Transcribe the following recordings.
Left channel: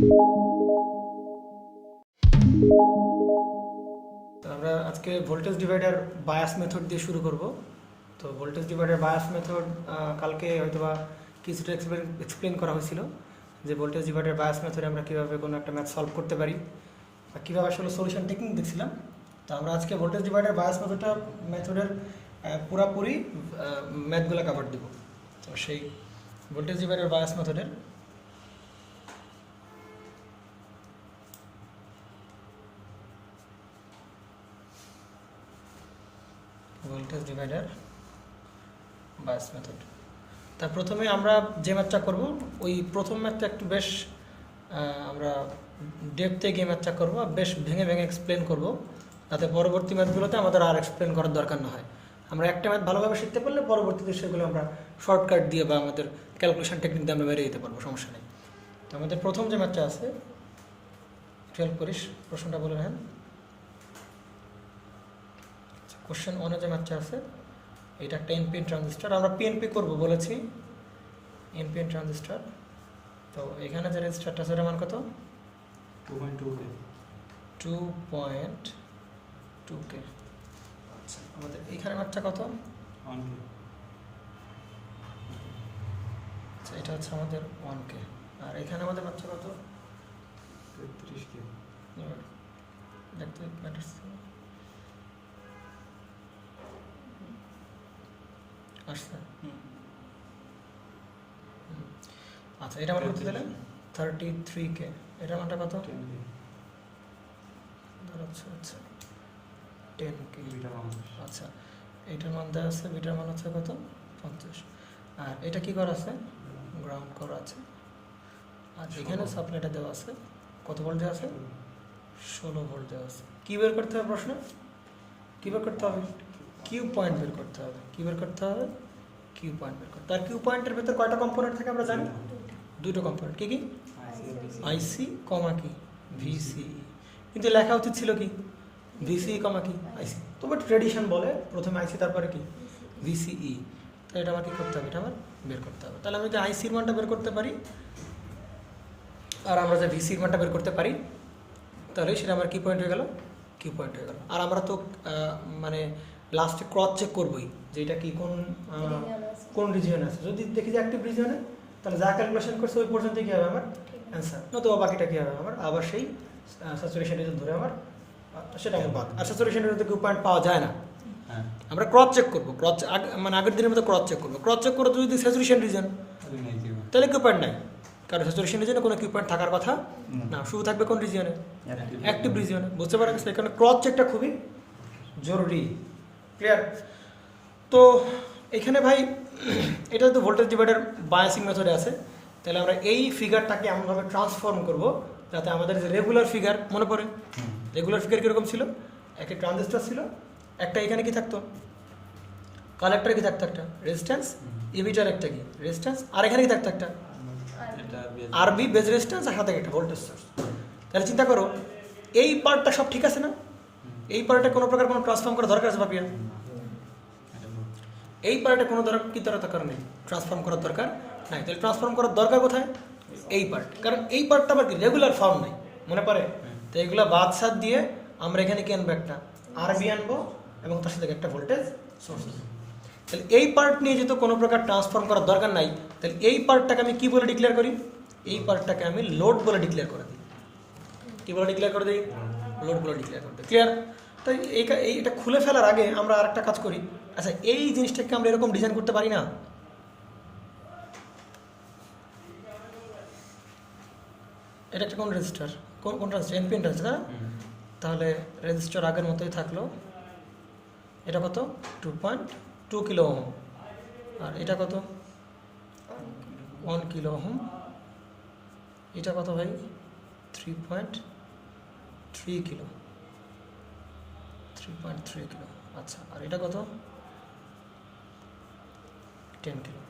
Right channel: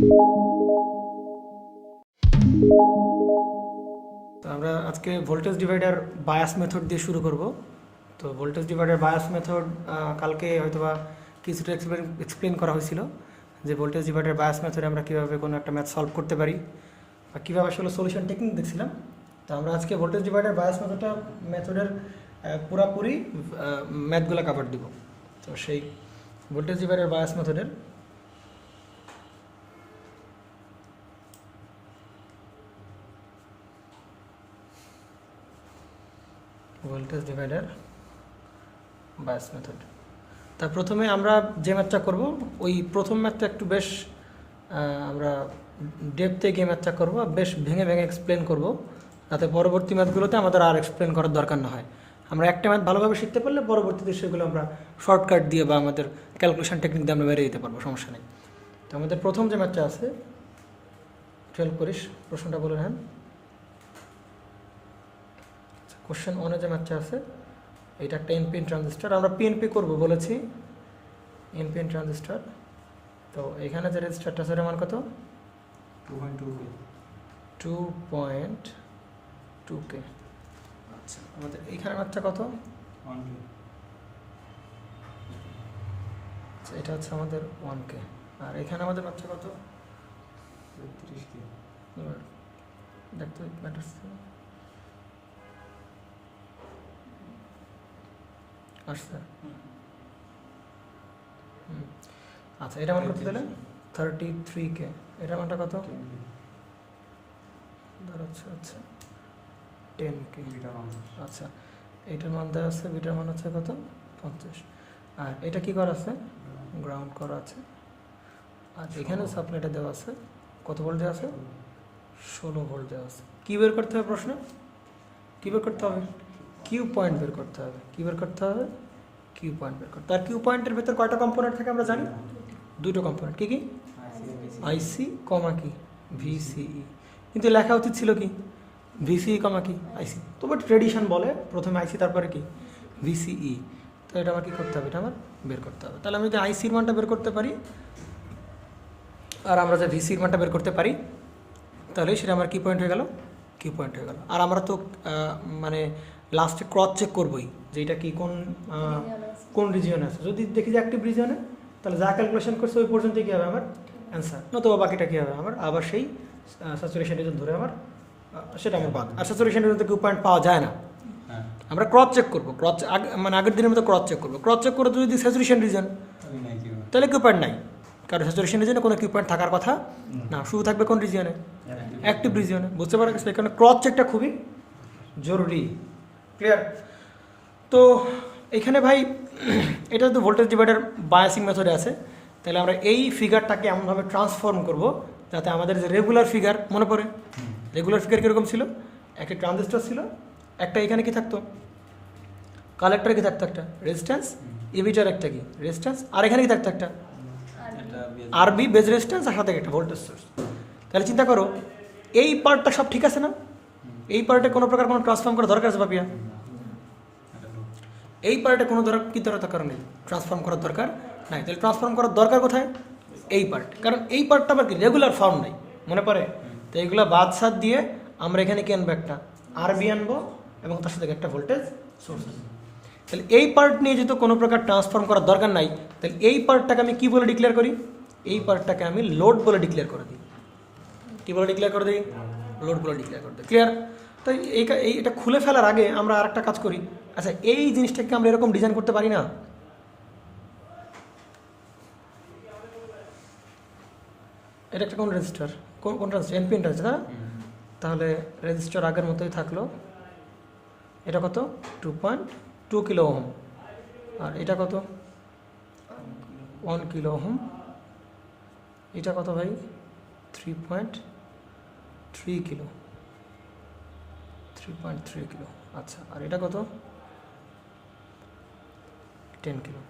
তো আমরা আজকে ভোল্টেজ ডিভাইডার বায়াস মেথড দিয়ে শুরু করব। তো ভোল্টেজ ডিভাইডার বায়াস মেথড কালকে হয়তোবা কিছুটা এক্সপ্লেন করা হয়েছিল যে ভোল্টেজ ডিভাইডার বায়াস মেথডে আমরা কীভাবে কোনো একটা ম্যাথ সলভ করতে পারি বা কীভাবে আসলে সলিউশন টেকনিক দেখছিলাম। তো আমরা আজকে ভোল্টেজ ডিভাইডার বায়াস মেথডের পুরাপুরি ম্যাথগুলো কভার দেব। তো সেই ভোল্টেজ ডিভাইডার বায়াস মেথডের ভোল্টেজ ডিভাইডার বায়াস মেথড। তা প্রথমে আমরা যে ম্যাথটা করব ওই প্রথম ম্যাথটা একটু বেশ আমরা ডেপথে গিয়ে ম্যাথটা করব, বেশ ভেঙে ভেঙে এক্সপ্লেন করব, যাতে পরবর্তী ম্যাথগুলোতে আমাদের আর এক্সপ্লেন করার দরকার না হয়। আমরা একটা ম্যাথ ভালোভাবে শিখতে পারলে পরবর্তীতে সেগুলো আমরা শর্টকাট দিয়ে বা আমাদের ক্যালকুলেশন টেকনিক দিয়ে আমরা বেরিয়ে যেতে পারবো, সমস্যা নেই। তো আমাদের প্রথম যে ম্যাথটা আছে, খেয়াল করিস প্রশ্নটা বলে নেন। কোশ্চেন ওয়ানে যে ম্যাথটা আছে এটা একটা এনপিএন ট্রানজিস্টার, আমরা পিএনপি করব বলেছি, এনপিএন ট্রানজিস্টার। তো এখানে যে রেজিস্টারটা আছে এর মান কত? 2.2K। আচ্ছা, আমাদের এইখানে ম্যাথটা কত? 1K। আচ্ছা, এটা হচ্ছে আমাদের 1K। আর এখানে আমাদের ম্যাথটা কত? 33K। দেখতে ম্যাটার্স আসছে। আচ্ছা, এটা মান কত দিলেন? 33K। এটা মানটা কত? আচ্ছা আচ্ছা 10K। আচ্ছা, এটার মান দেওয়া আছে, বিটার মান হচ্ছে কত? 50। আর এটা কি করা আছে? গ্রাউন্ড করা আছে। আর এখানে সাপ্লাইটা দেওয়া আছে, কত ভোল্ট দেওয়া আছে? 16 ভোল্ট দেওয়া আছে। কী বের করতে হবে প্রশ্নে? কী বের করতে হবে? কিউ পয়েন্ট বের করতে হবে। কী বের করতে হবে? কিউ পয়েন্ট বের করতে। আর কিউ পয়েন্টের ভিতর কয়টা কম্পোনেন্ট থাকে আমরা জানি? দুটো কম্পোনেন্ট। কি কি? আইসি কমা কি ভিসিই। কিন্তু লেখা উচিত ছিল কি ভিসিই কমা কি আইসি। তো বাট ট্রেডিশন বলে প্রথমে আইসি তারপরে কি ভিসিই। তো এটা আমার কী করতে হবে? এটা আমার বের করতে হবে। তাহলে আমি যদি আইসির মানটা বের করতে পারি আর আমরা যে ভিসির মানটা বের করতে পারি, তাহলে সেটা আমার কি পয়েন্ট হয়ে গেল? কি পয়েন্ট হয়ে গেল। আর আমরা তো মানে লাস্টে ক্রস চেক করবোই যে এটা কি কোন রিজিয়নে আছে। যদি দেখি যে অ্যাক্টিভ রিজিয়নে, তাহলে যা ক্যালকুলেশন করছে ওই পর্যন্ত কী হবে আমার অ্যান্সার, নতুবা বাকিটা কী হবে আমার আবার সেই স্যাচুরেশন রিজন ধরে আমার সেটা আমার বাদ। আর স্যাচুরেশন রিজনতে কিউ পয়েন্ট পাওয়া যায় না, আমরা ক্রস চেক করবো। মানে আগের দিনের মতো ক্রস চেক করবো। ক্রস চেক করে যদি স্যাচুরেশন রিজন, তাহলে কিউ পয়েন্ট নাই, কারণ স্যাচুরেশন রিজনে কোনো কিউ পয়েন্ট থাকার কথা না, শুধু থাকবে কোন রিজিয়নে? অ্যাক্টিভ রিজিয়নে। বুঝতে পারা গেছে? এখানে ক্রস চেকটা খুবই জরুরি। ক্লিয়ার? তো এখানে ভাই এটা যদি ভোল্টেজ ডিভাইডার বায়াসিং মেথডে আছে, তাহলে আমরা এই ফিগারটাকে এমনভাবে ট্রান্সফর্ম করব যাতে আমাদের যে রেগুলার ফিগার মনে পড়ে। রেগুলার ফিগার কীরকম ছিল? একটা ট্রানজিস্টর ছিল, একটা এখানে কি থাকতো? কালেক্টর কি থাকতো? একটা রেজিস্ট্যান্স, ইমিটার একটা কি রেজিস্ট্যান্স, আর এখানে কি থাকতো? একটা আরবি বেজ রেজিস্ট্যান্স, আর সাথে একটা ভোল্টেজ সোর্স। তাহলে চিন্তা করো এই পার্টটা সব ঠিক আছে না? এই পার্টে কোনো প্রকার কোনো ট্রান্সফর্ম করার দরকার আছে ভাবিয়া? এই পার্টে কোনো দরকার নেই, ট্রান্সফর্ম করার দরকার নাই। তাহলে ট্রান্সফর্ম করার দরকার কোথায়? এই পার্ট। কারণ এই পার্টটা আবার কি রেগুলার ফর্ম নেই, মনে পড়ে? তো এগুলো বাদ সাদ দিয়ে আমরা এখানে কি আনবো? একটা আরবি আনবো এবং তার সাথে একটা ভোল্টেজ সোর্স। তাহলে এই পার্ট নিয়ে যেহেতু কোনো প্রকার ট্রান্সফর্ম করার দরকার নাই, তাহলে এই পার্টটাকে আমি কি বলে ডিক্লেয়ার করি? এই পার্টটাকে আমি লোড বলে ডিক্লেয়ার করে দিই। কী বলে ডিক্লেয়ার করে দিই? লোড বলে ডিক্লেয়ার করে দিই। ক্লিয়ার? তাই এটা খুলে ফেলার আগে আমরা আরেকটা কাজ করি। আচ্ছা, এই জিনিসটাকে আমরা এরকম ডিজাইন করতে পারি না? এটা একটা কোন রেজিস্টার? কোন ট্রানজিস্টার? NPN transistor. তাহলে রেজিস্টার আগের মতোই থাকলো। এটা কত? 2.2 কিলো ওহম। আর এটা কত? 1 কিলো ওহম। এটা কত ভাই? 3.3 কিলো। 3.3 কিলো। আচ্ছা, আর এটা কত? 10 কিলো।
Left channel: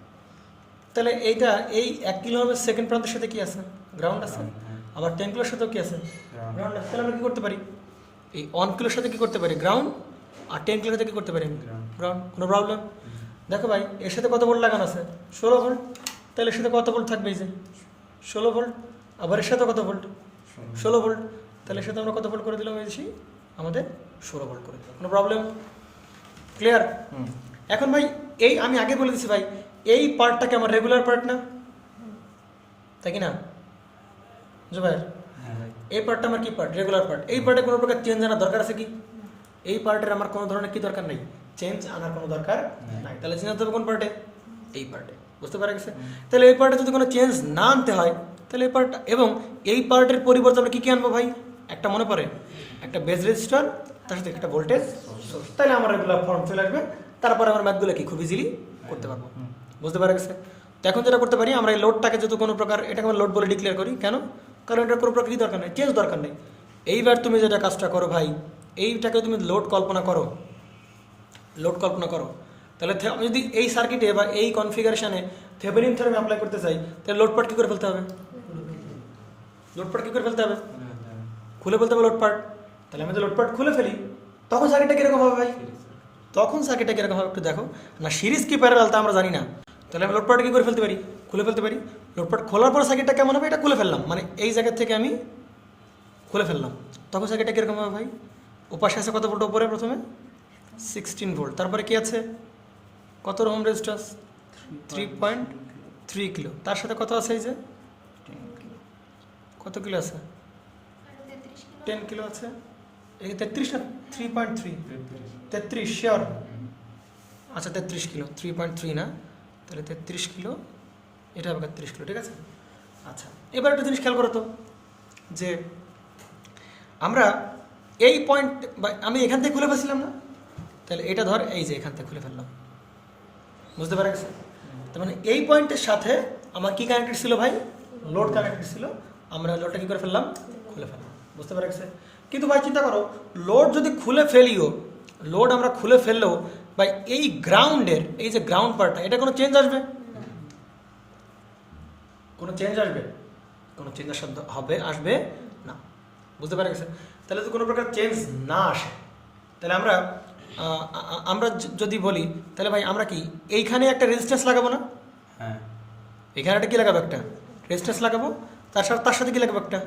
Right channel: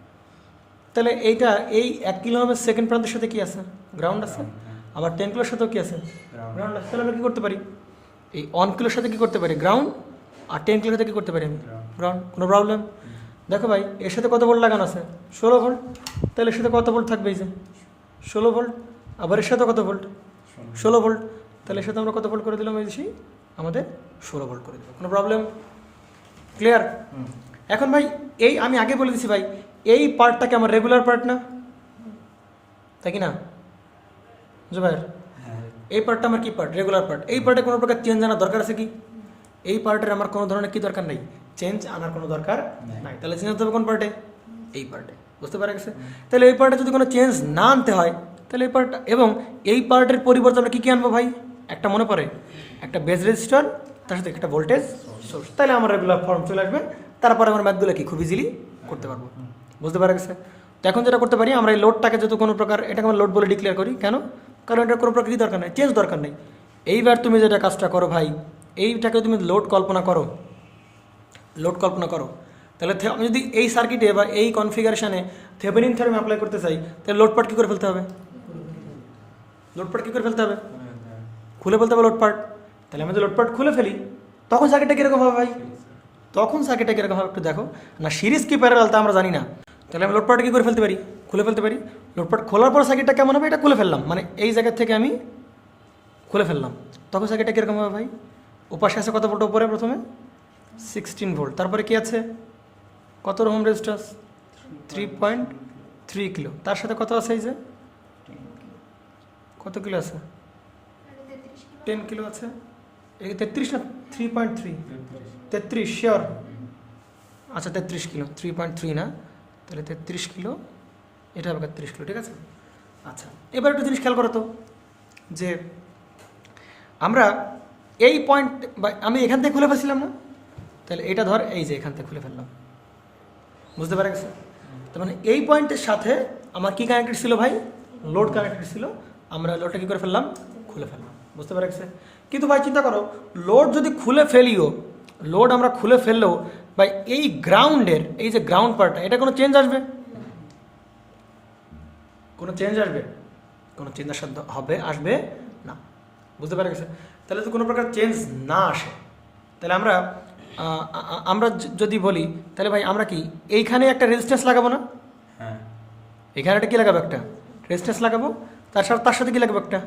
তাহলে এইটা এই 1 কিলো ওহমের সেকেন্ড প্রান্তের সাথে কি আছে? গ্রাউন্ড আছে। আবার 10 কিলোর সাথেও কি আছে? গ্রাউন্ড আছে। তাহলে আমরা কী করতে পারি? এই 1 কিলোর সাথে কী করতে পারি? গ্রাউন্ড। আর 10 কিলোর সাথে কী করতে পারি? আমি গ্রাউন্ড। কোনো প্রবলেম? দেখো ভাই, এর সাথে কত ভোল্ট লাগানো আছে? 16 ভোল্ট। তাহলে এর সাথে কত ভোল্ট থাকবে? এই যে 16 ভোল্ট। আবার এর সাথে কত ভোল্ট? 16 ভোল্ট। তাহলে এর সাথে আমরা কত ভোল্ট করে দিলাম? এই যে আমাদের 16 ভোল্ট করে দিলাম। কোনো প্রবলেম? ক্লিয়ার? এখন ভাই এই আমি আগে বলে দিচ্ছি ভাই, এই পার্টটাকে আমার রেগুলার পার্ট না, তাই কি না ভাই? হ্যাঁ। এই পার্টটা আমার কি পার্ট? Regular part. এই পার্টে কোনো প্রকার চেঞ্জ আনার দরকার আছে কি? এই পার্টের আমার কোনো ধরনের কি দরকার নেই, চেঞ্জ আনার কোনো দরকার নাই। তাহলে চেঞ্জ হতে হবে কোন পার্টে? এই পার্টে। বুঝতে পারা গেছে? তাহলে এই পার্টে যদি কোনো চেঞ্জ না আনতে হয় তাহলে এই পার্টটা, এবং এই পার্টের পরিবর্তে আমরা কী কী আনবো ভাই? একটা মনে পড়ে, একটা বেস রেজিস্টার, তার সাথে একটা ভোল্টেজ সোর্স। তাহলে আমার রেগুলার ফর্ম চলে আসবে। তারপরে আমার ম্যাথগুলো কি খুব ইজিলি করতে পারবো। বুঝতে পারা গেছে? তো এখন যেটা করতে পারি, আমরা এই লোডটাকে যদি কোনো প্রকার, এটাকে আমরা লোড বলে ডিক্লেয়ার করি। কেন? কারণ এটা কোনো প্রকার দরকার নেই, চেঞ্জ দরকার নেই। এইবার তুমি যেটা কাজটা করো ভাই, এইটাকে তুমি লোড কল্পনা করো, লোড কল্পনা করো। তাহলে আমি যদি এই সার্কিটে বা এই কনফিগারেশনে থেভেনিন থিওরেম অ্যাপ্লাই করতে চাই, তাহলে লোড পার্ট কী করে ফেলতে হবে? লোড পার্ট কী করে ফেলতে হবে? খুলে ফেলতে হবে লোড পার্ট। তাহলে আমি যদি লোড পার্ট খুলে ফেলি, তখন সার্কিটটা কীরকম হবে ভাই? তখন সার্কিটটা কীরকম হবে একটু দেখো না। সিরিজ কি প্যারালাল তা আমরা জানি না। তাহলে আমি লোড পার্ট কী করে ফেলতে পারি? খুলে ফেলতে পারি। লোড পার্ট খোলার পর সার্কিটটা কেমন হবে? এটা খুলে ফেললাম, মানে এই জায়গা থেকে আমি খুলে ফেললাম। তখন সার্কিটটা কীরকম হবে ভাই? ওপাশে আছে কত ভোল্ট? উপরে প্রথমে 16 ভোল্ট। তারপরে কি আছে? কত ওহম রেজিস্ট্যান্স? 3.3 কিলো। তার সাথে কত আছে? এই যে কত কিলো আছে? 10 কিলো আছে। এই 33 না 3.3? 33 শিওর? আচ্ছা 33 কিলো, 3.3 না, তাহলে 33 কিলো, এটা হবে 33 কিলো। ঠিক আছে। আচ্ছা এবার একটা জিনিস খেয়াল করো তো, যে আমরা এই পয়েন্ট বা আমি এখান থেকে খুলে ফেলছিলাম না, তাহলে এটা ধর এই যে এখান থেকে খুলে ফেললাম। বুঝতে পারা গেছে? তার মানে এই পয়েন্টের সাথে আমার কি কানেক্টেড ছিল ভাই? লোড কানেক্টেড ছিল। আমরা লোডটা কী করে ফেললাম? খুলে ফেললাম। বুঝতে পারা গেছে? কিন্তু ভাই চিন্তা করো, লোড যদি খুলে ফেলিও, লোড আমরা খুলে ফেললেও ভাই এই গ্রাউন্ডের, এই যে গ্রাউন্ড পার্টটা, এটা কোনো চেঞ্জ আসবে? কোনো চেঞ্জ আসবে? কোনো চেঞ্জ হবে? আসবে না। বুঝতে পারা গেছে? তাহলে তো কোনো প্রকার চেঞ্জ না আসে, তাহলে আমরা আমরা যদি বলি, তাহলে ভাই আমরা কি এইখানে একটা রেজিস্ট্যান্স লাগাবো না? হ্যাঁ। এখানে একটা কী লাগাবো? একটা রেজিস্ট্যান্স লাগাবো। তার সাথে কী লাগাবো? একটা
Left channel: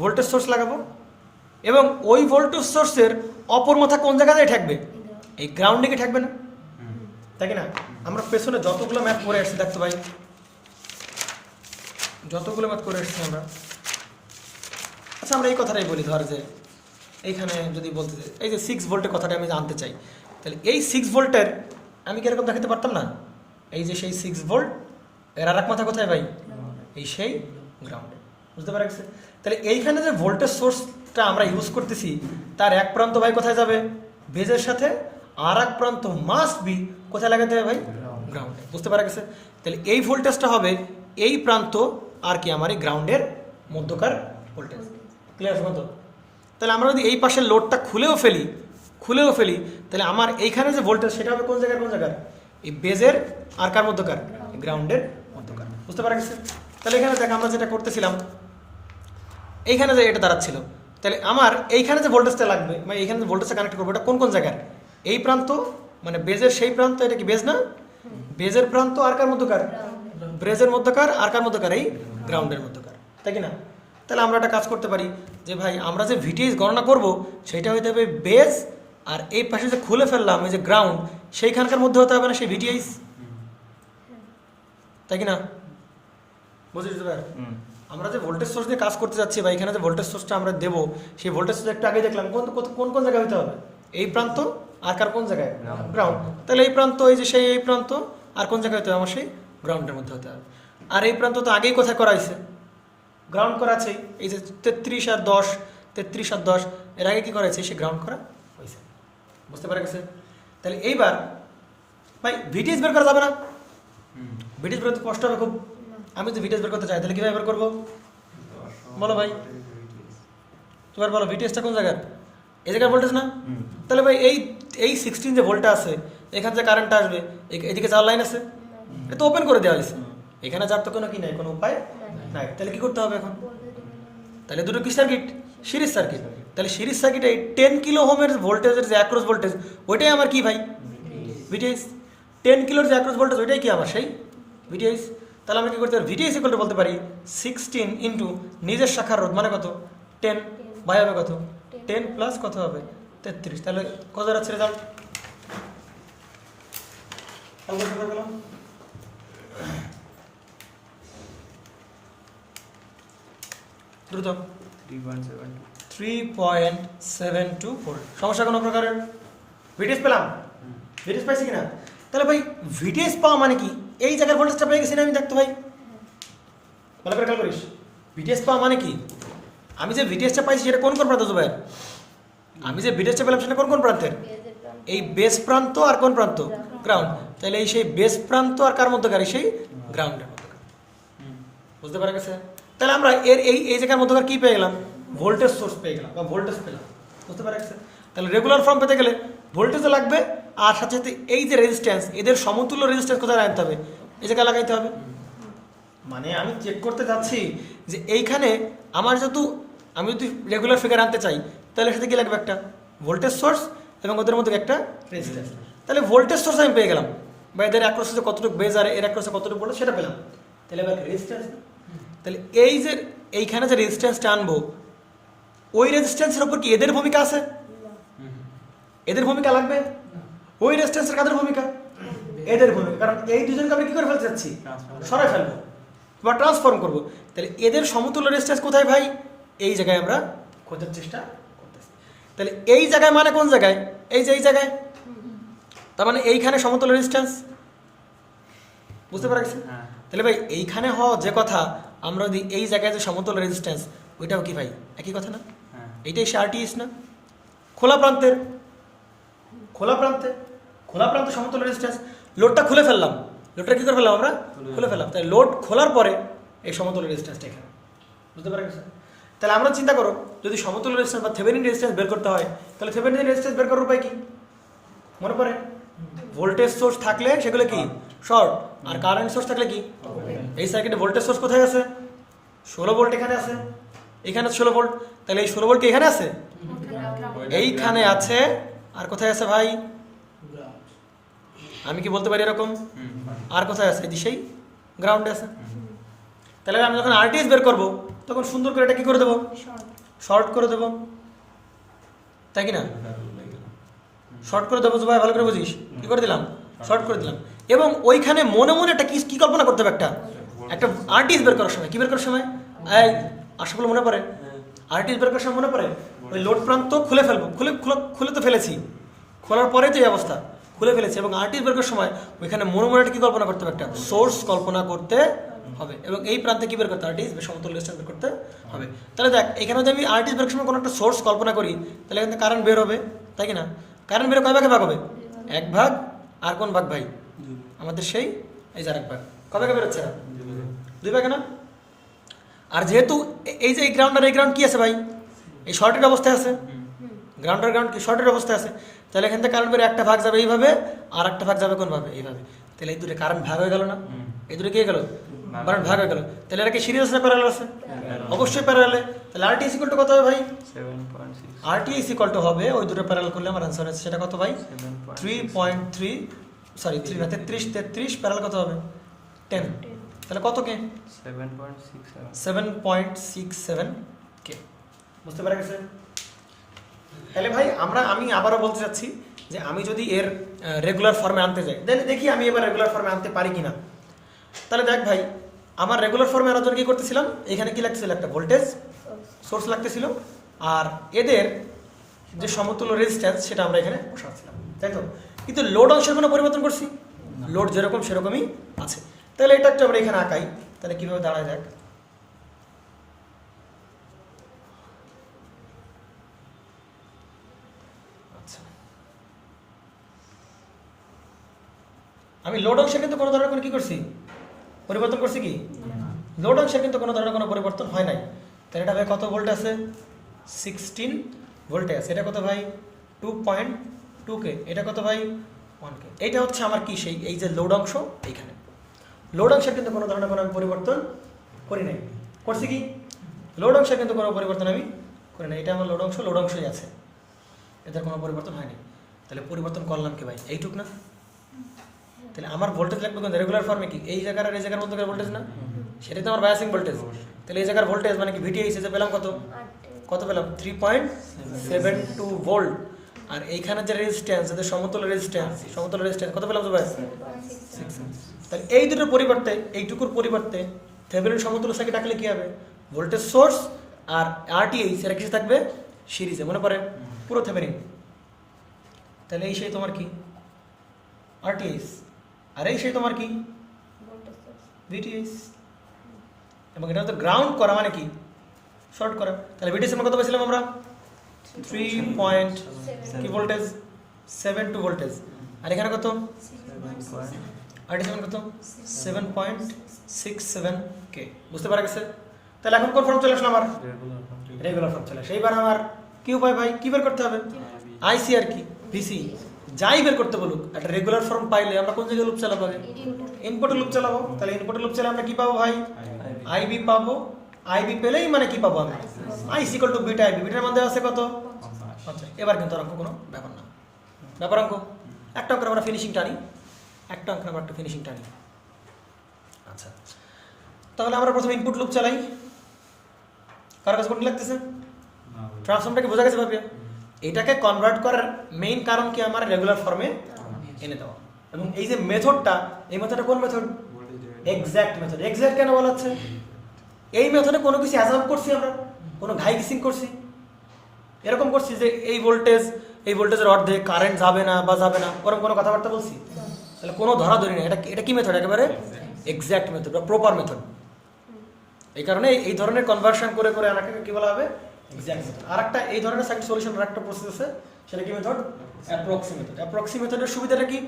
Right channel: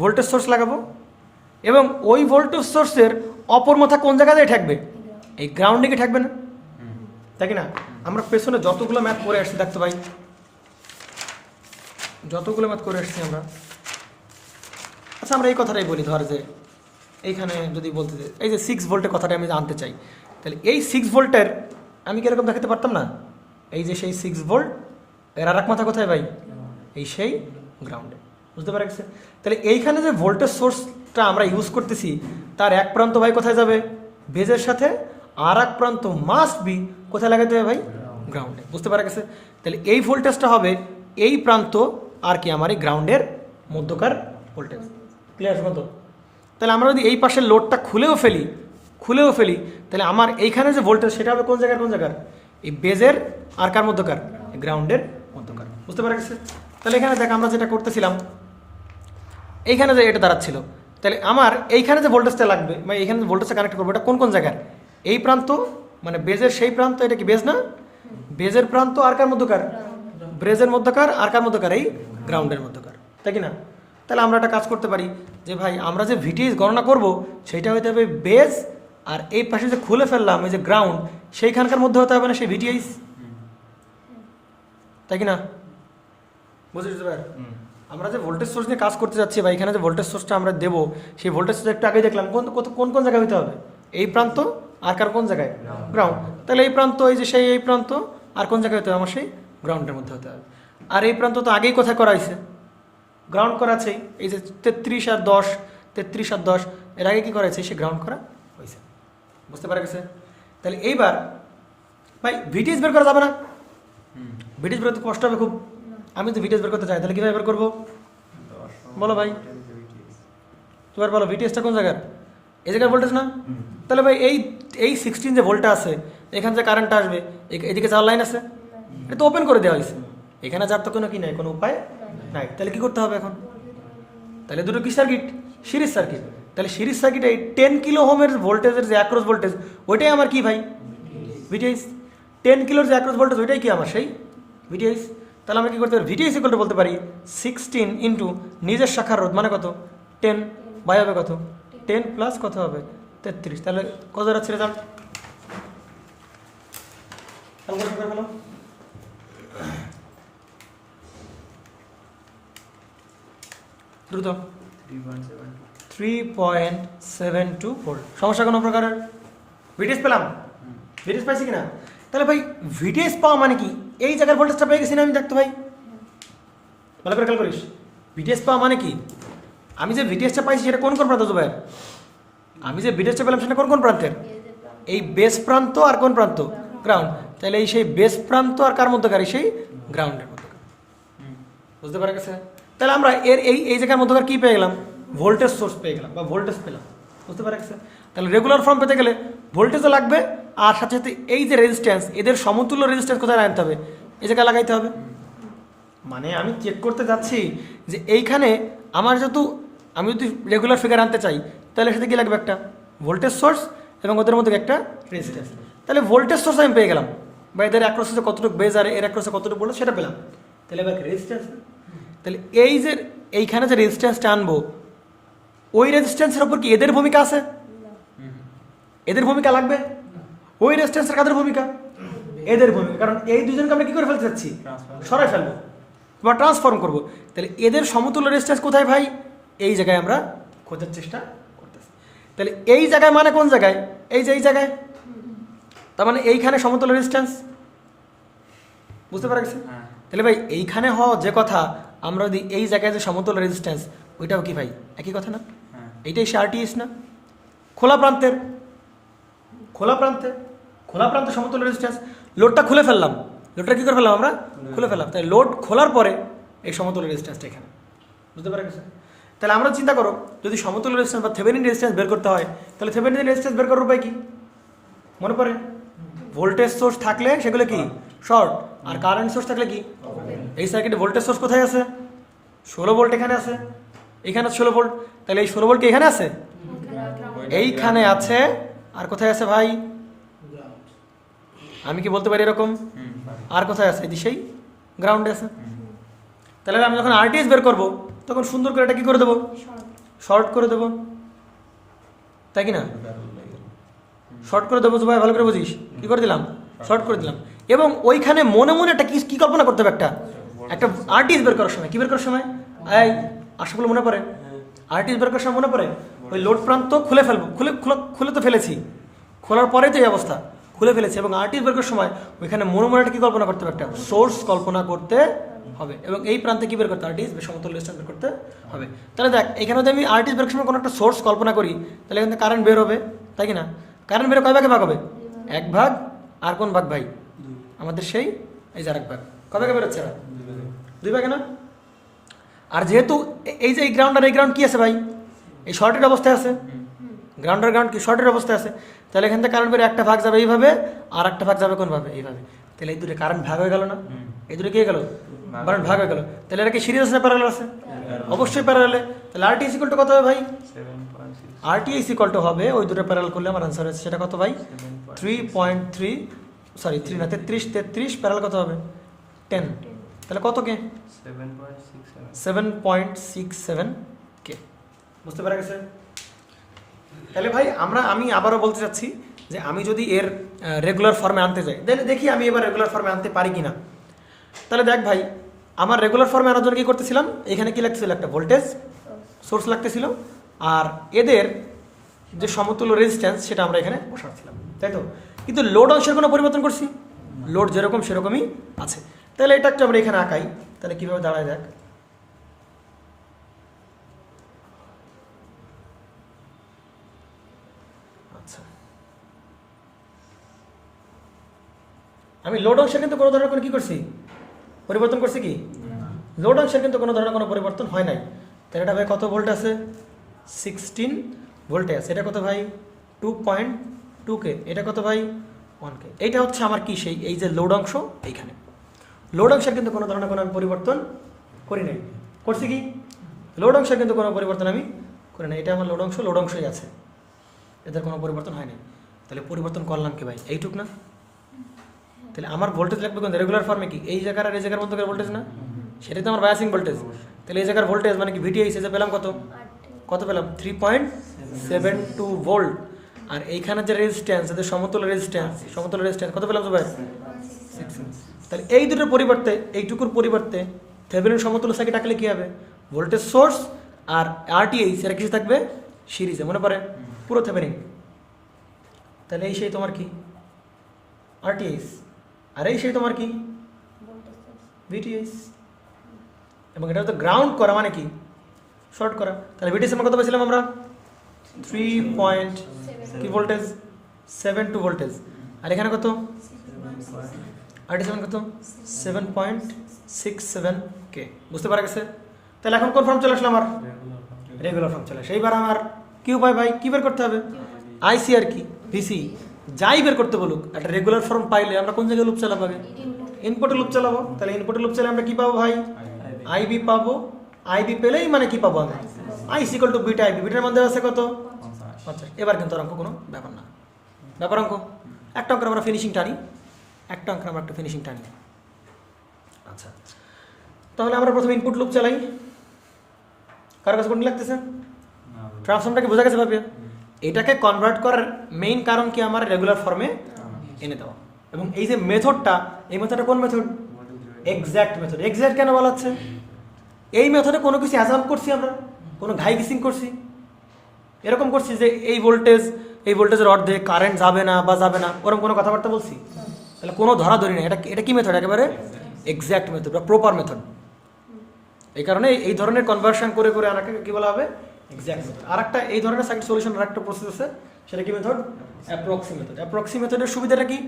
ভোল্টেজ সোর্স লাগাবো। এবং ওই ভোল্টেজ সোর্সের অপর মাথা কোন জায়গায় থাকবে? এই গ্রাউন্ডে কি থাকবে না? তাই কি না? আমরা পেছনে যতগুলো ম্যাথ করে আসছি দেখতে পাই, যতগুলো ম্যাথ করে আসছি আমরা। আচ্ছা আমরা এই কথাটাই বলি, ধর যে এইখানে যদি বলতে চাই, এই যে 6 ভোল্টের কথাটা আমি জানতে চাই, তাহলে এই 6 ভোল্টের আমি কীরকম দেখাতে পারতাম না? এই যে সেই 6 ভোল্ট, এর আর এক মাথা কোথায় ভাই? এই সেই গ্রাউন্ডে। বুঝতে পারা গেছে? তাহলে এইখানে যে ভোল্টেজ সোর্সটা আমরা ইউজ করতেছি, তার এক প্রান্ত ভাই কোথায় যাবে? বেজের সাথে। আর এক প্রান্ত মাস্ট বি কোথায় লাগাতে হবে ভাই? গ্রাউন্ডে। বুঝতে পারা গেছে? তাহলে এই ভোল্টেজটা হবে এই প্রান্ত আর কি আমার এই গ্রাউন্ডের মধ্যকার ভোল্টেজ। ক্লিয়ার আছে কত? তাহলে আমরা যদি এই পাশের লোডটা খুলেও ফেলি, তাহলে আমার এইখানে যে ভোল্টেজ সেটা হবে কোন জায়গার? এই বেজের আর কার মধ্যকার? গ্রাউন্ডের মধ্যকার। বুঝতে পারা গেছে? তাহলে এখানে দেখ আমরা যেটা করতেছিলাম, এইখানে যে এটা দাঁড়াচ্ছিল, তাহলে আমার এইখানে যে ভোল্টেজটা লাগবে, মানে এইখানে যে ভোল্টেজটা কানেক্ট করবো, এটা কোন জায়গার? এই প্রান্ত, মানে বেজের সেই প্রান্ত। এটা কি বেজ না? বেজের প্রান্ত আর কার মধ্যকার? ব্রেজের মধ্যকার। আর কার মধ্যকার? এই গ্রাউন্ডের মধ্যকার। তাই কি না? তাহলে আমরা একটা কাজ করতে পারি যে ভাই আমরা যে ভিটিএস গণনা করব সেইটা হতে হবে বেজ, আর এই পাশে যে খুলে ফেললাম এই যে গ্রাউন্ড, সেইখানকার মধ্যে হতে হবে না সেই ভিটিএস? তাই কি না? বুঝতে পারো? আমরা যে ভোল্টেজ সোর্স নিয়ে কাজ করতে যাচ্ছি বা এখানে যে ভোল্টেজ সোর্সটা আমরা দেবো, সেই ভোল্টেজ সোর্স একটু আগে দেখলাম কোন জায়গায় হতে হবে? এই প্রান্ত আর কার কোন জায়গায়? গ্রাউন্ড। তাহলে এই প্রান্ত, এই যে সেই এই প্রান্ত আর কোন জায়গায় হতে হবে? আমার সেই গ্রাউন্ডের মধ্যে হতে হবে। আর এই প্রান্ত তো আগেই কোথায় করা হয়েছে? গ্রাউন্ড করা আছে। এই যে 33 আর 10 এর আগে কি করা হয়েছে? সে গ্রাউন্ড করা হয়েছে। বুঝতে পারা গেছে? তাহলে এইবার ভাই ভিটিএস বের করা যাবে না? ভিটিএস বের করতে কষ্ট হবে খুব। আমি তো ভিটিএস বের করতে চাই, তাহলে কীভাবে বের করবো বলো ভাই? তোমার বলো ভিটিএসটা কোন জায়গার? এই জায়গার ভোল্টেজ না? তাহলে ভাই এই 16 যে ভোল্টটা আছে, এখানে যে কারেন্টটা আসবে, এদিকে যাওয়ার লাইন আছে, এটা তো ওপেন করে দেওয়া হয়েছে। এখানে যার তো কোনো কি নাই, কোনো উপায় নাই। তাহলে কি করতে হবে এখন? তাহলে দুটো কি সার্কিট? Series circuit. তাহলে সিরিজ সার্কিটে 10 কিলো ওহমের ভোল্টেজের যে অ্যাক্রস ভোল্টেজ, ওইটাই আমার কি ভাই? ভিটিএস। 10 কিলোর যে অ্যাক্রস ভোল্টেজ, ওইটাই কি আমার সেই ভিটিএস। তাহলে আমরা কি করতে পারি ভিটি ইকুয়াল টু বলতে পারি 16 ইন্টু নিজের শাখার রোধ মানে কত 10 বাই হবে কত 10 প্লাস কত হবে 33। তাহলে কত যাচ্ছে রেজাল্ট দ্রুত 3.724 সমস্যা কোনো প্রকারের ভিটিএস পেলাম ভিটিএস পাইছি কিনা তাহলে ভাই ভিটিএস পাওয়া মানে কি এই জায়গার ভোল্টেজটা পেয়ে গেছি না আমি দেখতে ভাই ভালো করে খেয়াল করিস ভিটিএস পাওয়া মানে কি আমি যে ভিটিএসটা পাইছি সেটা কোন কোন প্রান্ত ভাই আমি যে ভিটিএসটা পেলাম সেটা কোন কোন প্রান্তের এই বেস প্রান্ত আর কোন প্রান্ত গ্রাউন্ড তাহলে এই সেই বেস প্রান্ত আর কার মধ্যকারী সেই গ্রাউন্ডের মধ্যকার বুঝতে পারা গেছে তাহলে আমরা এর এই জায়গার মধ্যকার কি পেয়ে গেলাম ভোল্টেজ সোর্স পেয়ে গেলাম বা ভোল্টেজ পেলাম বুঝতে পারা গেছে তাহলে রেগুলার ফর্ম পেতে গেলে ভোল্টেজও লাগবে আর সাথে সাথে এই যে রেজিস্ট্যান্স এদের সমতুল্য রেজিস্ট্যান্স কোথায় আনতে হবে এই জায়গায় লাগাইতে হবে মানে আমি চেক করতে যাচ্ছি যে এইখানে আমার যেহেতু আমি যদি রেগুলার ফিগার আনতে চাই তাহলে সাথে কি লাগবে একটা ভোল্টেজ সোর্স এবং ওদের মধ্যে একটা রেজিস্ট্যান্স তাহলে ভোল্টেজ সোর্স আমি পেয়ে গেলাম বা এদের অ্যাক্রসে কতটুকু বেজ আর এর অ্যাক্রসে কতটুকু বললো সেটা পেলাম তাহলে এবার রেজিস্ট্যান্স তাহলে এই যে এইখানে যে রেজিস্ট্যান্সটা আনবো ওই রেজিস্ট্যান্সের উপর কি এদের ভূমিকা আছে এদের ভূমিকা লাগবে ওই রেজিস্ট্যান্সের কাদের ভূমিকা এদের ভূমিকা কারণ এই দুজনকে আমরা কি করে ফেলতে চাচ্ছি সরাই ফেলবো বা ট্রান্সফর্ম করবো তাহলে এদের সমতুল্য রেজিস্ট্যান্স কোথায় ভাই এই জায়গায় আমরা খোঁজার চেষ্টা করতেছি তাহলে এই জায়গায় মানে কোন জায়গায় এই যে এই জায়গায় তার মানে এইখানে সমতুল্য রেজিস্ট্যান্স বুঝতে পারা গেছে তাহলে ভাই এইখানে হওয়া যে কথা আমরা যদি এই জায়গায় যে সমতুল্য রেজিস্ট্যান্স ওইটাও কি ভাই একই কথা না এইটাই সে আরটিএস না খোলা প্রান্তে সমতুল্য রেজিস্ট্যান্স লোডটা খুলে ফেললাম লোডটা কি করে ফেললাম আমরা খুলে ফেললাম তাই লোড খোলার পরে এই সমতুল্য রেজিস্ট্যান্সটা এখানে বুঝতে পারা গেছে তাহলে আমরা চিন্তা করো যদি সমতুল্য রেজিস্ট্যান্স বা থেভেনিন রেজিস্ট্যান্স বের করতে হয় তাহলে থেভেনিন রেজিস্ট্যান্স বের করার উপায় কি মনে পড়ে ভোল্টেজ সোর্স থাকলে সেগুলো কি শর্ট আর কারেন্ট সোর্স থাকলে কি এই সার্কিটে ভোল্টেজ সোর্স কোথায় আছে 16 ভোল্ট এখানে আছে এখানে 16 ভোল্ট তাহলে এই 16 ভোল্ট কি এখানে আছে এইখানে আছে আর কোথায় আছে ভাই আমি কি বলতে পারি এরকম আর কোথায় আছে দিশেই গ্রাউন্ডে আছে তাহলে আমি যখন আরটিএস বের করব তখন সুন্দর করে এটা কি করে দেবো শর্ট করে দেবো তাই কি না শর্ট করে দেবো ভাই ভালো করে বুঝিস কি করে দিলাম শর্ট করে দিলাম এবং ওইখানে মনে মনে একটা কি কল্পনা করতে হবে একটা আরটিএস বের করার সময় কি বের করার সময় এই আশাগুলো মনে পড়ে আরটিএস বের করার সময় মনে পড়ে ওই লোড প্রান্ত খুলে ফেলবো খুলে তো ফেলেছি খোলার পরেই তো এই অবস্থা খুলে ফেলেছি এবং আরটিএস বের করার সময় ওইখানে মনে মনে একটা কি কল্পনা করতে হবে একটা সোর্স কল্পনা করতে হবে এবং এই প্রান্তে কি বের করতে আরটিএস সমতুল্য রেজিস্ট্যান্স বের করতে হবে তাহলে দেখ এখানে যদি আমি আরটিএস বের করার সময় কোনো একটা সোর্স কল্পনা করি তাহলে এখানে কারেন্ট বের হবে তাই কি না কারেন্ট বের কয় ভাগে ভাগ হবে এক ভাগ আর কোন ভাগ ভাই আমাদের সেই এই যে আরেক ভাগ কয় ভাগে বেরোচ্ছে দুই ভাগে না আর যেহেতু এই যে এই গ্রাউন্ড আর এই গ্রাউন্ড কি আছে ভাই এই শর্টের অবস্থায় আছে গ্রাউন্ড কি শর্টের অবস্থায় আছে তাহলে এখান থেকে কারেন্ট বের একটা ভাগ যাবে এইভাবে আর একটা ভাগ যাবে কোন ভাবে এইভাবে তাহলে এই দুটো কারেন্ট ভাগ হয়ে গেল না এই দুটো কি হয়ে গেল কারেন্ট ভাগ হয়ে গেল তাহলে এটা কি সিরিয়াস না প্যারালাল আছে অবশ্যই প্যারালাল তাহলে আরটিএস ইকুয়াল টু কত হবে ভাই 7.6 আরটিএস ইকুয়াল টু হবে ওই দুটো প্যারালাল করলে আমার आंसर আছে সেটা কত ভাই 3.3 সরি 3 না 33 প্যারালাল কত হবে 10 তাহলে কত কে 7.67 কে বুঝতে পারা গেছে তাহলে ভাই আমি আবারও বলতে চাচ্ছি যে আমি যদি এর রেগুলার ফর্মে আনতে যাই দেখি আমি এবার রেগুলার ফর্মে আনতে পারি কিনা তাহলে দেখ ভাই আমার রেগুলার ফর্মে আনার জন্য কি করতেছিলাম এখানে কি লাগতেছিল একটা ভোল্টেজ সোর্স লাগতেছিল আর এদের যে সমতুল্য রেজিস্ট্যান্স সেটা আমরা এখানে বসাচ্ছিলাম তাই তো কিন্তু লোড অংশের কোনো পরিবর্তন করছি লোড যেরকম সেরকমই আছে তাহলে এটা একটা আমরা এখানে আঁকাই তাহলে কিভাবে দাঁড়ায় যাক আচ্ছা আমি লোড অংশে কিন্তু কোনো ধরনের কি করছি পরিবর্তন করছি কি লোড অংশের কিন্তু কোনো ধরনের কোনো পরিবর্তন হয় নাই তাহলে এটা ভাই কত ভোল্ট আছে 16 ভোল্টে আছে এটা কত ভাই 2.2 কে এটা কত ভাই 1 কে এটা হচ্ছে আমার কি সেই এই যে লোড অংশ এইখানে লোড অংশের কিন্তু কোনো ধরনের কোনো পরিবর্তন করি নাই করছি কি লোড অংশের কিন্তু কোনো পরিবর্তন আমি করি নাই এটা আমার লোড অংশই আছে এদের কোনো পরিবর্তন হয়নি তাহলে পরিবর্তন করলাম কি ভাই এইটুক না তাহলে আমার ভোল্টেজ লাগবে কোন রেগুলার ফর্মে কি এই জায়গার আর এই জায়গার মধ্যে ভোল্টেজ না, সেটাই তো আমার বায়াসিং ভোল্টেজ। তাহলে এই জায়গার ভোল্টেজ মানে কি ভিটিএইচ এসে পেলাম কত পেলাম 3.72 ভোল্ট। আর এইখানে যে রেজিস্ট্যান্স এদের সমতুল্য রেজিস্ট্যান্স কত পেলাম ভাই? 6। তাহলে এই দুটোর পরিবর্তে এইটুকুর পরিবর্তে থেভেনিন সমতুল্য সার্কিট আঁকলে কি হবে? ভোল্টেজ সোর্স আর আরটিএইচ এর কিছু থাকবে সিরিজে, মনে পড়ে পুরো থেভেনিন। তাহলে এই সেই তোমার কি আরটিএইচ, আর এই সেই তোমার কি ভিটিএইচ। এবং এটা তো গ্রাউন্ড করা মানে কি শর্ট করা। তাহলে ভিটিএইচ আমরা কত পেয়েছিলাম আমরা? 3 কি ভোল্টেজ 72 ভোল্টেজ। আর এখানে কত? আরটিএইচ কত? 7.67 কে। বুঝতে পারা গেছে? তাহলে এখন কোন ফর্ম চলে আসলো আমার? রেগুলার ফর্ম চলে আসে। এইবার আমার কি উপায় ভাই, কি বের করতে হবে? আইসি আর কি ভিসি যাই বের করতে বলুক, একটা রেগুলার ফর্ম পাইলে আমরা কোন জায়গায় লুপ চালাবো? ইনপুটে লুপ চালাবো। তাহলে ইনপুটে লুপ চালালে আমরা কি পাবো ভাই? আইবি পাবো। আইবি পেলেই মানে কি পাবো আমরা? IC equal to beta IB. বিটার মধ্যে আছে কত? 50। এবার কিন্তু অঙ্ক কোনো ব্যাপার না, ব্যাপার অঙ্ক একটা অঙ্ক আমরা ফিনিশিং টানি, একটা অঙ্ক আমরা একটা ফিনিশিং টানি। আচ্ছা, তাহলে আমরা প্রথমে ইনপুট লুপ চালাই। কার কাছে কোন লাগতেছে? ট্রান্সফর্মটা কি বোঝা গেছে ভাবে? এটাকে কনভার্ট করার মেইন কারণ কি আমার রেগুলার ফর্মে এনে দেওয়া। এবং এই যে মেথডটা, এই মেথডটা কোন মেথড? Exact method. এক্সাক্ট কেন বলা হচ্ছে? এই মেথডে কোনো কিছু অ্যাজাম করছি আমরা, কোনো ঘাই গিসিং করছি, এরকম করছি যে এই ভোল্টেজের অর্ধেক কারেন্ট যাবে না বা যাবে না, ওরকম কোনো কথাবার্তা বলছি? তাহলে কোনো ধরাধরি না। এটা কি মেথড? একেবারে এক্সাক্ট মেথড বা প্রপার মেথড। এই কারণে এই ধরনের কনভার্সন করে করে আনাকে কি বলা হবে? Exact method. আর একটা এই ধরনের সার্কিট সলিউশনের একটা প্রসেস আছে, সেটা কি মেথড? অ্যাপ্রক্সি মেথড। অ্যাপ্রক্সি মেথডের সুবিধাটা কি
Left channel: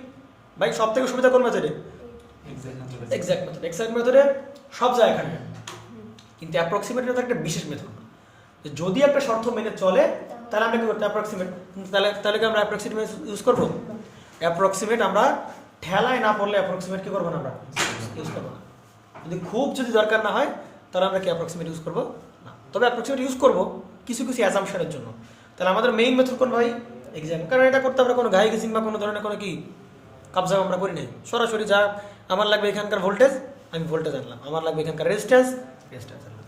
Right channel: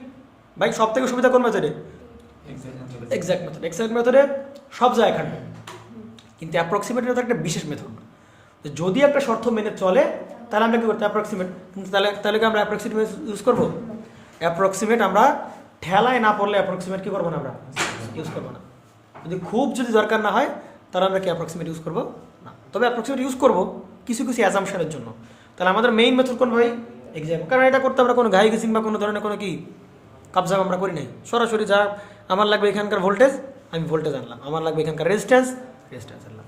ভাই? সব থেকে সুবিধা কোন মেথডে? Exact method. এক্সাক্ট মেথডে সব জায়গায় খাটবে, কিন্তু অ্যাপ্রক্সিমেট মেথড একটা বিশেষ মেথড। যদি একটা শর্ত মেনে চলে তাহলে আমরা কি করতে? অ্যাপ্রক্সিমেট। কিন্তু তাহলে কি আমরা অ্যাপ্রক্সিমেট ইউজ করবো? অ্যাপ্রক্সিমেট আমরা ঠেলায় না পড়লে অ্যাপ্রক্সিমেট কি করবো না, আমরা ইউজ করবো না। যদি দরকার না হয় তাহলে আমরা কি অ্যাপ্রক্সিমেট ইউজ করবো না। তবে অ্যাপ্রক্সিমেট ইউজ করবো কিছু কিছু অ্যাজাম্পশনের জন্য। তাহলে আমাদের মেইন মেথড কোন ভাই? এক্সাক্ট। কারণ এটা করতে আমরা কোনো ঘাই গেসিং বা কোনো ধরনের কোনো কি কাবজা আমরা করি নাই। সরাসরি যা আমার লাগবে এখানকার ভোল্টেজ, আমি ভোল্টেজ আনলাম। আমার লাগবে এখানকার রেজিস্ট্যান্স আনলাম।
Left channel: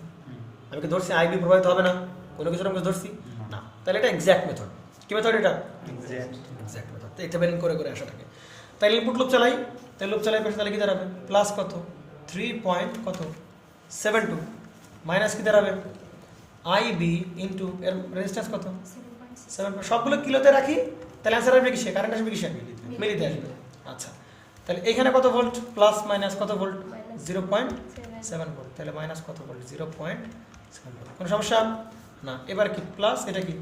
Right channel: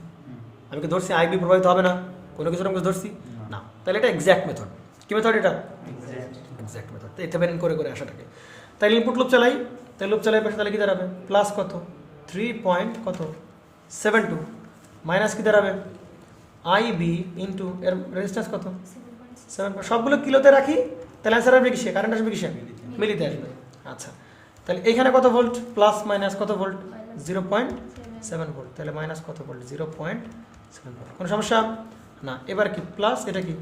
আমি কি ধরছি আইবি প্রভাবিত হবে না? কোনো কিছু আমি ধরছি না। তাহলে এটা এক্সাক্ট মেথড। কি মেথড এটা? Exact method. তো এটা বেরিং করে করে আসাটাকে। তাহলে ইনপুট লুপ চালাই। তাহলে লুপ চালাই তাহলে কি দাঁড়াবে? প্লাস কত? 3.72 মাইনাস কি দাঁড়াবে? আইবি ইন্টু এর রেজিস্ট্যান্স কত? 7। সবগুলো কিলোতে রাখি, তাহলে অ্যান্সার আসবে কিসে? কারেন্ট আসবে কিসে? মিলিতে আসবে। আচ্ছা, তাহলে এখানে কত ভোল্ট? প্লাস মাইনাস কত ভোল্ট? 0.7 ভোল্ট। তাহলে মাইনাস কত ভোল্ট? 0.7 ভোল্ট। কোনো সমস্যা না। এবার কি প্লাস, এটা কি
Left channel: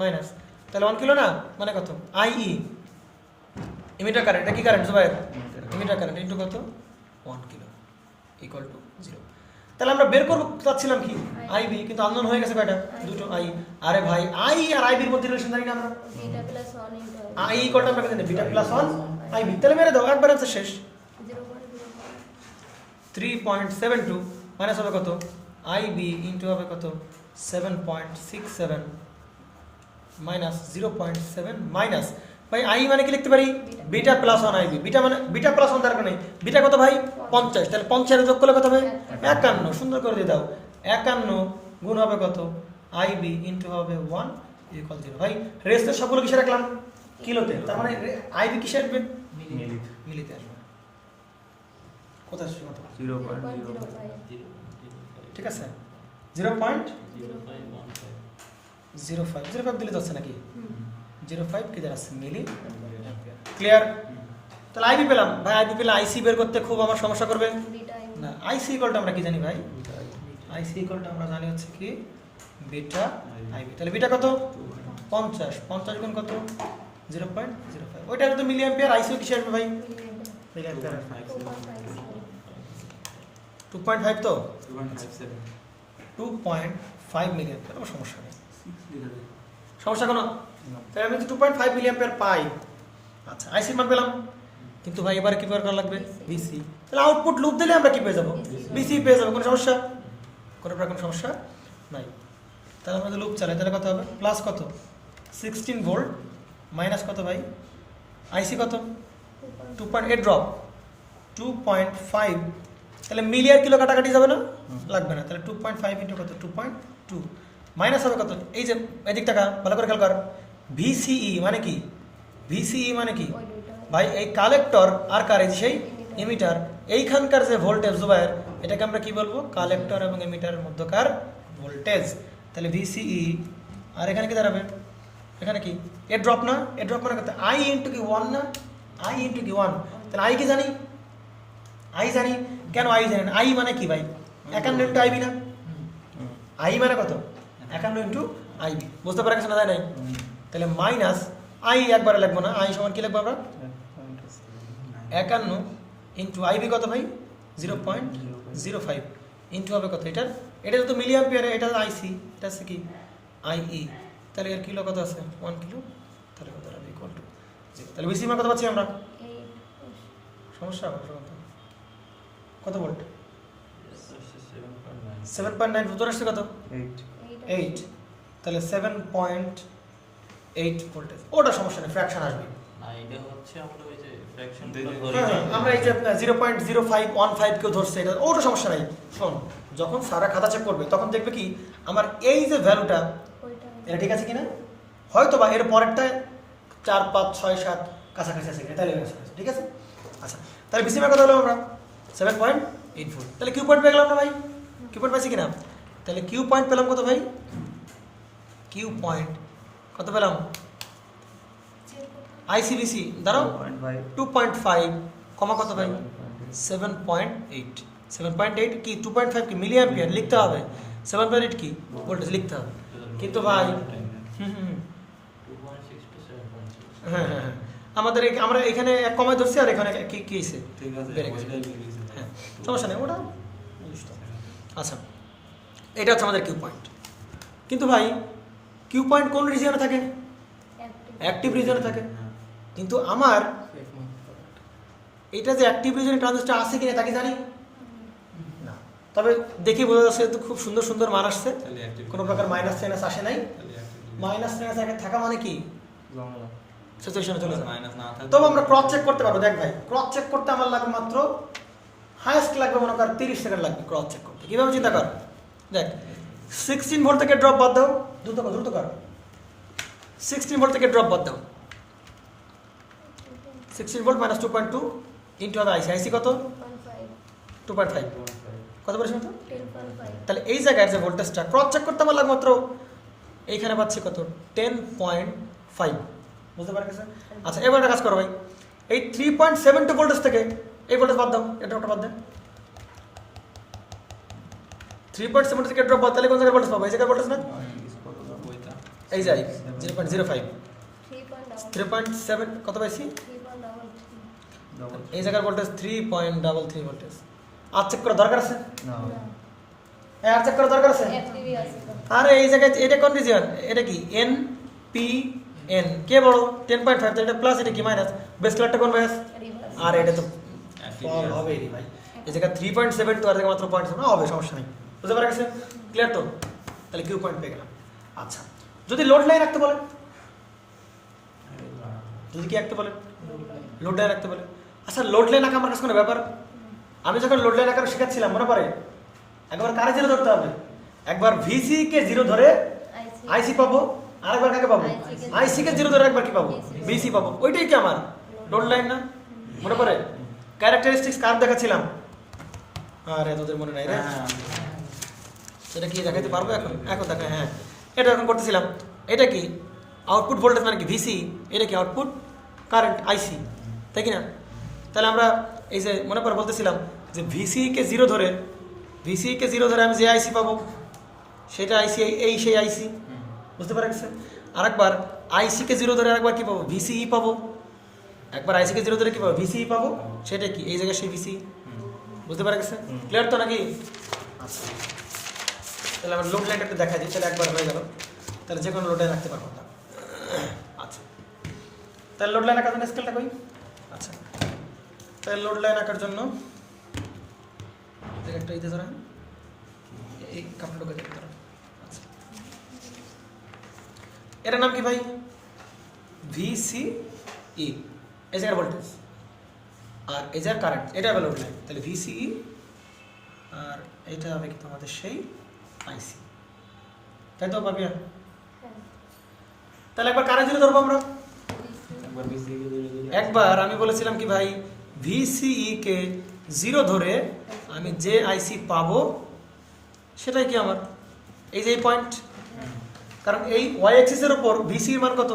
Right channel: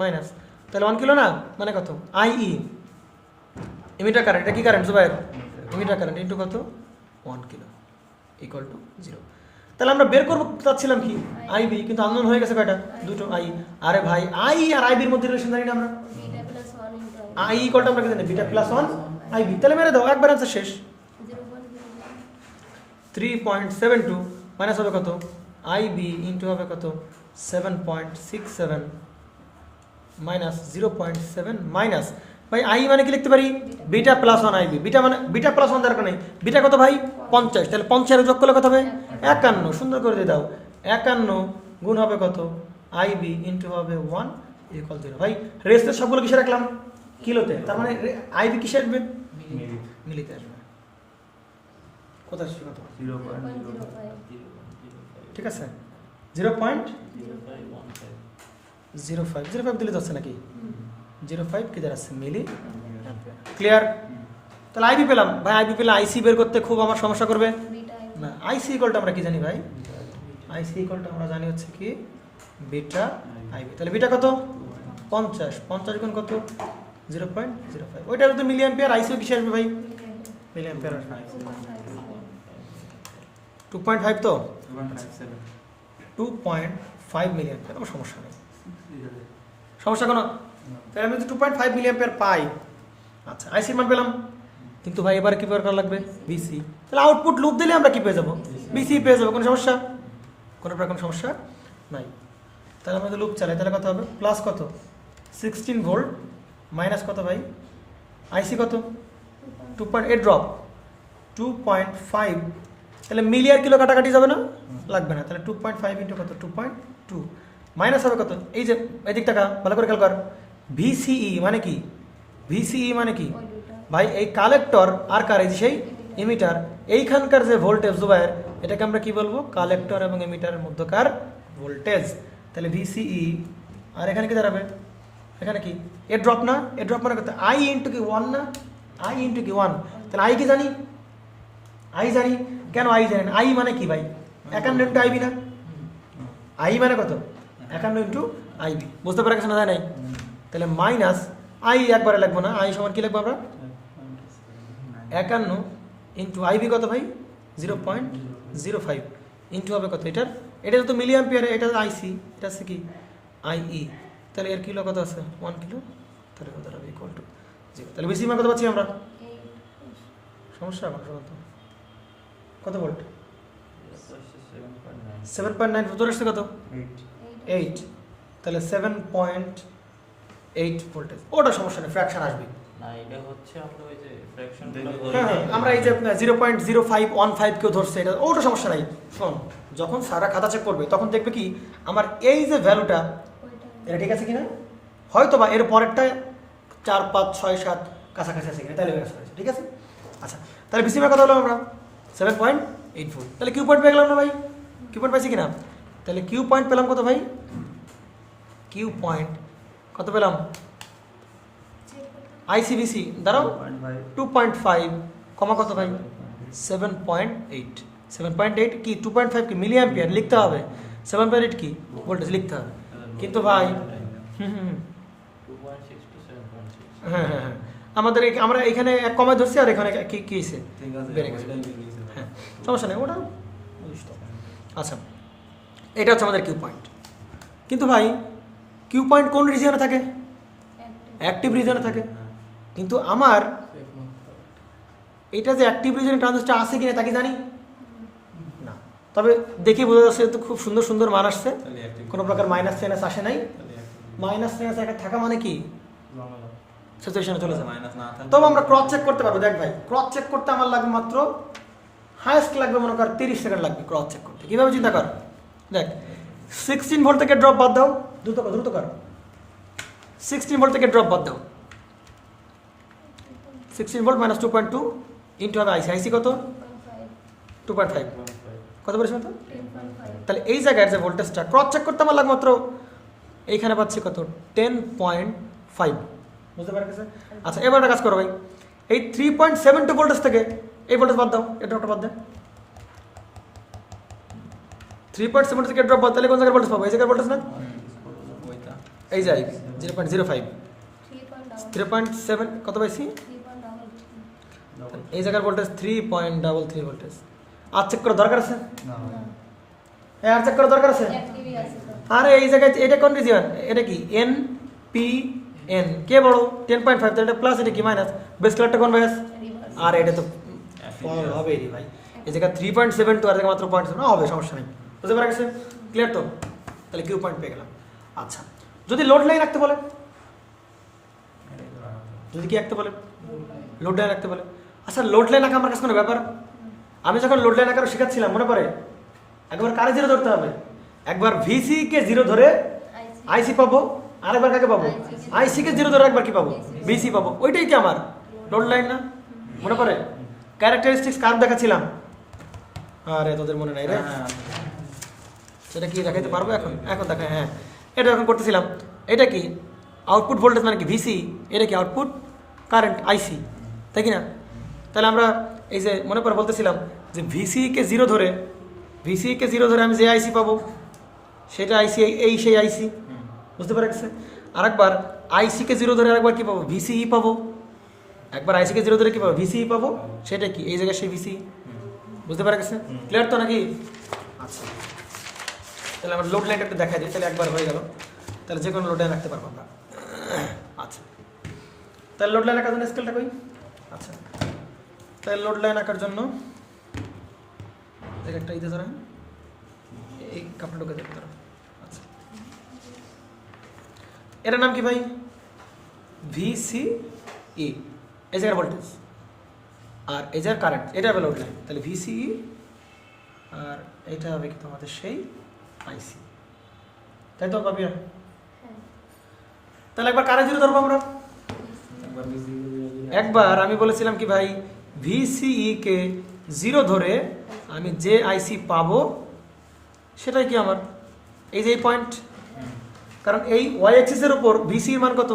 মাইনাস। তাহলে 1 কিলো না, মানে কত? আইই ইমিটার কারেন্ট। এটা কি কারেন্ট ভাই? ইমিটার কারেন্ট ইন্টু কত? 1 কিলো ইকুয়াল টু 0। তাহলে আমরা বের করবো চাচ্ছিলাম কি? আইবি, কিন্তু আননোন হয়ে গেছে কয়টা? দুটো আই। আরে ভাই, আই আর আইবির মধ্যে রিলেশন জানি না আমরা। আই ইকুয়াল টু আমরা জানি বিটা প্লাস 1 আইবি। তাহলে মেরে দাও, একবার আনসার শেষ। 3.72 মাইনাস হবে কত? আইবি ইন্টু হবে কত? 7.67 মাইনাস 0.7 মাইনাস ভাই আই মানে কি লিখতে পারি? Beta plus 1 IB. বিটা মানে বিটা প্লাস 1 দরকার নেই। বিটা কত ভাই? 50। তাহলে 50 যোগ করলে কত হবে? 51। সুন্দর করে দিয়ে দাও। 51 গুণ হবে কত? আইবি ইন্টু হবে 1 ইকুয়াল 0। ভাই রেস্টের সবগুলো কিসে রাখলাম? কিলোতে। তার মানে আইবি কিসে আসবে? মিলিতে আসবে। কোথায় আসছে কত? 0.05 ঠিক আছে, 0.05 দিলে যাচ্ছে নাকি? 05 কি দাঁড়াচ্ছে? মিলি। ক্লিয়ার? তাহলে আইবি পেলাম ভাই। আইবি পেলে আইসি বের করতে খুব আমার সমস্যা করবে না। আইসি ইকুয়ালটা আমরা কি জানি ভাই? আইসি ইকুয়ালটা আমরা জানি হচ্ছে কি বিটা আইবি। তাহলে বিটা কত? 50 গুণ কত? 0.05। ওইটা তো মিলি অ্যাম্পিয়ার। আইসিও কিসে আসবে ভাই? মিলি অ্যাম্পিয়ার। 2.5 তো 2.5 মিলি অ্যাম্পিয়ার। আমার সমস্যা নেই, সমস্যা কোনো। তাহলে আমি 2.5 মিলি অ্যাম্পিয়ার পাই। আচ্ছা, আইসির মান পেলাম, কিন্তু ভাই এবার কি বের করা লাগবে? বিসি। তাহলে আউটপুট লুপ দিলে আমরা কি পেয়ে যাবো? বিসি পেয়ে যাবো। কোনো সমস্যা? কোনো সমস্যা নাই। তাহলে আমাদের লুপ চালাই, তাহলে কত হবে? প্লাস কত? 16 ভোল্ট মাইনাস কত ভাই? আইসি কত? 2.8 ড্রপ 2.5, তাহলে মিলি আর কিলো কাটাকাটি যাবে না, লাগবে না। তাহলে 2.5 ইন্টু কত 2.2 মাইনাস হবে কত, এই যে এদিক টাকা ভালো করে খেয়াল কর, ভিসিই মানে কি, ভিসিই মানে কি ওই দুটো ভাই, এই কালেক্টর আর কার, এই যে সেই এমিটার, এইখানকার যে ভোল্টেজ জুবাইর, এটাকে আমরা কি বলবো, কালেক্টর এবং এমিটারের মধ্যকার ভোল্টেজ। তাহলে ভিসিই, আর এখানে কি দাঁড়াবে, এখানে কি এ ড্রপ না, এ ড্রপ মানে কত, আই ইন্টু কি 1 না, আই ইন্টু কি 1, তাহলে আই কি জানি, আই জানি, কেন আই জানেন, আই মানে কি ভাই, 51 ইন্টু আইবি না, আই মানে কত 51 ইন্টু আইবি, বুঝতে পারা গেছে না, নাই? তাহলে মাইনাস আই একবারে লাগবো না, আই সমান কি লিখবো আমরা, 51 ইন্টু আইবি কত ভাই 0.05 ইন্টু হবে কত, এটার এটা তো মিলি অ্যাম্পিয়ার, এটা আইসি, এটা আছে কি আইই, তাহলে এর কিলো কত আছে 1 কিলো, তাহলে কত হবে ইকুয়াল টু 0। তাহলে বেশি মান কত পাচ্ছি আমরা, 8 সমস্যা কত ভোল্ট 7.9 7.9, উত্তর আসছে কত 8 8, তাহলে 7.8 ভোল্টেজ, ওটা সমস্যা নেই, ফ্র্যাকশন আসবে। না এটা হচ্ছে আমরা ওই যে ফ্র্যাকশন হ্যাঁ, আমরা এই যে 0.0515 কেউ ধরছে, এটা ওটা সমস্যা নাই। শোন, যখন সারা খাতা চেক করবে তখন দেখবে কি আমার এই যে ভ্যালুটা ওইটা এটা ঠিক আছে কিনা, হয়তো বা এর পরেরটা 4 5 6 7 কাছাকাছি আছে কিনা, তাহলে ঠিক আছে। আচ্ছা, তাহলে বেশি কত হলো আমরা 7.84, তাহলে কিউ পয়েন্ট পেয়ে গেলাম না ভাই, কিউ পয়েন্ট পাইছি কিনা, তাহলে কিউ পয়েন্ট পেলাম কত ভাই, কিউ পয়েন্ট কত পেলাম, চেক করতে আইসিবিসি দাঁড়াও 2.5 2.5 কমা কত ভাই 7.8, 7.8 কি 2.5 কি মিলি অ্যাম্পিয়ার লিখতে হবে, 7.8 কি ভোল্টেজ লিখতে হবে, কিন্তু ভাই হুম হুম 2.6 to 7.6 হ্যাঁ হ্যাঁ হ্যাঁ, আমাদের আমরা এখানে এক কমা ধরছি আর এখানে কি কি হয়েছে, ঠিক আছে, বেড়ে গেছে। ওইটাই বেরিয়ে গেছে। হ্যাঁ, সমস্যা নেই, ওটা বুঝতে হবে। আচ্ছা, এটা হচ্ছে আমাদের কিউ পয়েন্ট, কিন্তু ভাই কিউ পয়েন্ট কোন রিজিয়নে থাকে, অ্যাক্টিভ রিজিয়নে থাকে, কিন্তু আমার এটা যে অ্যাক্টিভ রিজিয়ন ট্রানজিস্টর আছে কিনা তা কি জানি না, তবে দেখি বোঝা যাচ্ছে তো খুব সুন্দর সুন্দর মান আসছে, তাহলে active কোনো প্রকার মাইনাস মাইনাস আসে নাই, তাহলে active মাইনাস মাইনাস একটা থাকা মানে কি জমা। সিচুয়েশনে চলে যায়। মাইনাস না থাকলে তবে আমরা ক্রস চেক করতে পারবো, দেখ ভাই ক্রস চেক করতে আমার লাগবে মাত্র হায়েস্ট লাগবে মনে কর 30 সেকেন্ড লাগবে ক্রস চেক করতে, কীভাবে চিন্তা কর, দেখ 16 ভোল্ট থেকে ড্রপ বাদ দাও, দ্রুত কর দ্রুত কর, 16 ভোল্ট থেকে ড্রপ বাদ দাও, 16 ভোল্ট মাইনাস 2.2 ইন্টু হবে আইসি, আইসি কত 2.5, কত বলেছি তো, 10.5 তাহলে এই জায়গায় যে ভোল্টেজটা ক্রস চেক করতে আমার লাগবে মাত্র এইখানে পাচ্ছি কত 10.5, বুঝতে পারা গেছে। আচ্ছা, এবার একটা কাজ করো ভাই, এই 3.72 ভোল্টেজ থেকে এই ভোল্টেজ বাদ দাও, এটা ওটা বাদ দাও, 3.7 থেকে ড্রপ বাদ, তাহলে কোন জায়গায় ভোল্টেজ পাবো, এই জায়গায় ভোল্টেজ না, ওইটা এই যাই 0.05, 3.5 3.7 কত পাইছি, 3.5 এই জায়গার ভোল্টেজ 3.33 ভোল্টেজ। আর চেক করার দরকার আছে, না আর চেক করার দরকার আছে, অ্যাক্টিভই আছে তো আরে এই জায়গায় এটা কোন রিজিয়ন, এটা কি এন পি এন, কে বড় 10.5, তাহলে প্লাস, এটা কি মাইনাস, বেস কালারটা কোন বেস, রিভার্স আর এটা তো হবে রে ভাই, এই জায়গায় 3.7 তো আর জায়গায় মাত্র 0.7 হবে, সমস্যা নেই, বুঝতে পারা গেছে, ক্লিয়ার তো, তাহলে কিউ পয়েন্ট পেয়ে গেলাম। আচ্ছা, যদি লোড লাইন রাখতে বলে, যদি কি রাখতে বলে, লোড লাইন রাখতে বলে, আচ্ছা লোড লাইন রাখা আমার কাছে কোনো ব্যাপার, আমি যখন লোড লাইন রাখার শেখাচ্ছিলাম মনে পড়ে, একবার কারে জিরো ধরতে হবে, একবার ভিসি কে জিরো ধরে আইসি পাবো, আর একবার কাকে পাবো, আইসি কে জিরো ধরে একবার কি পাবো, বিসি পাবো, ওইটাই কি আমার লোড লাইন না, মনে পড়ে ক্যারেক্টারিস্টিক্স কার দেখাচ্ছিলাম, আরে তোদের মনে নাই রে, এটা কি দেখাতে পারবো এখন, এখন দেখে, হ্যাঁ এটা এখন করতেছিলাম, এটা কি আউটপুট ভোল্টেজ মানে কি ভিসি, এটা কি আউটপুট কারেন্ট আইসি, তাই কি না, তাহলে আমরা এই যে মনে করে বলতেছিলাম যে ভিসি কে জিরো ধরে, ভিসি কে জিরো ধরে আমি যে আইসি পাবো সেটা আইসি, এই সেই আইসি, বুঝতে পারা গেছে। আরেকবার আইসি কে জিরো ধরে আরেকবার কি পাবো, ভিসিই পাবো, একবার আইসি কে জিরো ধরে কি পাবো, ভিসিই পাবো, সেটা কি এই জায়গায় সেই ভিসি, বুঝতে পারা গেছে, ক্লিয়ার তো নাকি। আচ্ছা, তাহলে আমরা লোড লাইনটা একটু দেখাই দিই, তাহলে একবার হয়ে গেল, তাহলে যে কোনো লোড লাইন রাখতে পারবো আমরা। আচ্ছা, তাহলে লোড লাইন আঁকার জন্য স্কেলটা কই, আচ্ছা তাহলে লোড লাইন আঁকার জন্য একটা ইতে ধরেন, এই কাপড় ঢোকে দেখতে পারো, আচ্ছা এটার নাম কি ভাই, ভিসি ই, এই জায়গার ভোল্টেজ, আর এই যে কারেন্ট এটা হবে লোড লাইন, তাহলে ভিসিই আর এইটা হবে কি তোমাদের সেই আইসি, তাই তো পাপিয়া? তাহলে একবার কারে জিরো ধরবো আমরা? একবার আমি বলেছিলাম কি ভাই, ভিসিই কে জিরো ধরে আমি যে আইসি পাবো সেটাই কি আমার এই যে পয়েন্ট, কারণ এই ওয়াই এক্সিস এর উপর ভিসি এর মান কত?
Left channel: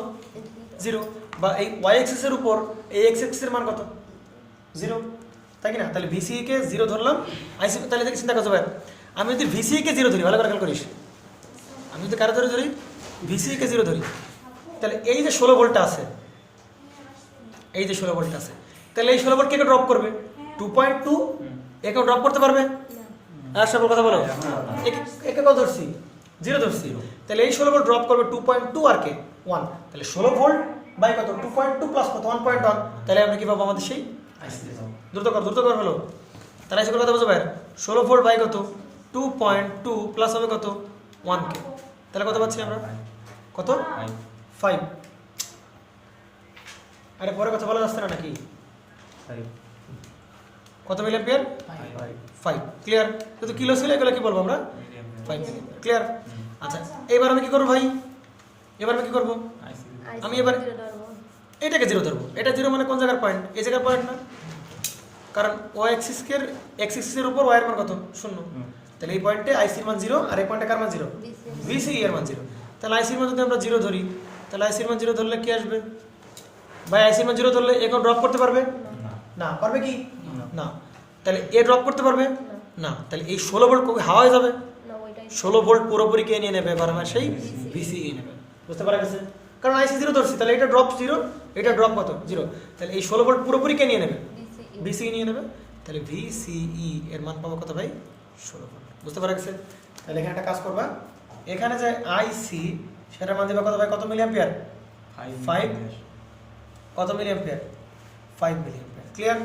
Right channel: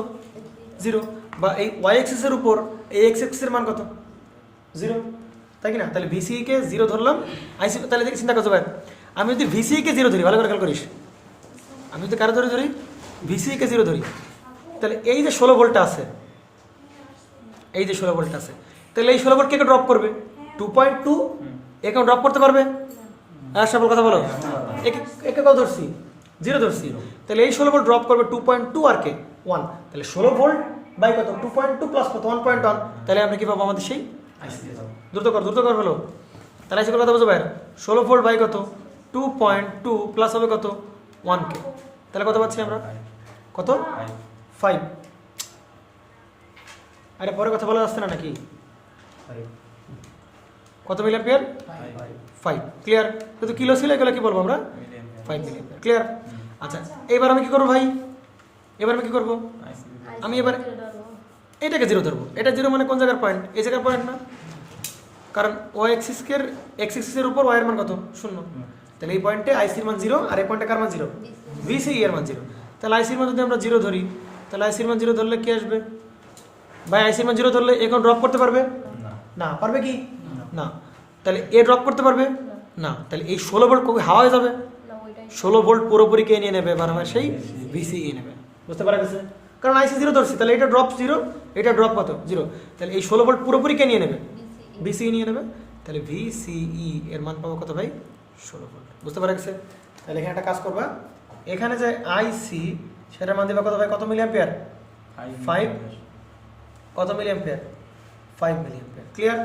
জিরো, বা এই ওয়াই এক্সিস এর উপর এই এক্স এক্সিস এর মান কত? জিরো, তাই কি না? তাহলে ভিসিই কে জিরো ধরলাম, আইসি, তাহলে দেখি চিন্তা করছো ভাই, আমি যদি ভিসিই কে জিরো ধরি, ভালো করে খেয়াল করিস, আমি যদি কারো ধরি ভিসিই কে জিরো ধরি, তাহলে এই যে 16 ভোল্টটা আছে, এই যে 16 ভোল্ট আছে, তাহলে এই 16 ভোল্ট কে ড্রপ করবে? 2.2 একে ড্রপ করতে পারবে? আর সব কথা বলো, একে কত ধরছি? জিরো ধরছি, তাহলে এই 16 ভোল্ট ড্রপ করবে 2.2 আর কে 1, তাহলে 16 ভোল্ট বাই কত? 2.2 প্লাস কত? 1.1, তাহলে আমরা কি পাবো? আমাদের সেই দ্রুত কর হলো, তাহলে আইসি কত বুঝো ভাই? 16 ভোল্ট বাই কত? 2.2 প্লাস হবে কত? 1 কে, তাহলে কত পাচ্ছি আমরা? কত? 5। আরে পরে কথা বলা যাচ্ছে না নাকি? কত মিলি অ্যাম্পিয়ার? 5। ক্লিয়ার? যদি কিলো ছিল এগুলো কি বলবো আমরা? 5 মিলি অ্যাম্পিয়ার। ক্লিয়ার? আচ্ছা, এবার আমি কি করব ভাই? এবার আমি কি করব? আমি এবার এটাকে জিরো ধরবো। এটা জিরো মানে কোন জায়গার পয়েন্ট? এই জায়গার পয়েন্ট না, কারণ ওয়াই এক্সিস এর উপর ওয়াই এর মান কত? 0, তাহলে এই পয়েন্টে আইসির মান 0 আর এই পয়েন্টে কার মান 0? ভিসিই এর মান 0, তাহলে আইসির মান যদি আমরা 0 ধরি, তাহলে আইসির মান 0 ধরলে কি আসবে ভাই? আইসির মান 0 ধরলে এখন ড্রপ করতে পারবে না? পারবে কি না? তাহলে এ ড্রপ করতে পারবে না, তাহলে এই 16 ভোল্ট কবে হাওয়া হয়ে যাবে? 16 ভোল্ট পুরোপুরি কে নিয়ে নেবে? এবার আমার সেই ভিসিই নেবে, বুঝতে পারা গেছে? কারণ আইসি 0 ধরছি, তাহলে এটা ড্রপ 0, এটা ড্রপ কত? 0, তাহলে এই 16 ভোল্ট পুরোপুরি কে নিয়ে নেবে? ভিসিই নিয়ে নেবে, তাহলে ভিসিই এর মান পাবো কত ভাই? 16 ভোল্ট, বুঝতে পারা গেছে? তাহলে এখানে একটা কাজ করবা, এখানে যে আইসি সেটা মান দেবে কত ভাই? কত মিলি অ্যাম্পিয়ার? 5। কত milliampere? 5 milliampere. Clear?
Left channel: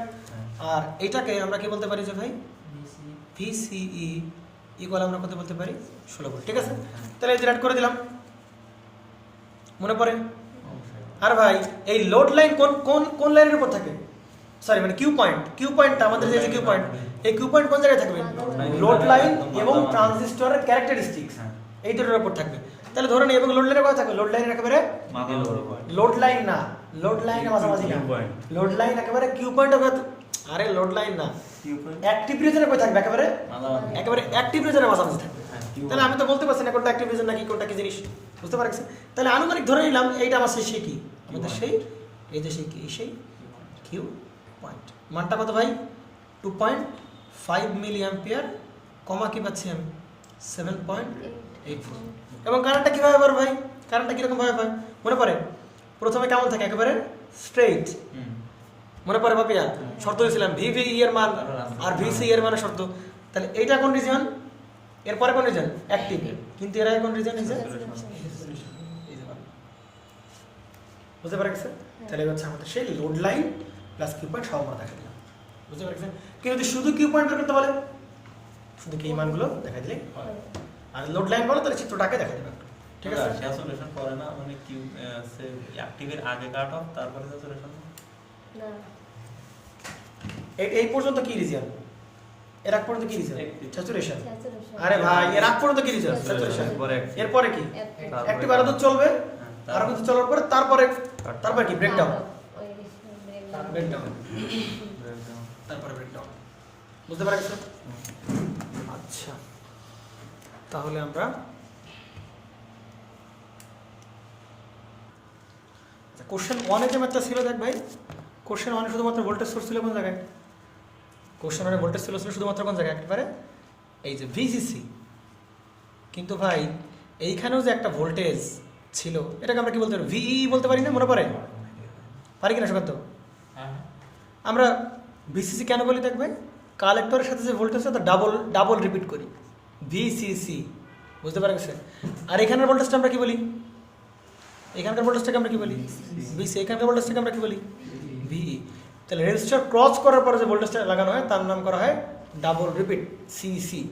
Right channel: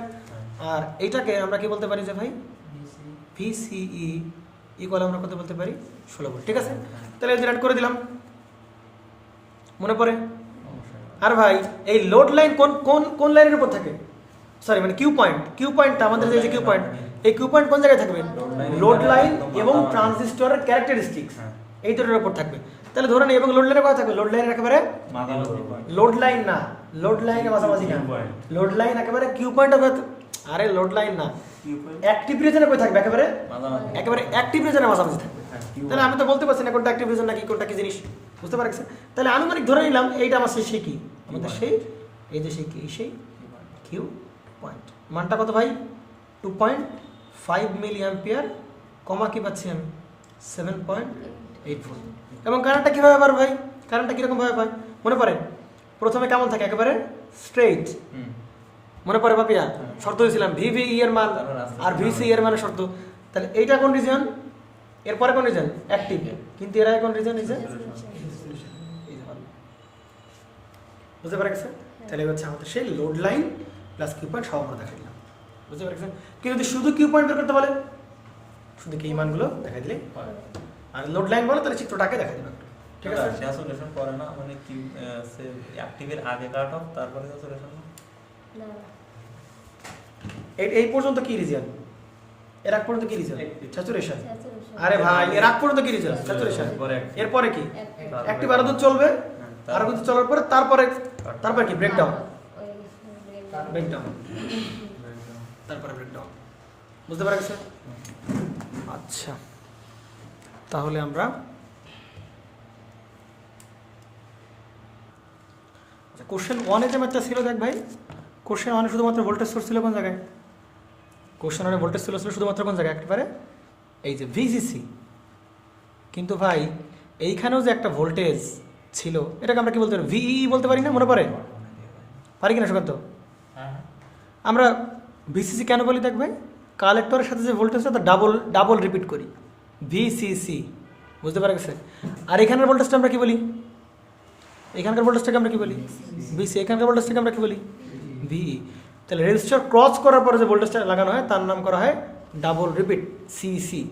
আর এটাকে আমরা কি বলতে পারি যে ভাই ভিসিই ইকুয়াল আমরা কত বলতে পারি? 16 ভোল্ট। ঠিক আছে, তাহলে ডিরাইট করে দিলাম, মনে পড়ে? আর ভাই এই লোড লাইন কোন কোন কোন লাইনের উপর থাকে? সরি মানে কিউ পয়েন্টটা আমাদের যে কিউ পয়েন্ট, এই কিউ পয়েন্ট কোন জায়গায় থাকবে? লোড লাইন এবং ট্রানজিস্টরের ক্যারেক্টারিস্টিক্স এই দুটোর উপর থাকবে। তাহলে ধরে নিই এবং লোড লাইনে কোথায় থাকবে? লোড লাইনের একেবারে লোড লাইন না, লোড লাইনের মাঝামাঝি না, লোড লাইন একেবারে কিউ পয়েন্ট হবে। আরে লোড লাইন না, অ্যাক্টিভ রিজনে কোথায় থাকবে? একেবারে অ্যাক্টিভ রিজনে মাঝামাঝি থাকবে। তাহলে আমি তো বলতে পারছি না কোনটা অ্যাক্টিভ রিজন নাকি কোনটা কি জিনিস, বুঝতে পারছেন? তাহলে আনুমানিক ধরে নিলাম এইটা আমার সেই কি আমাদের সেই এই যে সেই কিউ পয়েন্ট। মানটা কত ভাই? 2.5 মিলি অ্যাম্পিয়ার, কমা কি পাচ্ছি আমি? 7.84। এবং কারেন্টটা কীভাবে পাবো ভাই? কারেন্টটা কীরকম ভাবে পাই মনে পড়ে? প্রথমে কেমন থাকে? একেবারে স্ট্রেইট, মনে পড়ে পাপিয়া? শর্ত দিয়েছিলাম ভিভিই এর মান আর ভিসি এর মানের শর্ত। তাহলে এইটা কোন রিজন? এরপরে কোন রিজন? অ্যাক্টিভ, কিন্তু এরা কোন রিজন? বুঝতে পারছে? তাহলে হচ্ছে আমাদের সেই load line plus Q point সব মাথা খালি, বুঝতে পারছেন? কিন্তু যদি শুধু কিউ পয়েন্ট বের করতে বলে, শুধু কি মানগুলো দেখা দিলেই, আর লোড লাইন বলে তাহলে চিত্রটাকে দেখা দেবেন। ঠিক আছে, স্যাচুরেশন করে না মানে কি অ্যাক্টিভের আগে কাট অফ তারপরে স্যাচুরেশন না, এই পর্যন্ত কি রিজন? এর আগ পর্যন্ত কি রিজন? স্যাচুরেশন। স্যাচুরেশন। আরে ভাই এর আগ পর্যন্ত কি রিজন? স্যাচুরেশন। এরপরে কি? অ্যাক্টিভ আরো দূর চলবে, আরো কিছু চলার পরে তারপরে কি? ব্রেকডাউন। তারপরে ব্রেকডাউন, বুঝতে পারছেন? আচ্ছা, তাহলে আমরা কোশ্চেন 1 এ যে ম্যাথটা ছিল দেখ ভাই, কোশ্চেন 1 এ শুধুমাত্র ভোল্টেজ সোর্স ছিল কোন জায়গায়? কোশ্চেন 1 এ ভোল্টেজ সোর্স ছিল শুধুমাত্র কোন জায়গায়? একেবারে এই যে ভিজিসি। কিন্তু ভাই এইখানেও যে একটা ভোল্টেজ ছিল, এটাকে আমরা কি বলতে পারি? ভিই বলতে পারি না? মনে পড়ে? পারি কিনা সুকান্ত? আমরা ভিসিসি কেন বলি দেখবে? কালেক্টরের সাথে যে ভোল্টেজটা তা ডাবল রিপিট করি, ভিসিসি, বুঝতে পারছে? আর এখানের ভোল্টেজটা আমরা কি বলি? এখানকার ভোল্টেজটাকে আমরা কি বলি? ভিসি। এখানকার ভোল্টেজটাকে আমরা কি বলি? ভিই। তাহলে রেজিস্টার ক্রস করার পরে যে ভোল্টেজটা লাগানো হয় তার নাম করা হয় ডাবল রিপিট, সিসি,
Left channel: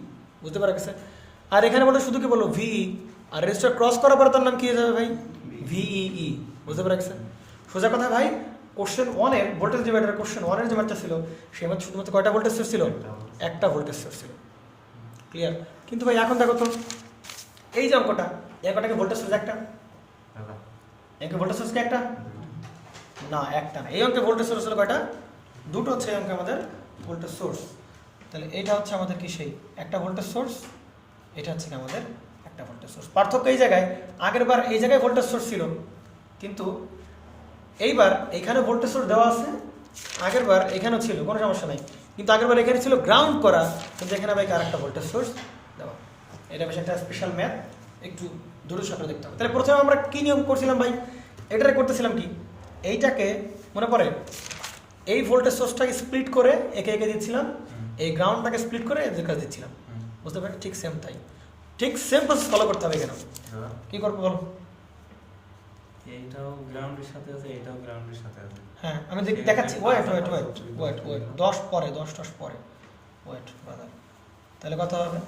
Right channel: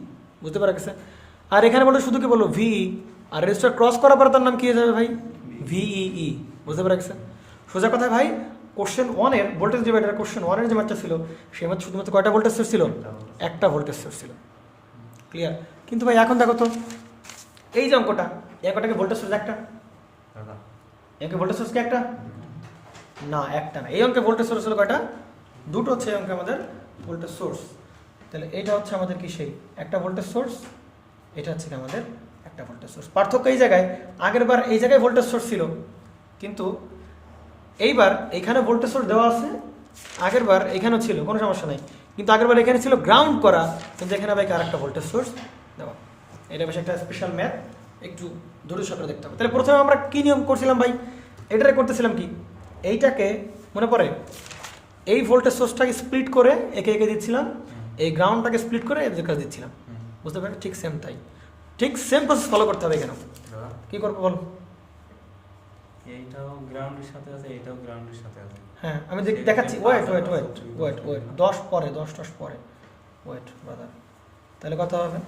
বুঝতে পারছে? আর এখানে ভোল্টেজ শুধু কি বললো? ভিই। আর রেজিস্টার ক্রস করার পরে তার নাম কি হয়ে যাবে ভাই? ভিই, বুঝতে পারছে? সোজা কথা ভাই, কোশ্চেন 1 এর ভোল্টেজ ডিভাইডার কোশ্চেন 1 এর যে ম্যাথটা ছিল সেই ম্যাথ শুধুমাত্র কয়টা ভোল্টেজ সোর্স ছিল? একটা ভোল্টেজ সোর্স ছিল। ক্লিয়ার? কিন্তু ভাই এখন দেখো তো এই যে অঙ্কটা, এই অঙ্কটাকে ভোল্টেজ সোর্স একটা, একে ভোল্টেজ সোর্স কি একটা? না, একটা না। এই অঙ্কে ভোল্টেজ সোর্স হলো কয়টা? দুটো হচ্ছে এই অঙ্কে আমাদের ভোল্টেজ সোর্স। তাহলে এটা হচ্ছে আমাদের কি সেই একটা ভোল্টেজ সোর্স, এটা হচ্ছে কি আমাদের একটা ভোল্টেজ সোর্স। পার্থক্য এই জায়গায়, আগের বার এই জায়গায় ভোল্টেজ সোর্স ছিল, কিন্তু এইবার এখানে ভোল্টেজ সোর্স দেওয়া আছে, আগের বার এখানেও ছিল, কোনো সমস্যা নেই। কিন্তু আগের বার এখানে ছিল গ্রাউন্ড করা, কিন্তু এখানে ভাই আর একটা ভোল্টেজ সোর্স দেওয়া। এটা বেশ একটা স্পেশাল ম্যাথ, একটু দূরে সকালে দেখতে হবে। তাহলে প্রথমে আমরা কি নিয়ম করছিলাম ভাই? এটারে করতেছিলাম কি, এইটাকে মনে পড়ে এই ভোল্টেজ সোর্সটাকে স্প্লিট করে একে একে দিচ্ছিলাম, এই গ্রাউন্ডটাকে স্প্লিট করে এদের কাছে দিচ্ছিলাম। বুঝতে পারি? ঠিক সেম তাই, ঠিক সেম প্রসেস ফলো করতে হবে এখানে। কি করবো বলো? এইটাও গ্রাউন্ডের সাথে আছে, এটাও গ্রাউন্ডের সাথে আছে। হ্যাঁ আমি দেখাচ্ছি। Wait wait wait wait wait 10 পরে 10 পরে ওয়েট ব্রাদার। তাহলে কত হবে?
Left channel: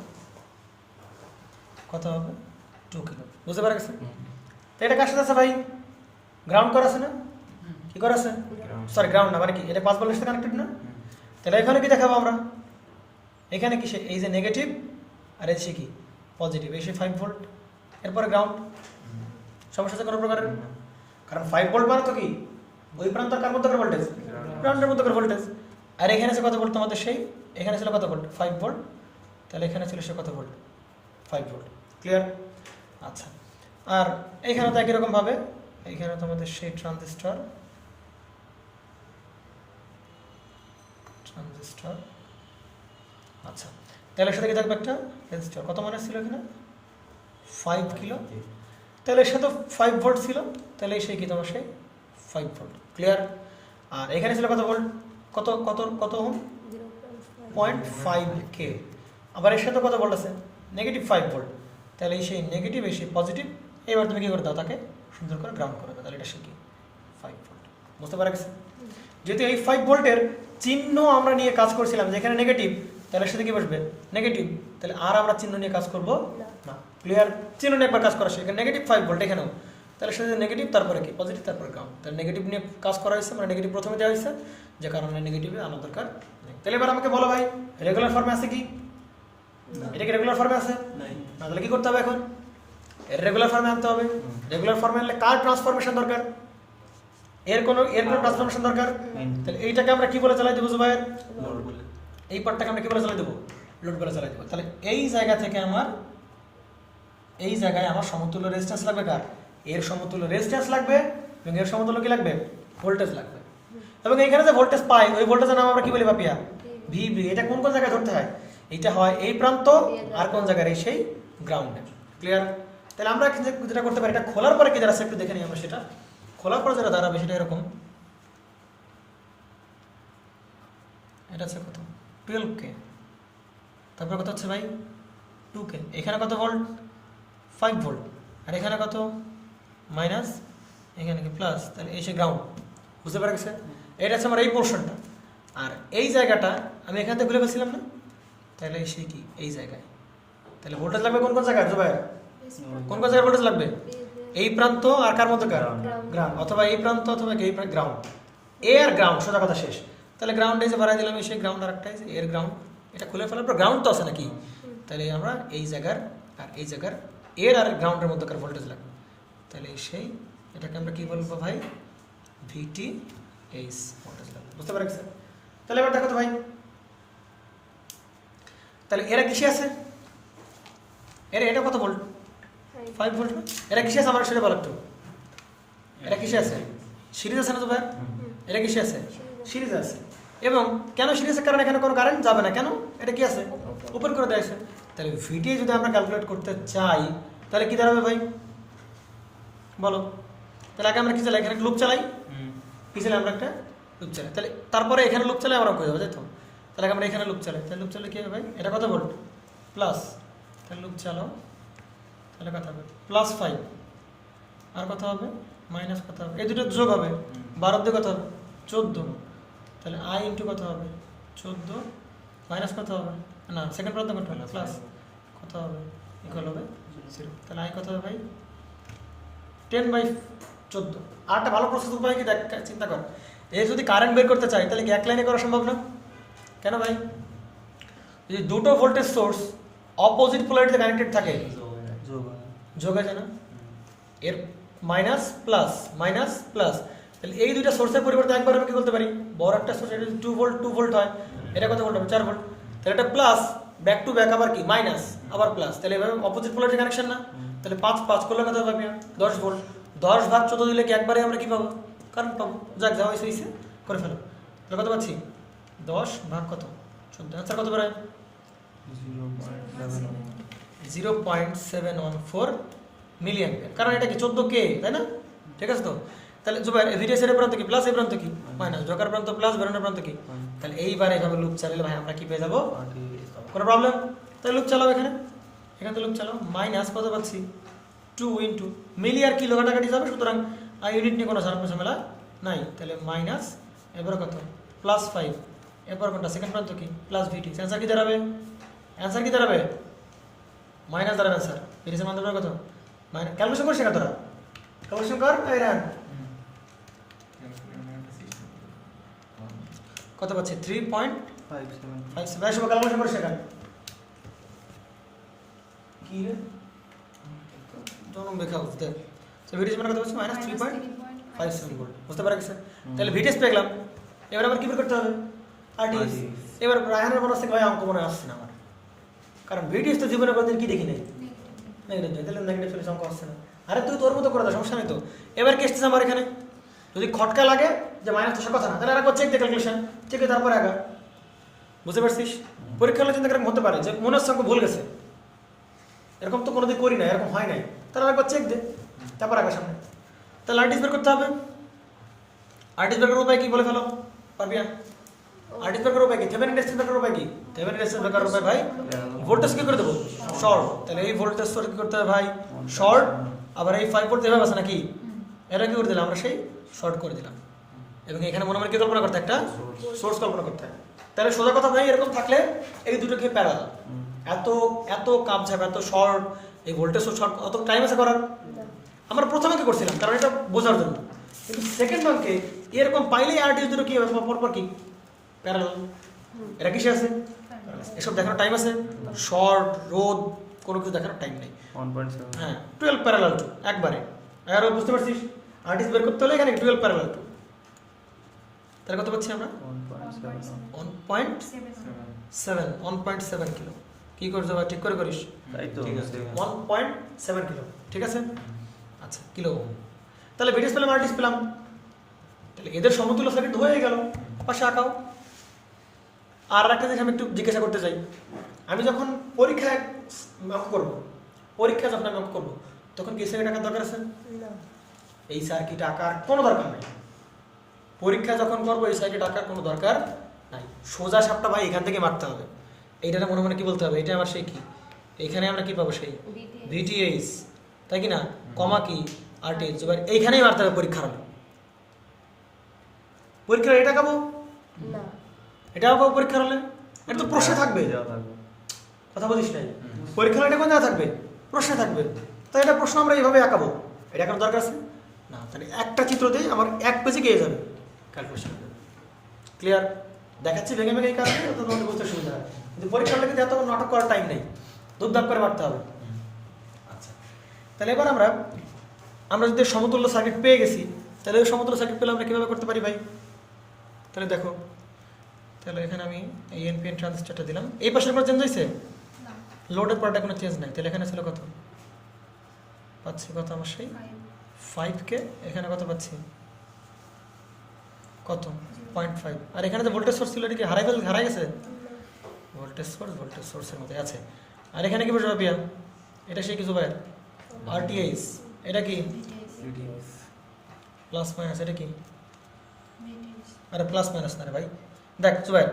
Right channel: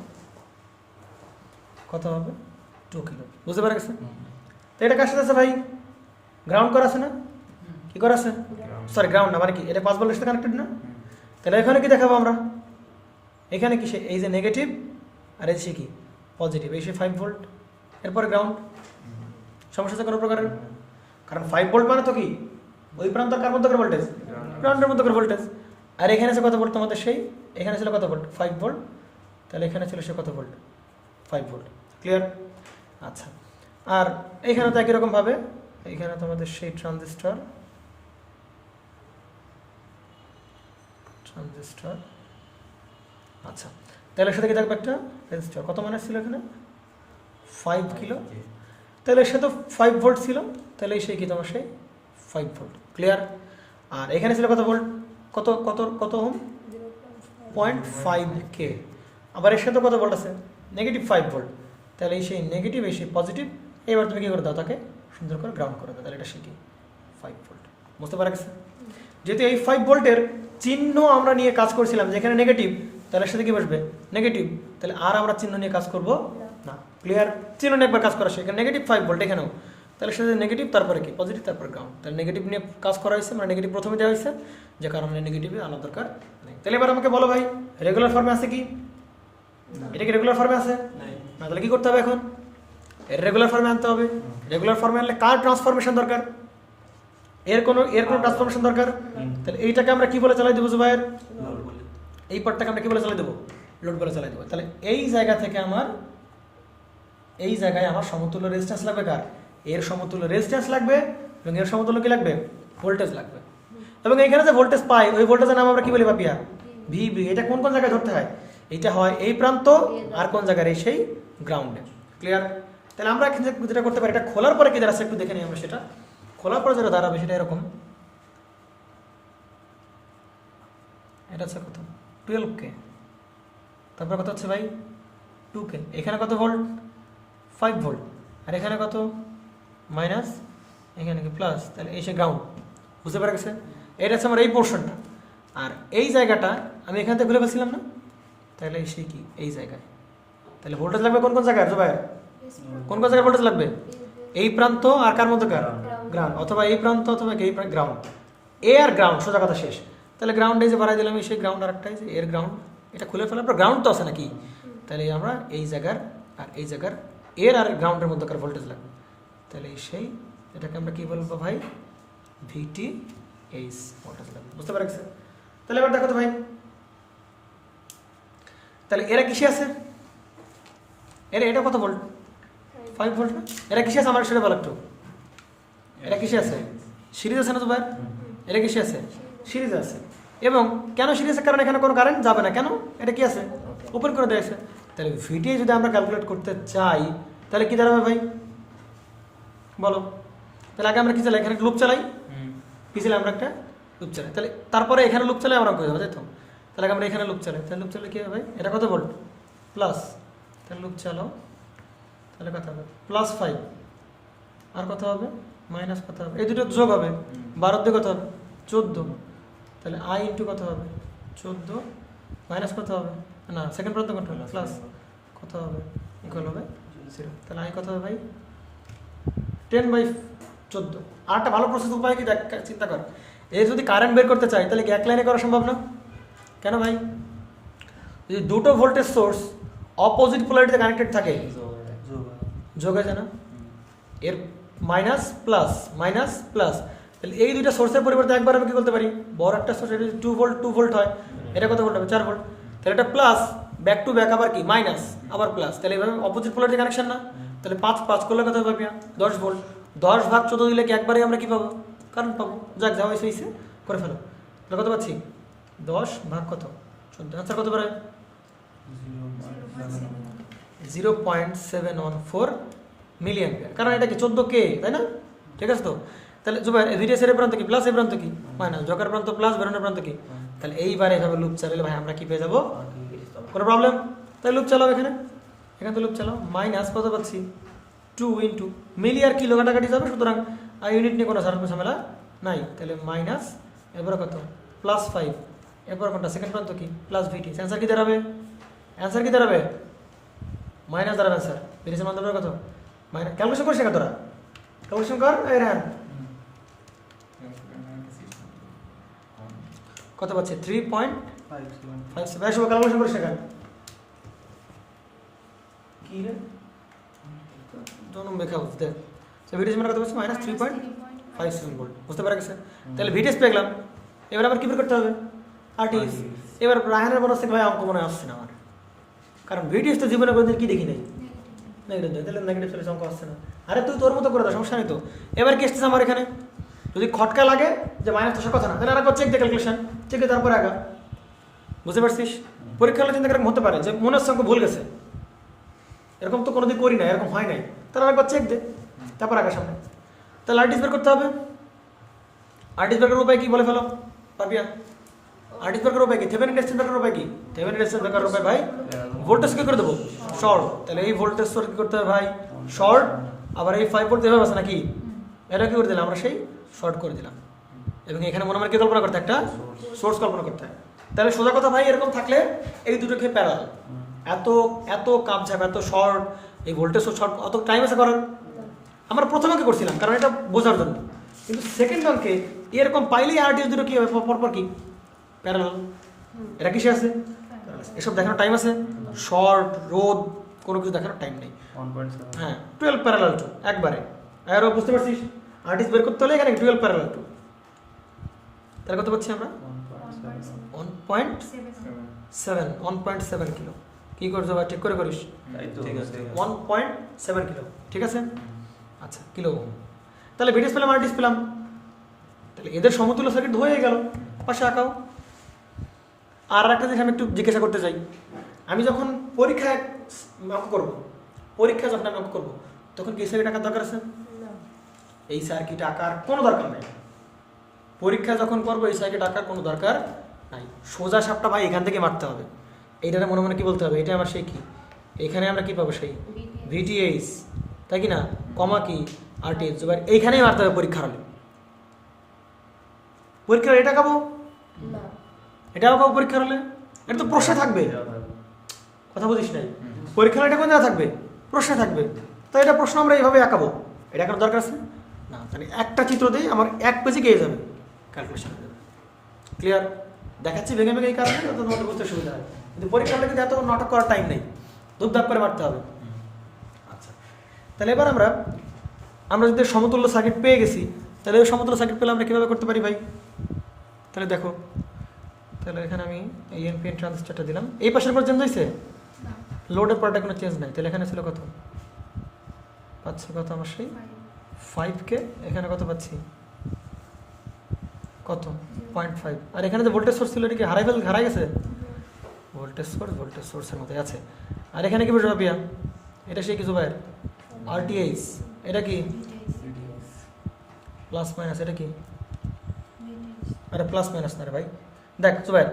কত হবে? 2 কিলো। বুঝতে পারা গেছে? তো এটা কার সাথে আছে ভাই? গ্রাউন্ড করা আছে না? কি করা আছে? সরি গ্রাউন্ড না, মানে কি এটা 5 ভোল্টের সাথে কানেক্টেড না? তাহলে এখানে কি দেখাবো আমরা? এখানে কি এই যে নেগেটিভ আর এই সে কি পজিটিভ, এই সে 5 ভোল্ট, এরপরে গ্রাউন্ড। সমস্যা আছে কোনো প্রকারের? কারণ 5 ভোল্ট মানে তো কি ওই প্রান্ত কার মধ্যে ভোল্টেজ? গ্রাউন্ডের মধ্যে ভোল্টেজ। আর এখানে আছে কত ভোল্ট তোমাদের? সেই এখানে ছিল কত ভোল্ট? 5 ভোল্ট। তাহলে এখানে ছিল সে কত ভোল্ট? 5 ভোল্ট। ক্লিয়ার? আচ্ছা, আর এইখানে তো একই রকম ভাবে এইখানে তোমাদের সেই ট্রানজিস্টর আচ্ছা, তাহলে সাথে কি থাকবে? একটা রেজিস্টার। কত মানে ছিল এখানে? 5 কিলো। তাহলে সে তো 5 ভোল্ট ছিল, তাহলে সেই কি তোমার সেই 5 ভোল্ট। ক্লিয়ার? আর এখানে ছিল কত ভোল্ট? কত কত কত ওহম? 0.5 কে। আবার এর সাথে কত ভোল্ট আছে? Negative 5 volt. তাহলে এই সেই নেগেটিভ, এই সেই পজিটিভ। এবার তুমি কি করে দাও? তাকে সুন্দর করে গ্রাউন্ড করে দাও। তাহলে এটা সে কি 5 ভোল্ট। বুঝতে পারা গেছে? যেহেতু এই 5 ভোল্টের চিহ্ন আমরা নিয়ে কাজ করছিলাম, যেখানে নেগেটিভ, তাহলে সাথে কি বসবে? নেগেটিভ। তাহলে আর আমরা চিহ্ন নিয়ে কাজ করব না। ক্লিয়ার? চিহ্ন নিয়ে একবার কাজ করা শেখে। নেগেটিভ 5 ভোল্ট এখানেও, তাহলে সাথে নেগেটিভ, তারপরে কি পজিটিভ, তারপরে গ্রাউন্ড। তাহলে নেগেটিভ নিয়ে কাজ করা হয়েছে, মানে নেগেটিভ প্রথমে দেওয়া হয়েছে, যে কারণে নেগেটিভে আনা দরকার নেই। তাহলে এবার আমাকে বলো ভাই, রেগুলার ফর্মে আছে কি? এটা কি রেগুলার ফর্মে আছে না? তাহলে কি করতে হবে এখন? রেগুলার ফর্মে আনতে হবে। রেগুলার ফর্মে আনলে কার ট্রান্সফরমেশন দরকার? এর কোনো ট্রান্সফরমেশন দরকার। তাহলে এইটাকে আমরা কি বলে চালাই দেবো ভাইয়ের? এই পার্টটাকে আমরা কি বলে চালাই দেবো? লোড করে চালাই দেবো। তাহলে এই জায়গা থেকে আমার এই জায়গায় আমার সমতুল্য রেজিস্ট্যান্স লাগবে কার? এর সমতুল্য রেজিস্ট্যান্স লাগবে, এবং এর সমতুল্য কি লাগবে? ভোল্টেজ লাগবে। এবং এইখানে যে ভোল্টেজ পাই, ওই ভোল্টেজের নাম আমরা কি বলি পাপিয়া? ভিবি। এটা কোন কোন জায়গায় ধরতে হয়? এইটা হয় এই প্রান্ত, আর কোন জায়গায়? এই সেই গ্রাউন্ডে। ক্লিয়ার? তাহলে আমরা যেটা করতে পারি, এটা খোলার পরে কি দাঁড়াচ্ছে একটু দেখে নিই আমরা। সেটা খোলার পরে যেটা দাঁড়াবে সেটা এরকম। এটা হচ্ছে কত? 12K। তারপর কত হচ্ছে ভাই? 2K। এখানে কত ভোল্ট? 5 ভোল্ট। আর এখানে কত? মাইনাস, এখানে কি প্লাস। তাহলে এই সে গ্রাউন্ড। বুঝতে পারা গেছে? এটা হচ্ছে আমার এই পোর্শনটা। আর এই জায়গাটা আমি এখান থেকে ভুলে ফেলছিলাম না? তাহলে এই সে কি এই জায়গায়। তাহলে ভোল্টেজ লাগবে কোন কোন জায়গায়? ভাই কোন কোন জায়গায় ভোল্টেজ লাগবে? এই প্রান্ত আর কার মধ্যে? গ্রাউন্ড। অথবা এই প্রান্ত অথবা এই গ্রাউন্ড। এ আর গ্রাউন্ড, সোজা কথা শেষ। তাহলে গ্রাউন্ডে যে বাড়াই দিলাম সেই গ্রাউন্ড, আর একটা এর গ্রাউন্ড। এটা খুলে ফেলার পর গ্রাউন্ড তো আছে নাকি? তাহলে আমরা এই জায়গার আর এই জায়গার এর আর গ্রাউন্ডের মধ্যকার ভোল্টেজ লাগবে। তাহলে সেই এটাকে আমরা কি বলবো ভাই? VTH ভোল্টেজ লাগবে। বুঝতে পারা গেছে? তাহলে এবার দেখো তো ভাই, তাহলে এরা কিসে আছে? এটা কত ভোল্ট? 5 ভোল্ট। এরা কিসে আছে আমার সেটা বলো একটু। এরা কিসে আছে? সিরিজ আছে না তো ভাই? এরা কিসে আছে? সিরিজ আছে। এবং কেন সিরিজ? কারণ এখানে কোনো কারেন্ট যাবে না। কেন? এটা কি আছে? উপর করে দেওয়া আছে। তাহলে ভিটিএ যদি আমরা ক্যালকুলেট করতে চাই, তাহলে কি দাঁড়াবে ভাই বলো? তাহলে আগে আমরা কি চালাই? এখানে লুপ চালাই। কি চালাই? আমরা একটা লুপ চালাই। তাহলে তারপরে এখানে লুপ চালাই আমরা বুঝতে তাই তো? তাহলে আমরা এখানে লুপ চালাই। তাহলে লুপ চালালে কি হবে ভাই? এটা কত ভোল্ট? প্লাস। তাহলে লুপ চালাও, তাহলে কত হবে? +5। আর কত হবে? মাইনাস কত হবে? এই দুটো যোগ হবে। 12 দিয়ে কত হবে? 14। তাহলে I ইন্টু কত হবে? 14 মাইনাস কত হবে? না, সেকেন্ড প্রান্ত কত হলো? প্লাস কত হবে? ইকুয়াল হবে 0। তাহলে I কত হবে ভাই? 10/14। আর একটা ভালো প্রসেস উপায় কি দেখ, চিন্তা কর। এর যদি কারেন্ট বের করতে চাই তাহলে কি এক লাইনে করা সম্ভব না? কেন ভাই? যদি দুটো ভোল্টেজ সোর্স অপোজিট পোলারিটিতে কানেক্টেড থাকে, যোগ হয়ে যায় না? এর মাইনাস প্লাস মাইনাস প্লাস, তাহলে এই দুইটা সোর্সের পরিবর্তে একবার আমি কি বলতে পারি, বড় একটা সোর্স এটা 2 ভোল্ট হয়, এটা কত ভোল্ট হবে? 4 ভোল্ট। তাহলে এটা প্লাস ব্যাক টু ব্যাক আবার কি মাইনাস আবার প্লাস, তাহলে এবার অপোজিট পোলারিটি কানেকশন না? তাহলে 5 করলে কত হবে? 10 ভোল্ট। 10 ভাগ 14 দিলে কি একবারে আমরা কি পাবো? কারেন্ট পাবো। যাক যা হয়েছে হয়েছে, করে ফেলো। তাহলে কত পাচ্ছি? 10 ভাগ কত? 14। আচ্ছা কত বেরোয়? 0.714 মিলি অ্যাম্পিয়ার। কারণ এটা কি 14 কে, তাই না? ঠিক আছে তো? তাহলে জুবাইর ভিডিএস এর প্রান্ত কি প্লাস, এর প্রান্ত কি মাইনাস, জোকার প্রান্ত প্লাস, বেরোনোর প্রান্ত কি। তাহলে এইবার এইভাবে লুপ চালালে ভাই আমরা কি পেয়ে যাবো? কোনো প্রবলেম? তাহলে লুপ চালাও, এখানে এখানে তো লুপ চালাও। মাইনাস কত পাচ্ছি? 2 ইন্টু মিলি আর কিলো কাটাকাটি যাবে, সুতরাং আর ইউনিট নিয়ে কোনো ঝামেলা নাই। তাহলে মাইনাস এবার কত? প্লাস 5। এরপর কোনটা? সেকেন্ড প্রান্ত কি প্লাস ভিটি। অ্যান্সার কি দাঁড়াবে? অ্যান্সার কি দাঁড়াবে? মাইনাস দাঁড়াবে স্যার। ভিটির মান দাঁড়াবে কত? মাইনাস। ক্যালকুলেশন করছে কত? ক্যালকুলেশন কর। এই রান কত পাচ্ছে? 3.57। ক্যালকুলেশন করছে কেন? কি রে জনম লেখা বুঝতে। তো ভিটিএস মানে কত পাচ্ছে? Minus 3.57 volt. বুঝতে পারা গেছে? তাহলে ভিটিএস পেয়ে গেলাম। এবার আবার কি বের করতে হবে? আরটিএস। এবার রায়হানের বলা থেকে ভাই আমাকে মনে আসছে না আমার, কারণ ভিডিএস তো জীবনে কোনোদিন কি দেখি নাই, নেগেটিভ। তাহলে নেগেটিভ ফেলে অঙ্ক আসছে না। আরে তুই তোর মতো করে দাও, সমস্যা নেই তো। এবার কি এসতেছে আমার এখানে? যদি খটকা লাগে যে মাইনাস তো সব কথা না, তাহলে আরেকবার চেক দে, ক্যালকুলেশন চেক দিয়ে তারপর আগা। বুঝতে পারছিস? পরীক্ষা হলে কিন্তু এরকম হতে পারে যে মনে হচ্ছে অঙ্ক ভুল গেছে, এরকম তো কোনোদিন করি না, এরকম হয় নাই, তাহলে আরেকবার চেক দে তারপর আগা সামনে। তাহলে আরটিএস বের করতে হবে। আরটিএস বের করার উপায় কি বলে ফেলো পাবিয়া? আরটিএস বের করার উপায় কি? থেভেনিন রেজিস্ট্যান্স বের করার উপায় কি? থেভেনিন রেজিস্ট্যান্স বের করার উপায় ভাই ভোল্টেজ কি করে দেবো? শর্ট। তাহলে এই ভোল্টেজ সোর্স কি করতে হবে ভাই? শর্ট। আবার এই 5 ভোল্ট দেওয়া আছে নাকি? এটা কি করে দিলাম আমরা? সেই শর্ট করে দিলাম। এবং এখানে মনে মনে কি কল্পনা করতে? একটা সোর্স কল্পনা করতে হয়। তাহলে সোজা কথা ভাই, এরকম থাকলে এই দুটোকে প্যারালাল। এত এত কাপঝাপ, এত শর্ট, এই ভোল্টেজ সোর্স শর্ট, অত টাইম আছে করার? আমরা প্রথম অঙ্কে করছিলাম কারণ এটা বোঝার জন্য, কিন্তু সেকেন্ড অঙ্কে এরকম পাইলেই আরটিএস দুটো কি হবে? পরপর কি প্যারালাল। এটা কিসে আছে? এসব দেখানোর টাইম আছে? শর্ট, রোদ, কোনো কিছু দেখানোর টাইম নেই। 1.7। হ্যাঁ 12 প্যারালাল টু একবারে। আর বুঝতে পারছিস? আরটিএস বের করতে হলে এখানে 12 প্যারালাল টু। তাহলে কত পাচ্ছি আমরা? 1.7 কিলো। কি করছো বা ঠিক করে করিস? ঠিক আছে 1.7 কিলো। ঠিক আছে, আচ্ছা কিলো ওহম। তাহলে ভিডিএস পেলাম, আরটিএস পেলাম। তাহলে এদের সমতুল্য সার্কিট হয়ে গেল। পাশে আঁকাও। আর একটা জিনিস আমি একটু জিজ্ঞাসা করতে চাই, আমি যখন পরীক্ষায় অঙ্ক করবো, পরীক্ষা যখন আমি অঙ্ক করবো, তখন কি সার্কিট আঁকার দরকার আছে? এই সার্কিট আঁকার কোনো দরকার নাই। পরীক্ষা যখন করবো এই সার্কিট আঁকার কোনো দরকার নাই। সোজা সাপটা ভাই এখান থেকে মারতে হবে। এইটারে মনে মনে কি বলতে হবে? এটা আমার সেই কি, এখানে আমরা কি পাবো? সেই ভিটিএইচ, তাই কি না? কমা কি আরটিএইচ। এবার এইখানেই মারতে হবে পরীক্ষার হলে। পরীক্ষার এটা খাবো না, এটাও খাবো পরীক্ষার হলে। এটা তো প্রশ্নে থাকবে, কথা বুঝিস নাই? পরীক্ষার এটা কোন জায়গা থাকবে? প্রশ্নে থাকবে। তো এটা প্রশ্ন আমরা এইভাবে আঁকাবো, এটা এখানে দরকার আছে না। তাহলে একটা চিত্র দিয়ে আমার 1 পেজে গিয়ে যাবে ক্যালকুলেশন। ক্লিয়ার? দেখাচ্ছি ভেঙে ভেঙে এই কারণে তোমাদের বুঝতে সুবিধা হয়, কিন্তু পরীক্ষার হলে কিন্তু এত নাটক করার টাইম নেই, ধূপধাপ করে মারতে হবে। আচ্ছা, তাহলে এবার আমরা যদি সমতুল্য সার্কিট পেয়ে গেছি, তাহলে ওই সমতুল্য সার্কিট পেলে আমরা কীভাবে করতে পারি ভাই? তাহলে দেখো, তাহলে এখানে আমি এই এনপিএন ট্রানজিস্টরটা দিলাম। এই পাশের পর চেঞ্জ হয়েছে? লোডের পরটা কোনো চেঞ্জ নাই। তাহলে এখানে ছিল কত? পাচ্ছি কত আমার? সেই 5K। এখানে কত পাচ্ছি? কত? 0.5। আর এখানে যে ভোল্টেজ সোর্স ছিল এটা কি হারাই গেছে? ভোল্টেজ সোর্সের মধ্যে আছে। আর এখানে কি বসে পিয়া? এটা সেই কিছু ভাই আরটিএইচ। এটা কি প্লাস মাইনাস? এটা কি? আরে প্লাস মাইনাস না রে ভাই, দেখ জুবাইর।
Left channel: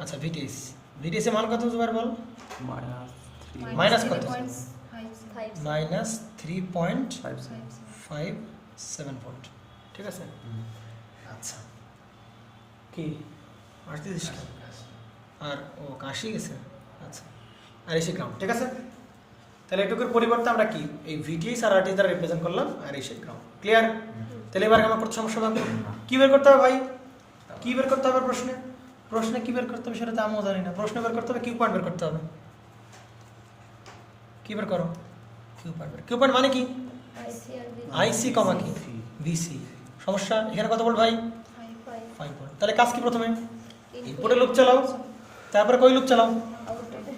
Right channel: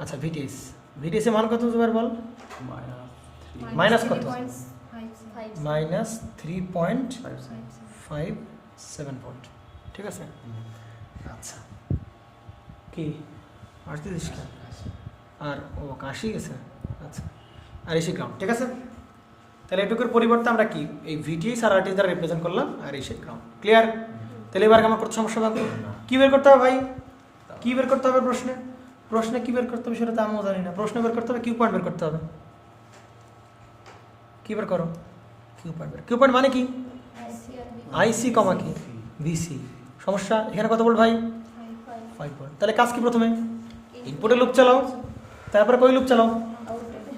আচ্ছা ভিটিএস, ভিটিএস এর মান কত জুবাইর বল? মাইনাস কত? Minus 3.57 volt. ঠিক আছে, আচ্ছা কি আসতে দিস কি? আর ও কাশি গেছে। আচ্ছা, আর এসে গ্রাম। ঠিক আছে, তাহলে এটুকুর পরিবর্তে আমরা কি এই ভিটিএস আর আরটিএস দ্বারা রিপ্রেজেন্ট করলাম, আর এসে গ্রাম। ক্লিয়ার? তাহলে এবার আমার করতে সমস্যা হবে কি বের করতে হবে ভাই? কি বের করতে হবে প্রশ্নে? প্রশ্নে কি বের করতে হবে সেটা তো আমিও জানি না। প্রশ্নে বের করতে হবে কিউ পয়েন্ট বের করতে হবে। কি বের করো? Q point. কিউ পয়েন্ট মানে কি? আইসি আর বি আইসি কমা কি? ভিসি। সমস্যা এখানে কত বল ভাই? 5 ভোল্ট। তাহলে কাজ কি প্রথমে? ইনপুটে লুপ চালাও, তারপরে কই লুপ চালাও?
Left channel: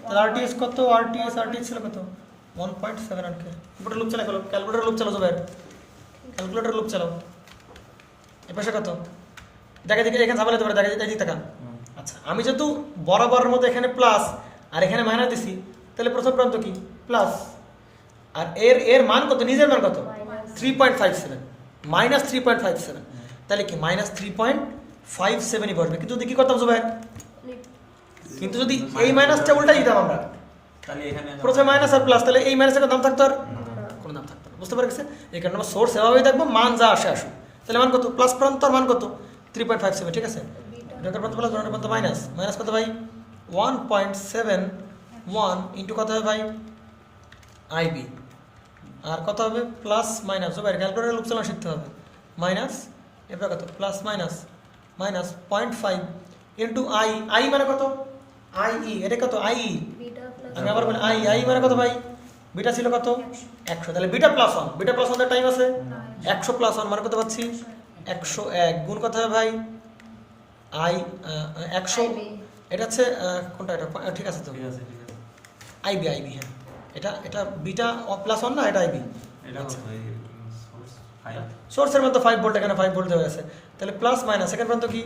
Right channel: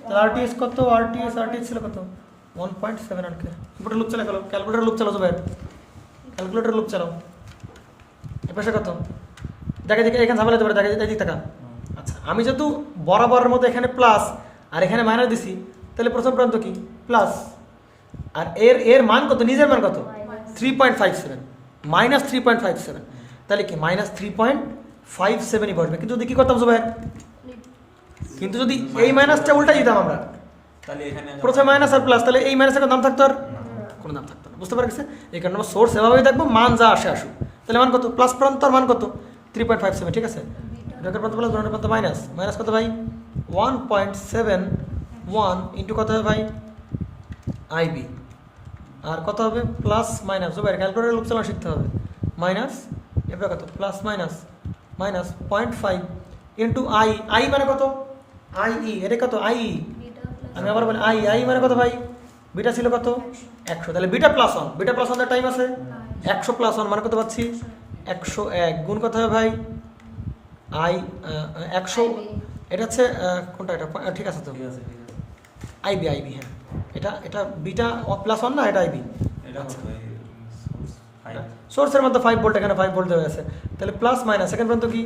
তাহলে আরটিএস কত? আরটিএস ছিল কত? 1.7 অ্যাম্পিয়ার। ইনপুটে লুপ চালাও, ক্যালকুলেটর লুপ চালাও ভাই। ক্যালকুলেটর লুপ চালাও। এর পাশে কত? দেখে দেখে এখানে ঝামেলা হতে পারে, দেখে দেখে টাকা। আচ্ছা, আমি যেহেতু বরাবরের মধ্যে এখানে প্লাস আর এখানে মাইনাস দিছি, তাহলে প্রথম প্রান্ত কি? প্লাস। আর এর এর মান কত? নিজের মান কত? 3.57 মাইনাস 3.57। তাহলে কি মাইনাস 3.57ই বসবে। কিন্তু যদি কি করতাম ভাই? কিন্তু যদি এই মাইনাসটা উল্টা দিতাম আমরা, তাহলে এখানে প্রথমে মাইনাস আর প্লাস, তাহলে এই মাইনাসের কোনো নাম থাকতো? আর কোনো নাম থাকতো না। বুঝতে পারছেন? এই কারণে আমরা সোর্স এভাবেই দেখবো, মান যা আসে আসুক। তাহলে মান কত? প্লাস প্রান্তর মান কত? 3.57। ঠিক আছে, ডকের প্রান্ত প্লাস ডকের প্রান্ত মাইনাস। মাইনাস কত ভাই? 1.71 ইন্টু কত হবে ভাই? আইবি। আর কত হবে? Plus minus Zubair calculator loop চালানো শিখতে হবে। মাইনাস এবার কত? Plus minus minus 0.5 into I. I মানে কত? I E. এটা কত? I E. বিটা প্লাস আমি আবার বলি আই। আই মানে কত ভাই? বিটা ছিল কত? 100। তাহলে বিটা প্লাস 1। বিটা প্লাস 1 এর টাইম আছে 100 প্লাস 1 মানে কত পাচ্ছি? 101 গুণ কত হবে ভাই? আই 100। এটা হচ্ছে কোনটা? এটা ঠিক আছে তো? ঠিক আছে, ঠিক আছে। আইবি। আইবি, হ্যাঁ। এটা এটা বিটা প্লাস 1 না? এটা আইবি। এটা আচ্ছা, কত? এই source 5 সোর্সের মধ্যে 5 ভোল্ট, এখানে 5 ভোল্ট দেওয়া আছে। তাহলে প্লাস মাইনাস সেকেন্ড পর্যন্ত কি?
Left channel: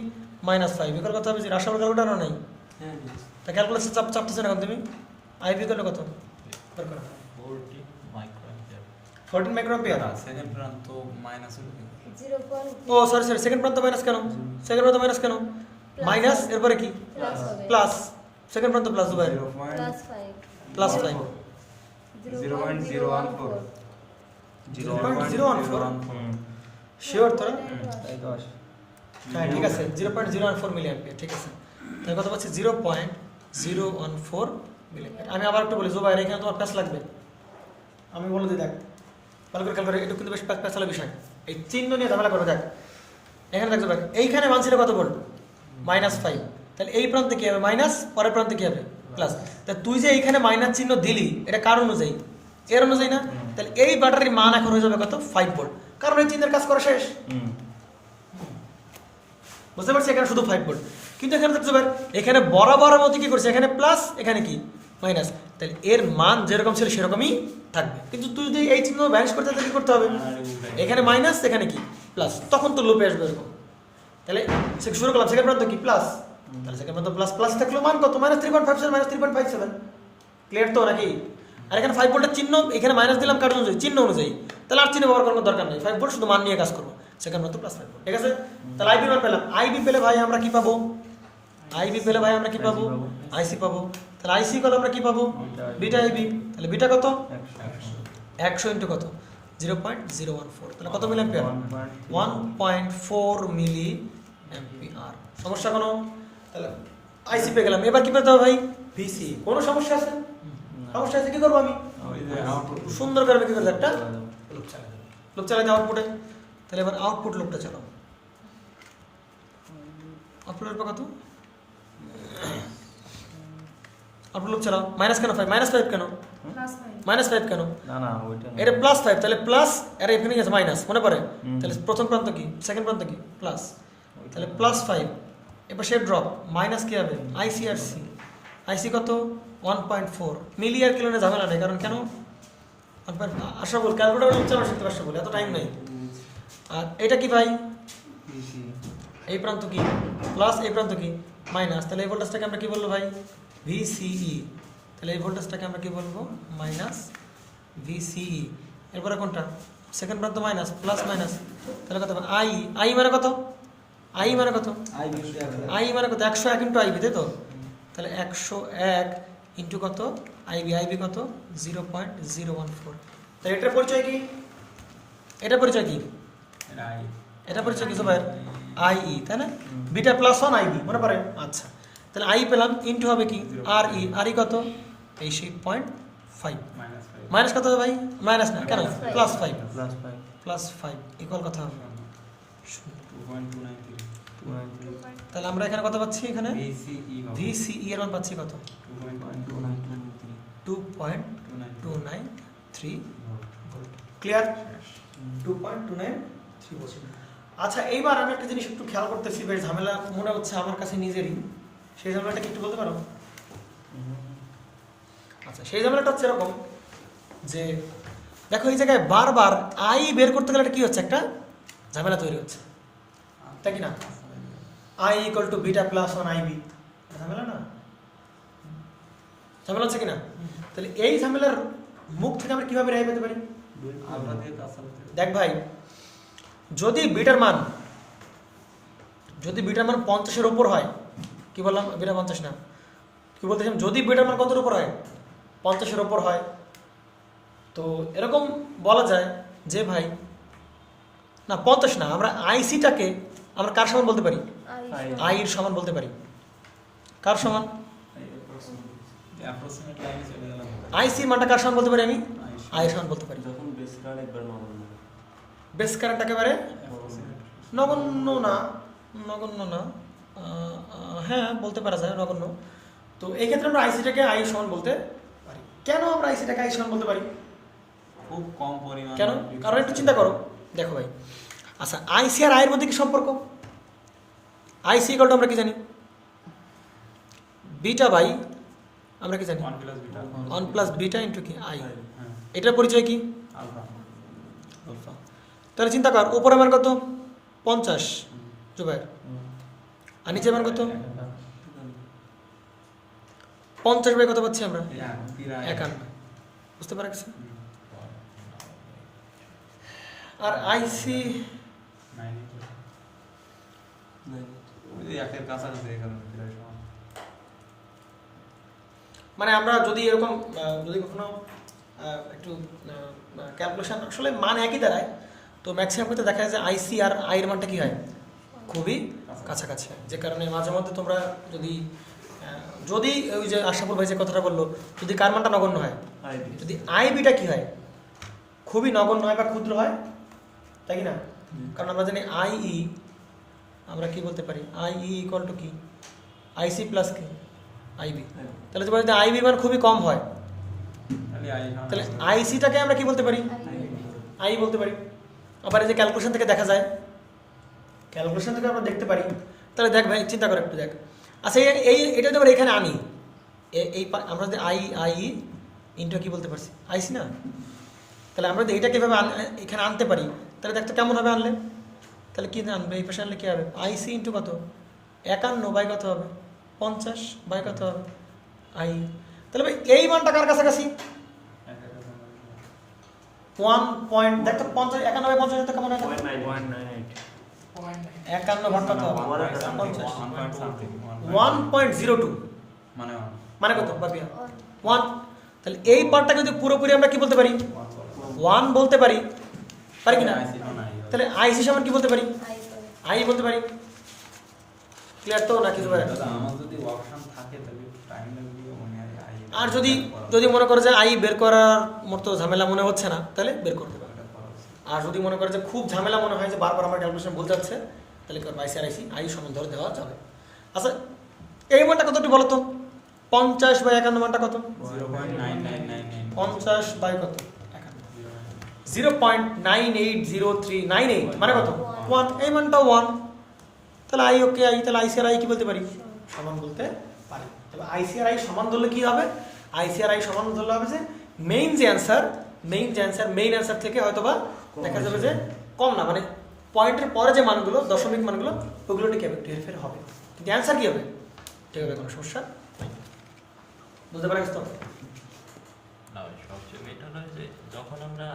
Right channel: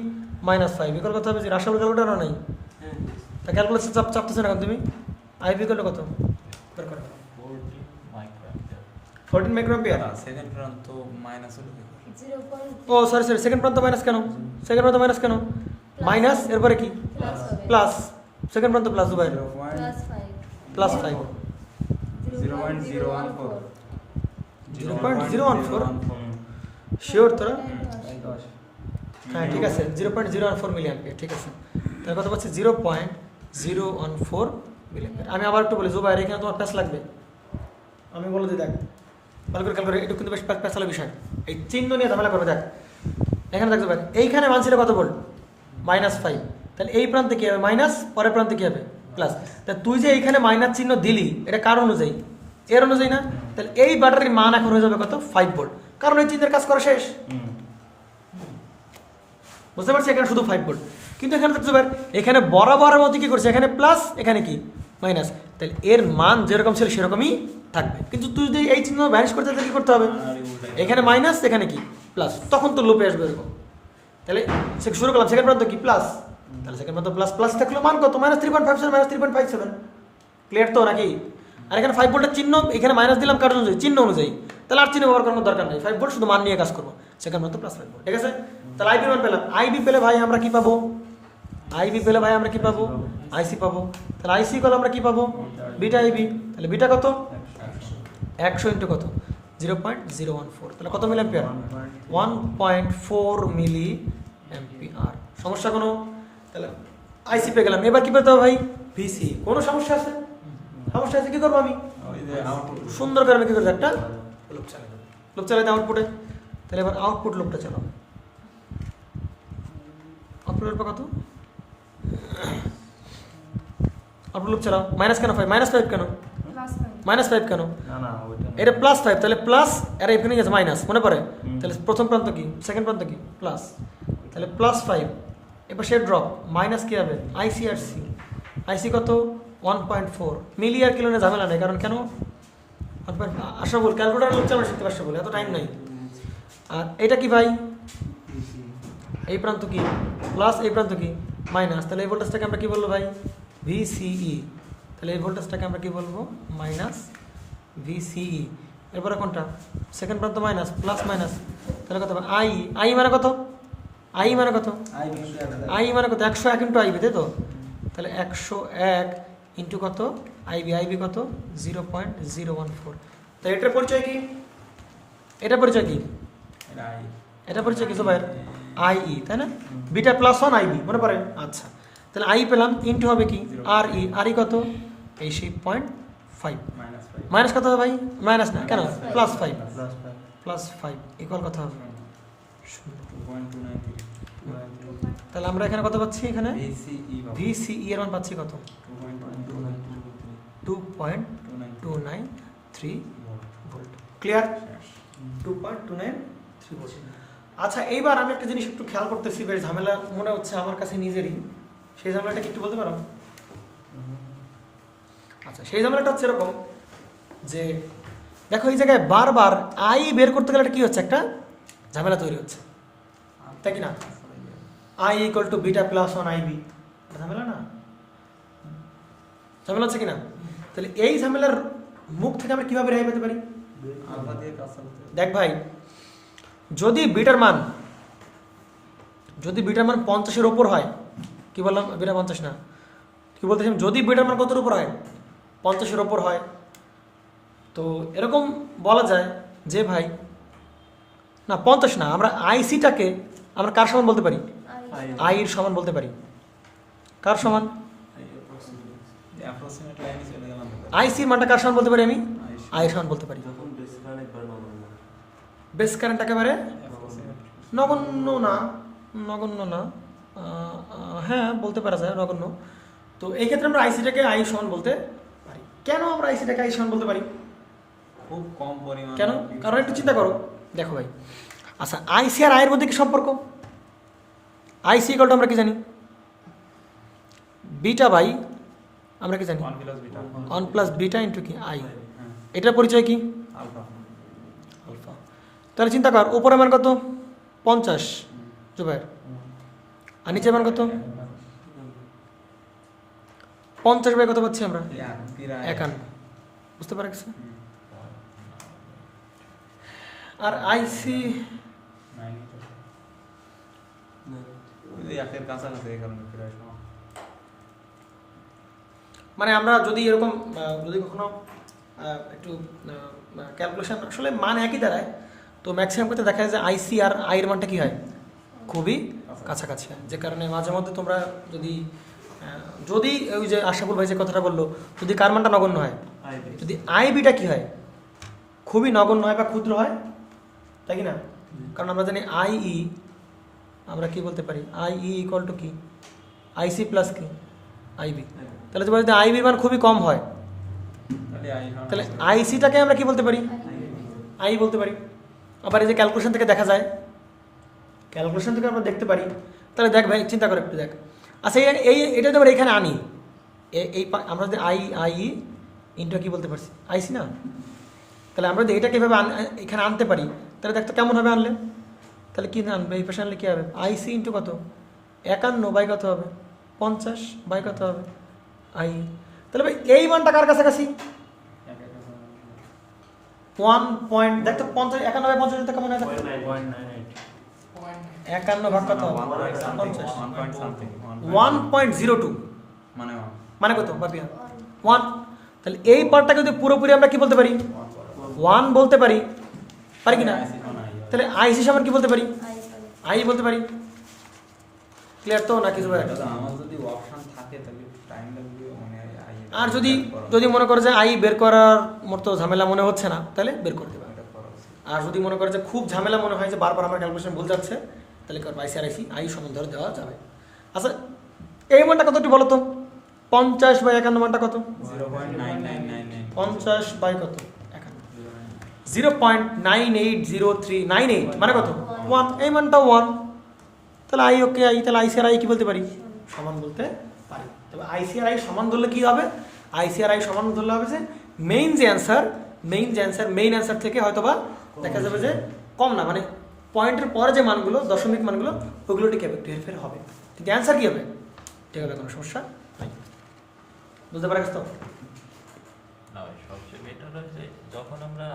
-5। বিকল্প কত হবে? রাসায়নিক ক্যালকুলেটর নাই। হ্যাঁ, তা ক্যালকুলেশন চাপতেছে না তুমি? আইবি করলে কত? বের করো। 40 মাইক্রোঅ্যাম্পিয়ার। 14 মাইক্রোঅ্যাম্পিয়ার। সেকেন্ড প্রান্ত মাইনাস হলো কি? 0.5 ও সরি সরি, সেকেন্ড প্রান্ত মাইনাস কেন? সেকেন্ড প্রান্ত মাইনাস কেন? মাইনাস এরপরে কি? প্লাস হবে প্লাস। সেকেন্ড প্রান্ত plus Dubai. Plus 5 plus 5। 0.014 0.014 sure তো? এই 10 হ্যাঁ ঠিক আছে, 0.014 মিলি অ্যাম্পিয়ার। ঠিক আছে, তাহলে কত পাচ্ছি? 0.014 মিলি অ্যাম্পিয়ার। আমি আবার একটু বলি জুবাইর, এখানে তোমার প্যাস লাগবে। আমি বলে দিই, দেখ ক্যালকুলেট এটা কিন্তু বেশ প্যাসালা বিষয়। এই চিহ্ন নিয়ে ঝামেলা করবে। দেখ এখানে দেখ জুবাইর, এইখানে মান ছিল কত ভোল্ট? -5। তাহলে এই প্রান্তে কি হবে? মাইনাস, পরের প্রান্তে কি হবে? প্লাস। তা তুই যে এইখানে মাইনাস চিহ্ন দিলি, এটা কার অনুযায়ী? এর অনুযায়ী না? তাহলে এই ব্যাটারির মান এখন হয়ে যাবে কত? 5 ভোল্ট, কারণ এই চিহ্নের কাজ করা শেষ। বুঝতে পারছি? এখানে শুধু 5 ভোল্ট, কিন্তু এখানে দেখতে পার এখানে বরাবরের মধ্যে কি করছে? এখানে প্লাস, এখানে কি? মাইনাস। তাহলে এর মান যেরকম ছিল সেরকমই থাকবে। কিন্তু তুই যদি এই চিহ্ন ভ্যানিশ করতে কি করতে হবে? এখানে মাইনাস, এখানে কি? প্লাস। তখন তো লুপে আসবে এরকম। তাহলে শুরু করলাম, সেকেন্ড প্রান্ত কি? প্লাস। তাহলে সেকেন্ড প্রান্ত প্লাস প্লাস থাকলো মান কত? -3.57 -3.57। ক্লিয়ার তো নাকি? আর এখানে 5 ভোল্টের চিহ্ন, এখানে মাইনাস দিলাম কারণ অনুযায়ী, চিহ্ন অনুযায়ী। তাহলে আর চিহ্ন ব্যবহার করানোর দরকার নেই, 5 ভোল্ট শুধু মান নিয়ে কাজ করবো। সেকেন্ড প্রান্ত প্লাস 5 ভোল্ট। ঠিক আছে, তাহলে আইবি মান পেলাম। আইবি পেলে ভাই আমরা কি পাবো? আইবি পেলে ভাই আমরা কি পাবো? আইসি পাবো। তাহলে আইসি করলে আমরা কি পাবো? Beta IB. তাহলে বিটা কত? 100 ইন্টু কত? 0.014। তাহলে কত মিলি অ্যাম্পিয়ার? 1.4 মিলি অ্যাম্পিয়ার। সমস্যা কোনো? তাহলে আইসি পেয়ে গেলাম। এবার কি পেতে হবে ভাই? ভিসি। কোনো সমস্যা আছে? সমস্যা আছে, কি করবো আমি? সুন্দর করে আমি কি করবো? একটা লোক চালাই দেয় আউটপুটে। তাহলে এবার আউটপুট লোকটা চালাও। আউটপুটের কত? আউটপুট লোক চালাও। মাইনাস কেন 5? -5 কেন? -5 কেন? না না ওইটা না। এটা +5। তাহলে প্লাস, আর এখানে গেছে মাইনাস, মনে পড়ে? তাহলে প্রথম প্রান্ত কি? সেকেন্ড প্রান্ত কি? প্লাস। তাহলে +5। এবার সে ড্রপ, মাইনাস কি হবে? আইসি আর সি। আইসি কত? 1.4 মিলি। আর কিলো ঝামেলা নেই, কারণ কেন? আসা বল ক্যালকুলেটার লোক চালানো শিখতে পারছো বলে, এত টাইম নেই। আর এটা কি ভাই? এই প্রান্ত কি? প্লাস, এই প্রান্ত কি? মাইনাস। তাহলে এই ভোল্টেজটাকে আমরা কি বলবো ভাই? ভিসিই। তাহলে এই ভোল্টেজটাকে আমরা কি বলবো? Minus VCE. এরপরে কোনটা? সেকেন্ড প্রান্ত মাইনাস, প্লাস মাইনাস। তাহলে কত? আই। আই মানে কত? আই মানে কত? আই মানে কত? 101 ইন্টু আইবি, তাই তো? তাহলে 101 ইন্টু কত? আইবি। আইবি কত? 0.014। তাহলে এটার পরিচয় কি? এটা পরিচয় কি? এটা পরিচয় কি সবাই? আইই, তাই না? বিটা +1 আইবি, মনে পড়ে? আচ্ছা, তাহলে আই পেলাম, ইন্টু হবে কি? আর ই। আর ই কত? এই 0.5। মাইনাস কত হবে ভাই? মাইনাস না কেন? +5। +5 ইকুয়াল কত হবে? তাহলে আমরা এখানে কত পাচ্ছি? এখানে VCE VCE এর মান পাচ্ছি কত? 2.293 ভোল্ট। ক্লিয়ার? 2.293 ভোল্ট। আচ্ছা, এইবার আমি একটা জিনিস একটু খেয়াল করতেছি, বেশ ঝামেলা মনে হচ্ছে আমার কাছে নিজেরই। সেই ঝামেলাটা কি একটু বলতে পারো? আচ্ছা, সেই ঝামেলাটা হচ্ছে এরকম যে দেখো এই জায়গায় বারবার আই বের করতে গেলে কি হচ্ছে? একটা ঝামেলা তৈরি হচ্ছে, তাই কি না? I equal to beta plus 1 IB, ঝামেলা না? ঝামেলা হচ্ছে কিনা? তাহলে এই ঝামেলার মুখ থেকে আমরা কিভাবে রেহাই পেতে পারি? আলফা দিয়ে কাজ করতে দেখ ভাই, যদি বিটার মান 50-এর উপর হয়, কি বললাম? বিটা 50 না, কি বলতেছিলাম? যদি বিটার মান কতর উপর হয়? 50-এর উপর হয়, তো এরকম বলা যায় যে ভাই না 50 না, আমরা আইসিটাকে আমরা কার সমান বলতে পারি? আই এর সমান বলতে পারি। কার সমান? অ্যাপ্রক্সিমেট লাইনে চলে গেলাম। আইসির মানটা কার সমান বলতে পারি? আমি আই এর সমান বলতে পারি। যখন বেস কারেন্ট একবার নগণ্য, বেস কারেন্ট একেবারে নগণ্য না, নগণ্য না, হ্যাঁ বলতে পারা যায় নগণ্য। তো এই ক্ষেত্রে আমরা আইসিটাকে আই সমান বলতে পারি। কেন আমরা আইসিটাকে আই সমান বলতে পারি? খুব কম পরিমাণ। কেন? কারণ একটু চিন্তা করো, দেখো ভাই, আচ্ছা আইসি আর আয়ের মধ্যে কি সম্পর্ক? আইসি ইকুয়াল টু আমরা কি জানি? বিটা বাই আমরা কি জানি? 1 plus beta 1 plus beta into কি আই। হ্যাঁ এটার পরিচয় কি? আলফা। আলফা। তাহলে চিন্তা কর, উপরে মান কত? 50 জুবাইর, আর নিচে মান কত? 50 বাই কত পাচ্ছি আমরা? 51। বুঝতে পারছ? আর আইসি একের কাছাকাছি এখানে প্রায় সমান। মানে আমরা যদি এরকম যদি কখনো একটু ক্যালকুলেশন, আসলে মান একই দাঁড়ায়, তো ম্যাক্সিমাম ক্ষেত্রে দেখা যায় যে আইসি আর আইয়ের মানটা কি হয়? খুবই কাছাকাছি। যে কারণে মাঝে মধ্যে তোমরা যদি যদি ওই যে আশাপুর ভাই যে কথাটা বললো, যদি কার মানটা নগণ্য হয়, যদি আই বিটা কি হয়? খুবই নগণ্য হয় বা ক্ষুদ্র হয়, তাই কি না? কারণ আমরা জানি আইই, আমরা কি বলতে পারি? আইই ইকুয়াল টু কি? আইসি প্লাস কি? আইবি। তাহলে তোমার যদি আইবি মান খুবই কম হয়, তাহলে আইসিটাকে আমরা কি বলতে পারি? আই বলতে পারি। আবার এই যে ক্যালকুলেশন থেকে দেখা যায়, ক্যালকুলেশন থেকে আমরা দেখতে পারি। তাহলে দেখ ভাই, চিন্তা করে একটু দেখ। আচ্ছা এটা যদি আমরা এখানে আনি, এই আমরা যদি আই ইন্টু কি বলতে পারছি? আইসি না? তাহলে আমরা যদি এটা কীভাবে এখানে আনতে পারি, তাহলে দেখতো কেমন হবে আনলে? তাহলে কি আনবে? এই পাশে আনলে কী হবে? আইসি ইন্টু কত? 51 বাই কত হবে? 50 বাই কত হবে? আই। তাহলে ভাই এই মানটা কার কাছাকাছি? 1 পয়েন্ট, দেখতো 50, 51 বাই 50 কেমন হয়? 51 ভাগ কত হবে? 1.02 মানে কত বাপিয়া? 1। তাহলে এই পার্টটাকে যদি পুরোপুরি আমরা কি বলতে পারি? 1 বলতে পারি, পারি কিনা? তাহলে আইসি সমান কি বলতে পারি? আই বলতে পারি। ক্লিয়ার তো নাকি? আর যদি মনে করে যে আই বের করার মতো ঝামেলা মনে হচ্ছে না, তাহলে বের করতে পারে। আর যদি মনে করে যে খুব ঝামেলা মনে হয় যে বারবার আমার ক্যালকুলেশন ভুল যাচ্ছে, তাহলে আইসি আর আইসি আই সমান ধরে দেওয়া যাবে। আচ্ছা এই মানটা কতটি বলো তো? 50 বাই 51 মানটা কত? 50 বাই কত? 0.980398 মানে কত? 1। এই মানটা 1। তাহলে আই ওকে আই, তাহলে আইসি আর আই কি বলতে পারি? সমান বলতে পারি। তবে আইসি আর আই সমান ধরলে কি হবে? আইসি আর আই সমান ধরলে হবে যে মেইন অ্যান্সার থেকে হয়তো বা দেখা যাবে যে কম না, মানে পয়েন্টের পরে যে মানগুলো, দশমিক মানগুলো, ওগুলো ঠিক হবে, হেরফের হবে, কিন্তু অ্যান্সার কি হবে? ঠিক হবে, কোনো সমস্যা নেই। বুঝতে পারছ তো? না, সবচেয়ে বেটার হয় যে যখন আমরা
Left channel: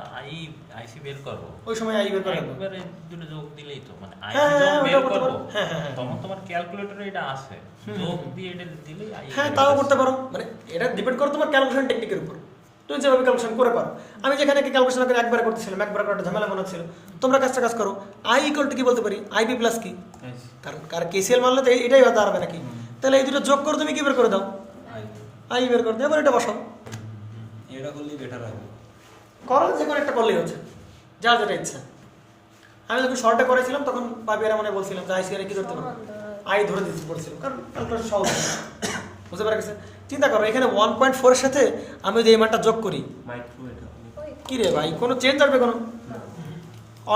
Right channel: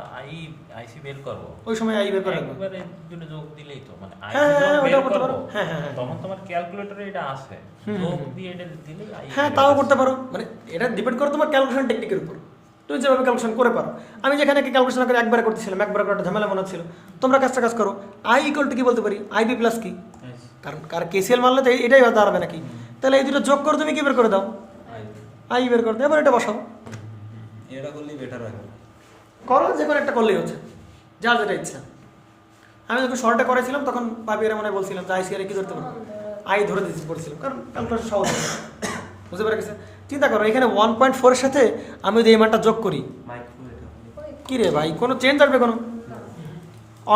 আইসি বের করব, ওই সময় আই বের করব, একবারে দুটো যোগ দিলেই তো, মানে হ্যাঁ, আইসি যখন বের করতে করব পারো। হ্যাঁ, তখন তোমার ক্যালকুলেটরে এটা আসে, যোগ দিয়ে এটা দিলেই আই। হ্যাঁ, তাও করতে পারো। মানে এটা ডিপেন্ড করে তোমার ক্যালকুলেশন টেকনিকের উপর, তুমি যেভাবে ক্যালকুলেশন করে পারো। আমি যেখানে ক্যালকুলেশন করে একবার করতেছিলাম, একবার করে ঝামেলা মনে হচ্ছিল, তোমরা কাজ করো। আই ইকুয়াল টু কি বলতে পারি? আইবি প্লাস কি? কারণ কেসিএল মানলে তো এটাই হতে পারবে নাকি? তাহলে এই দুটো যোগ করে তুমি কি বের করে দাও? আই বের করে দাও। এবার এটা বসাও, এটা করলেই বেটার হবে। করো, যে কোনো একটা করলেই হচ্ছে, যা যেটা ইচ্ছা। আমি যখন সরটা করেছিলাম তখন পাপিয়ারা মানে বলছিলাম যে আইসিআর কি ধরতে হবে, আই ধরে দিতে পড়ছিল, কারণ ক্যালকুলেশন সহজ বুঝতে পারা গেছে। চিন্তা করো এখানে 1.4 এর সাথে আমি যদি এই মানটা যোগ করি, মাইক্রো এটা কি রে ভাই কোনো চেঞ্জ আসবে কোনো?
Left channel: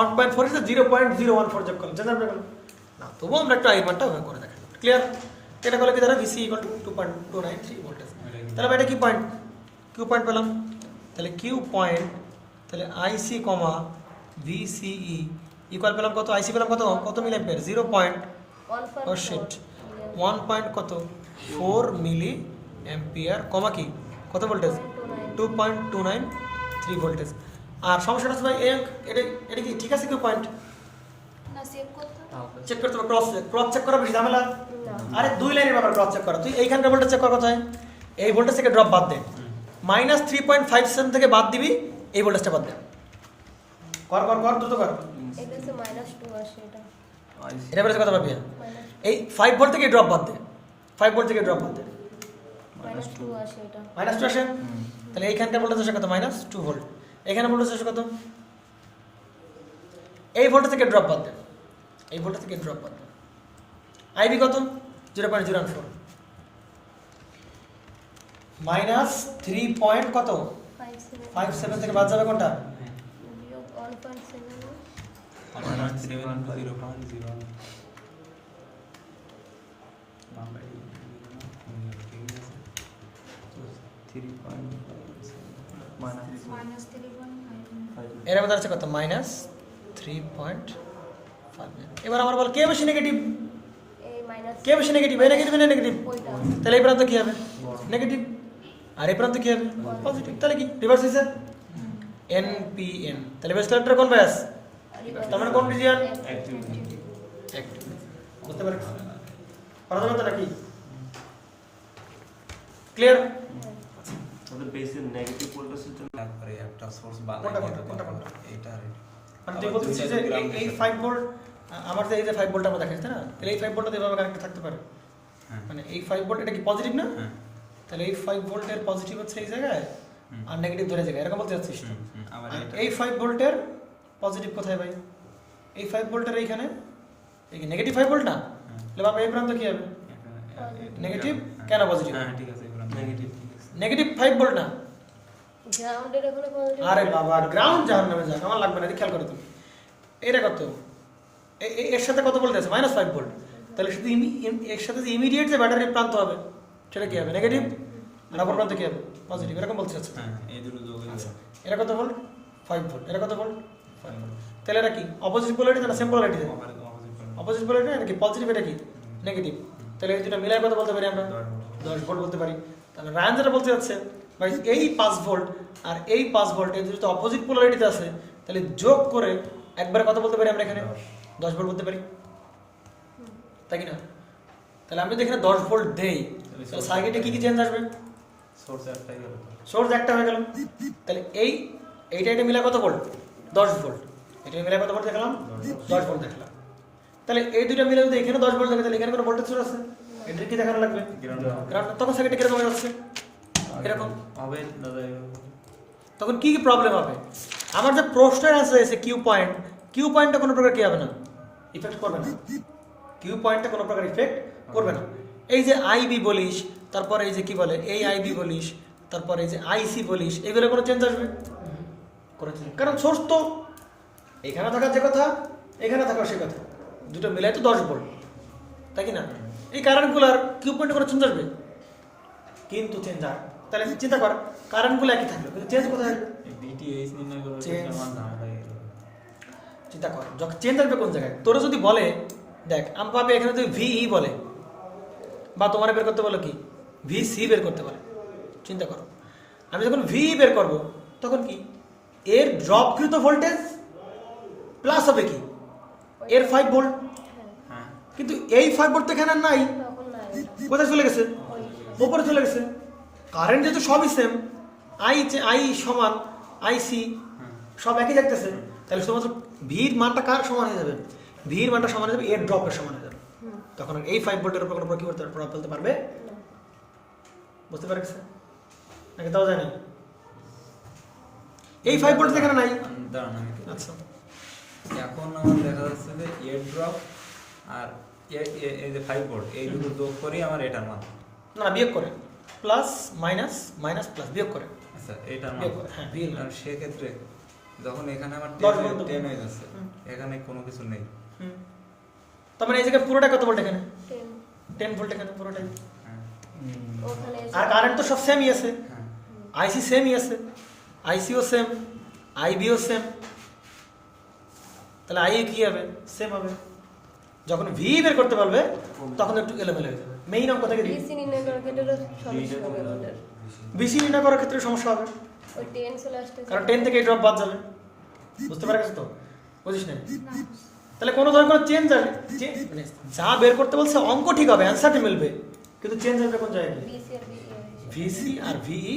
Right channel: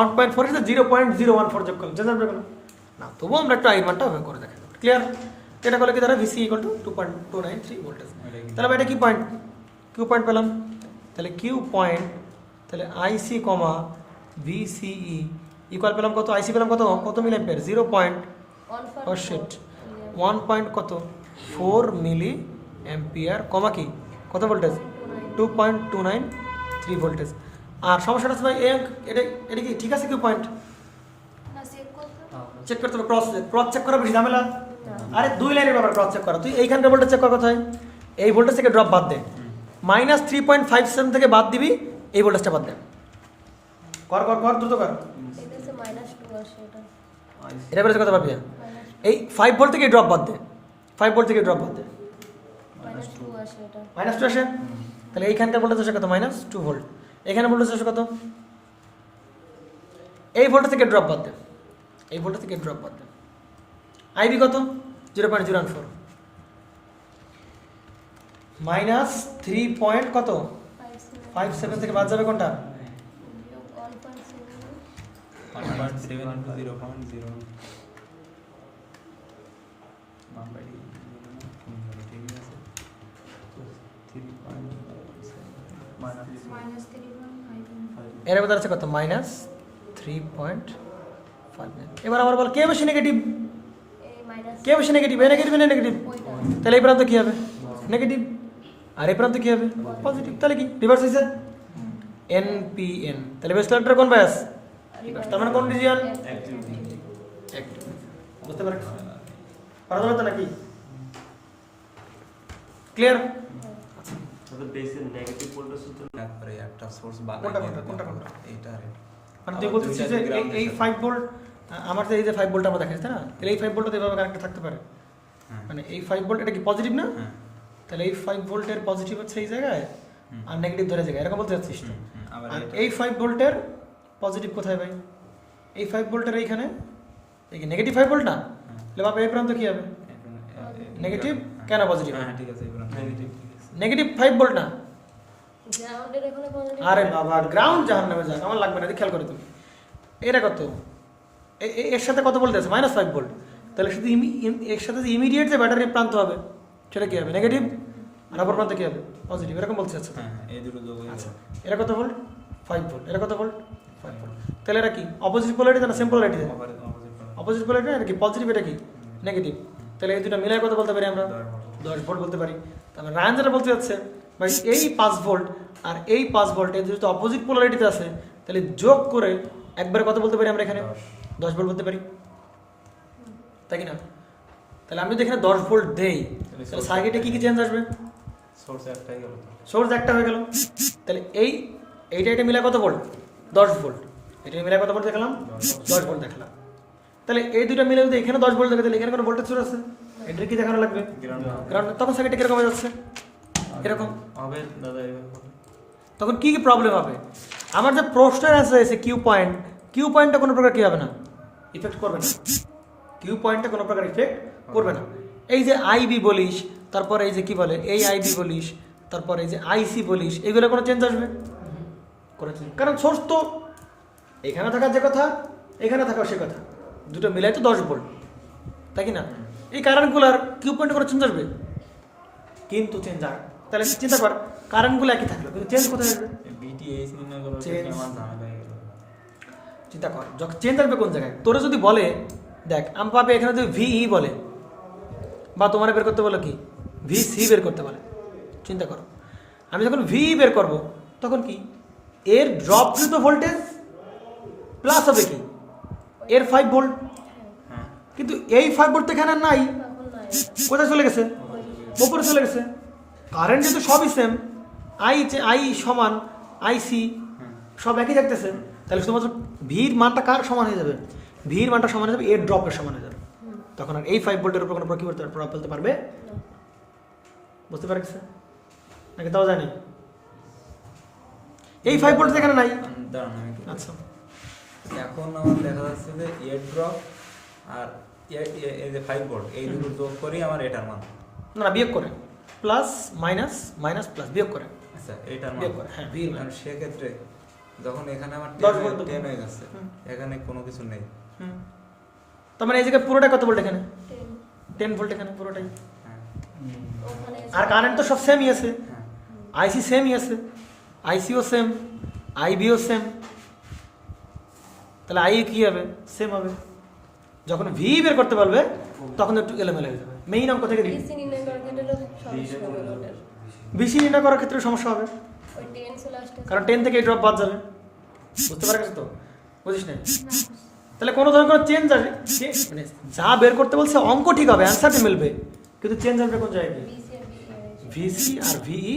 1.4 এর সাথে 0.014 যোগ করলে চেঞ্জ আসবে কোনো না, তবুও আমরা একটু আই মানটা ওভাবে করে দেখি। ক্লিয়ার? এটা করলে কি দাঁড়া VC = 2.293 ভোল্টেজ। তাহলে এটা কি পয়েন্ট? কিউ পয়েন্ট পেলাম। তাহলে কিউ পয়েন্ট, তাহলে আইসি কমা VCE ইকুয়াল পেলাম কত? আইসি পেলাম কত কত মিলি অ্যাম্পিয়ার? 1 পয়েন্ট কত 4 মিলি অ্যাম্পিয়ার কমা কি কত ভোল্টেজ? 2.293 ভোল্টেজ। আর সমস্যাটা হচ্ছে এটা এটা কি ঠিক আছে? কিউ পয়েন্ট না সেভ করতে চেক করতে হবে, ক্রস চেক করা বেশি ঝামেলা। আরে দুই লাইনের ব্যাপার ক্রস চেক করা। তুই এইখানকার ভোল্টেজ চেক কর কোথায়? এই ভোল্টেজ থেকে ড্রপ বাদ দে, -3.57 থেকে বাদ দিবি, এই ভোল্টেজটা বাদ দে। কর কর কর দ্রুত কর। এটা সে -2 আসে এটা এটা বেরোচ্ছে কত পাবি? এই 5 ভোল্ট থেকে ড্রপ বাদ দে, 5 ভোল্ট থেকে ড্রপ বাদ দে, -2 আসে এটা -2 আসে। তাহলে এইখানকার ভোল্টেজ আসে কত? -2 ভোল্ট। এখানে ভোল্টেজ আসে কত? এই ভোল্টেজ থেকে ড্রপ বাদ দে, এই ভোল্টেজ থেকে ড্রপ বাদ দে। আইবি কত? 0.014 -3 পয়েন্ট কত 57 থেকে বাদ যাবে কোনটা? 1.7 এর মধ্যে আছে কত? -3.59। এবার আমার বল কে বেশি নেগেটিভ? এই মাইনাস কে বেশি নেগেটিভ? এ নেগেটিভ না নেগেটিভ? ওইটা তাহলে এই প্রান্ত কি হবে? নেগেটিভ। আর এই প্রান্ত কি হবে? পজিটিভ। তাহলে কি রিভার্স হয়েছে? NPN। তাহলে বেস কালেক্টর কোন বায়াস? তার মানে কোন রিজিয়ন? বুঝতে পারছো? পারবে তো নাকি? ক্লিয়ার? তাহলে বেসের নেগেটিভ ভোল্টেজের জন্য তারপরে একটা সোর্স কোনটা কোনটা? এইটা আর এটা। মানে তুই বলছিস যে এই 5 ভোল্ট আমার যে এই যে 5 ভোল্ট আমরা দেখাচ্ছি না, তাহলে এই 5 ভোল্টটা এভাবে কানেক্ট থাকতে পারে। মানে এই 5 ভোল্ট এটা কি পজিটিভ না? তাহলে এই 5 ভোল্টের পজিটিভ হচ্ছে এই জায়গায় আর নেগেটিভ ধরে জায়গায়, এরকম বলতে চাচ্ছিস তো? আবার আর এই 5 ভোল্টের পজিটিভ কোথায় ভাই? এই 5 ভোল্টের এইখানে, এই কি নেগেটিভ 5 ভোল্ট না? তাহলে বাবা এই প্রান্ত কি হবে? নেগেটিভ কেন পজিটিভ? হ্যাঁ ঠিক আছে, নেগেটিভ ঠিক আছে। নেগেটিভ 5 ভোল্ট না? গ্রাউন্ডের এখানে পজিটিভ আরে বাবা গ্রাউন্ড জাহান্নামে যা, আমার লাগবে না, এটা খেয়াল করো তুমি। এটা কত? এর সাথে কত ভোল্ট আছে? -5 ভোল্ট। তাহলে শুধু এর সাথে যে ইমিডিয়েট যে ব্যাটারির প্রান্ত হবে সেটা কি হবে? নেগেটিভ। আর অপর প্রান্ত কি হবে? পজিটিভ। এরকম বলছে আচ্ছা। হ্যাঁ এই দুটো যোগ হয়ে আচ্ছা যাবে। এরা কত ভোল্ট? 5 ভোল্ট। এরা কত ভোল্ট? 5 ভোল্ট। তাহলে এটা কি অপোজিট পোলারিটি না সেম পোলারিটি? অপোজিট পোলারিটি না, এটা কি পজিটিভ, এটা কি নেগেটিভ। তাহলে এই দুটো মিলাই কত বলতে পারি আমরা? 10 ভোল্ট বলতে পারি। তাহলে রায়ন যেটা বলতে যাচ্ছে ভাই এই 5 ভোল্ট আর এই 5 ভোল্ট এই দুটো অপোজিট পোলারিটিতে আছে, তাহলে যোগ করে একবার কত বলতে পারি আমরা এখানে? 10 ভোল্ট বলতে পারি, তাই কি না? তাহলে আমি যদি এখানে 10 ভোল্ট দেই তাহলে সার্কিটে কি কি চেঞ্জ আসবে? সোর্স একটাই গেল। সোর্স একটা হয়ে গেল। তাহলে এইটা এটা মিলে কত ভোল্ট? 10 ভোল্ট। এটা মিলে কত ভোল্ট দেখলাম? 10 ভোল্ট দেখলাম। তাহলে এই দুটো মিলে যদি এখানে 10 ভোল্ট দেখে তাহলে এখানে কোনো ভোল্টেজ সোর্স আছে? এটার কি দেখানো লাগবে? গ্রাউন্ড। তখন সার্কিটে কিরকম হয়ে যাচ্ছে? এরকম হবে দাদা। তখন কি কি প্রবলেম হবে? আমার যে প্রশ্নের অ্যান্সার আছে কিউ পয়েন্ট, কিউ পয়েন্টটা কোনো প্রকার কি হবে না, ইফেক্ট করবে না। কিউ পয়েন্টটা কোনো প্রকার ইফেক্ট করবে না। এই যে আইবি বলিস, তারপর এই যে কি বলে এই আইবি বলিস, তারপর এই যে আইসি বলিস, এগুলো কোনো চেঞ্জ আসবে? কোনো চেঞ্জ, কারণ সোর্স তো এখানে থাকার যে কথা এখানে থাকার সে কথা, দুটো মিলাই তো 10 ভোল্ট, তাই কি না? এই কারেন্টগুলোর কিউ পয়েন্টে কোনো চেঞ্জ আসবে? কিন্তু চেঞ্জ আসবে। তাহলে চিন্তা কর কারেন্টগুলো একই থাকলো কিন্তু চেঞ্জ কোথায় আসবে? বিটিএইচ নির্ণয় করতে Change. আমার ধারণা হয়ে গেল। চিন্তা কর যখন চেঞ্জ আসবে কোন জায়গায়? তোরা যদি বলে দেখ আমি পাবে এখানে যদি ভিই বলে বা তোমার বের করতে বলো কি ভিসি বের করতে বলে, চিন্তা করো আমি যখন ভিই বের করব তখন কি এর ড্রপকৃত ভোল্টেজ প্লাস হবে কি এর 5 ভোল্ট, হ্যাঁ কিন্তু এই 5 ভোল্ট এখানে নাই, তখন নাই কোথায় চলে গেছে? উপরে চলে গেছে। কারেন্ট যেহেতু সবই সেম, আই সমান আইসি সব একই থাকতেছে, তাহলে শুধুমাত্র ভির মানটা কার সমান হয়ে যাবে? ভির মানটা সমান হয়ে যাবে এর ড্রপের সমান হয়ে যাবে। তখন আর এই 5 ভোল্টের উপর কোনো কি করতে প্রভাব ফেলতে পারবে? বুঝতে পারছে নাকি? তাও জানি এই 5 ভোল্ট এখানে নাই। দাঁড়ান আচ্ছা এখন আমার দেখা যাচ্ছে যে এয়ার ড্রপ আর এই যে 5 ভোল্ট এই দুটো যোগ করি আমার এটার মান। না বিয়োগ করে, প্লাস মাইনাস মাইনাস প্লাস বিয়োগ করে, আচ্ছা এটার মান বিয়োগ করে, হ্যাঁ বিয়োগ আর সেক্ষেত্রে যখন এখানে আমার 10 ভোল্ট 10 হয়ে যাচ্ছে, হুম। এখানে কোনো কিছু নেই। তার মানে এই জায়গায় পুরোটা কত ভোল্ট এখানে 10 10 ভোল্ট এখানে পুরোটাই, হ্যাঁ ওখানে আর কারেন্ট তো সব সেমই আছে, হ্যাঁ আইসি সেমই আছে, আইসিও সেম, আইবিও সেম, তাহলে আই কি হবে সেম হবে। যখন ভি বের করতে পারবে তখন একটু এলোমেলো হয়ে যাবে। মেইন অঙ্ক থেকে বিসি নির্ণয় করার ক্ষেত্রে সমস্যা হবে ওটার। বেশি নির্ণয় করার ক্ষেত্রে সমস্যা হবে, ওই 10 চলে আসতেছে। কারণ 10 থেকে ড্রপ বাদ যাবে, বুঝতে পারছিস তো? বুঝিস না? তাহলে কোনো ধরনের কোনো চেঞ্জ আসবে, মানে যা বের করতে বলছে অঙ্ক ঠিক হবে, অ্যান্সারটি মিলবে, কিন্তু চেঞ্জ আসবে কোন জায়গায়? বিসি আর ভিসি আর ভিই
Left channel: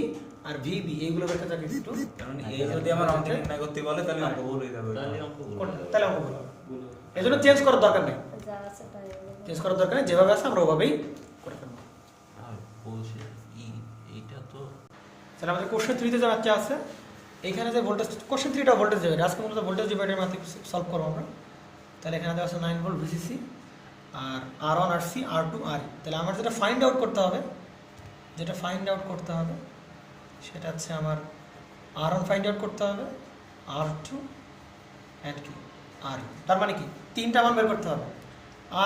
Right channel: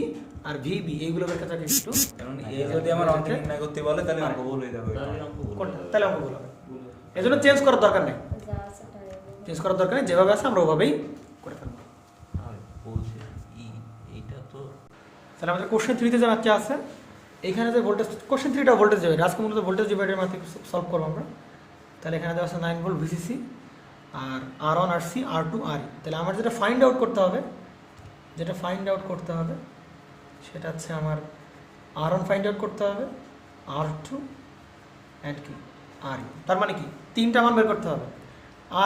আর ভিবি এইগুলো বের করতে হবে একটু। কারণ এই যদি আমার অঙ্ক নির্ণয় করতে বলে তাহলে অঙ্ক ভুল হয়ে যাবে। তাহলে অঙ্ক বলবো। কোনটা? তাহলে অঙ্কগুলো হবে। এই জন্য চেঞ্জ করার দরকার নেই, যা আছে তাই হবে। চেঞ্জ করার দরকার নেই, যেভাবে আছে আমরা ওভাবেই করে ফেলবো। আর বলছি এইটা তো তাহলে আমাদের কোশ্চেন 3 তে যে বাচ্চা আছে এখানে যে ভোল্টেজ, কোশ্চেন 3টা ভোল্টেজ ডিভাইডার, আজকে মূলত ভোল্টেজ ডিভাইডারের মাধ্যমে সলভ করবো আমরা। তাহলে এখানে দেওয়া আছে 9 ভোল্ট ভিসিসি আর R1 RC R2 RE। তাহলে আমার যেটা ফাইন্ড আউট করতে হবে, সেটা হচ্ছে আমার R1 ফাইন্ড আউট করতে হবে, R2 অ্যান্ড কি RE। তার মানে কি তিনটা মান বের করতে হবে,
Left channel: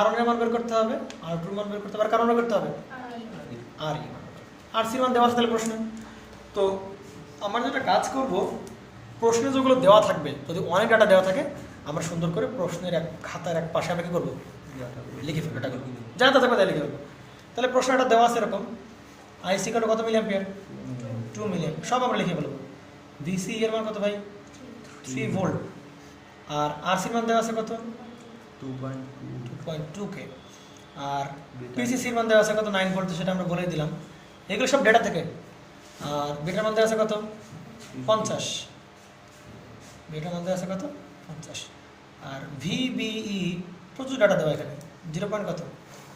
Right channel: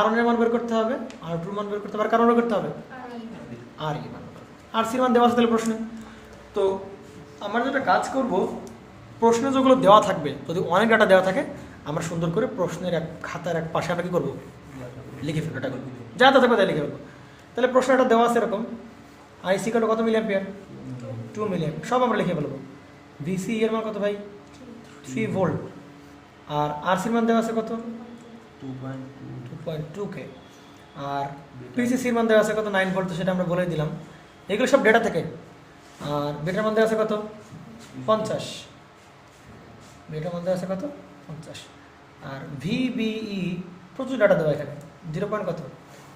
R1 এর মান বের করতে হবে, R2 এর মান বের করতে হবে, আর কারণ বের করতে হবে RE RC এর মান দেওয়া আছে তাহলে প্রশ্নে। তো আমরা যেটা কাজ করব, প্রশ্ন যেগুলো দেওয়া থাকবে, যদি অনেক ডাটা দেওয়া থাকে আমরা সুন্দর করে প্রশ্নের এক খাতার এক পাশে আমরা কি করবো লিখে ফেলবো, ডাটা যা তা থাকবে তাই লিখে ফেলবো। তাহলে প্রশ্নটা দেওয়া আছে এরকম, আইসি কার্ড কত মিলি অ্যাম্পিয়ার 2 মিলি অ্যাম্পিয়ার, সব আমরা লিখে ফেলবো। ভিসি এর মান কত ভাই 3 ভোল্ট, আর আরসির মান দেওয়া আছে কত 2.2 কে, আর পিসিসির মান দেওয়া আছে কত 9 ভোল্ট, সেটা আমরা বলে দিলাম। এগুলো সব ডেটা থেকে। আর বেটার মান দেওয়া আছে কত 50, বেটার মান দেওয়া আছে কত 50। আর ভিবিই প্রচুর ডাটা দেওয়া এখানে 0. কত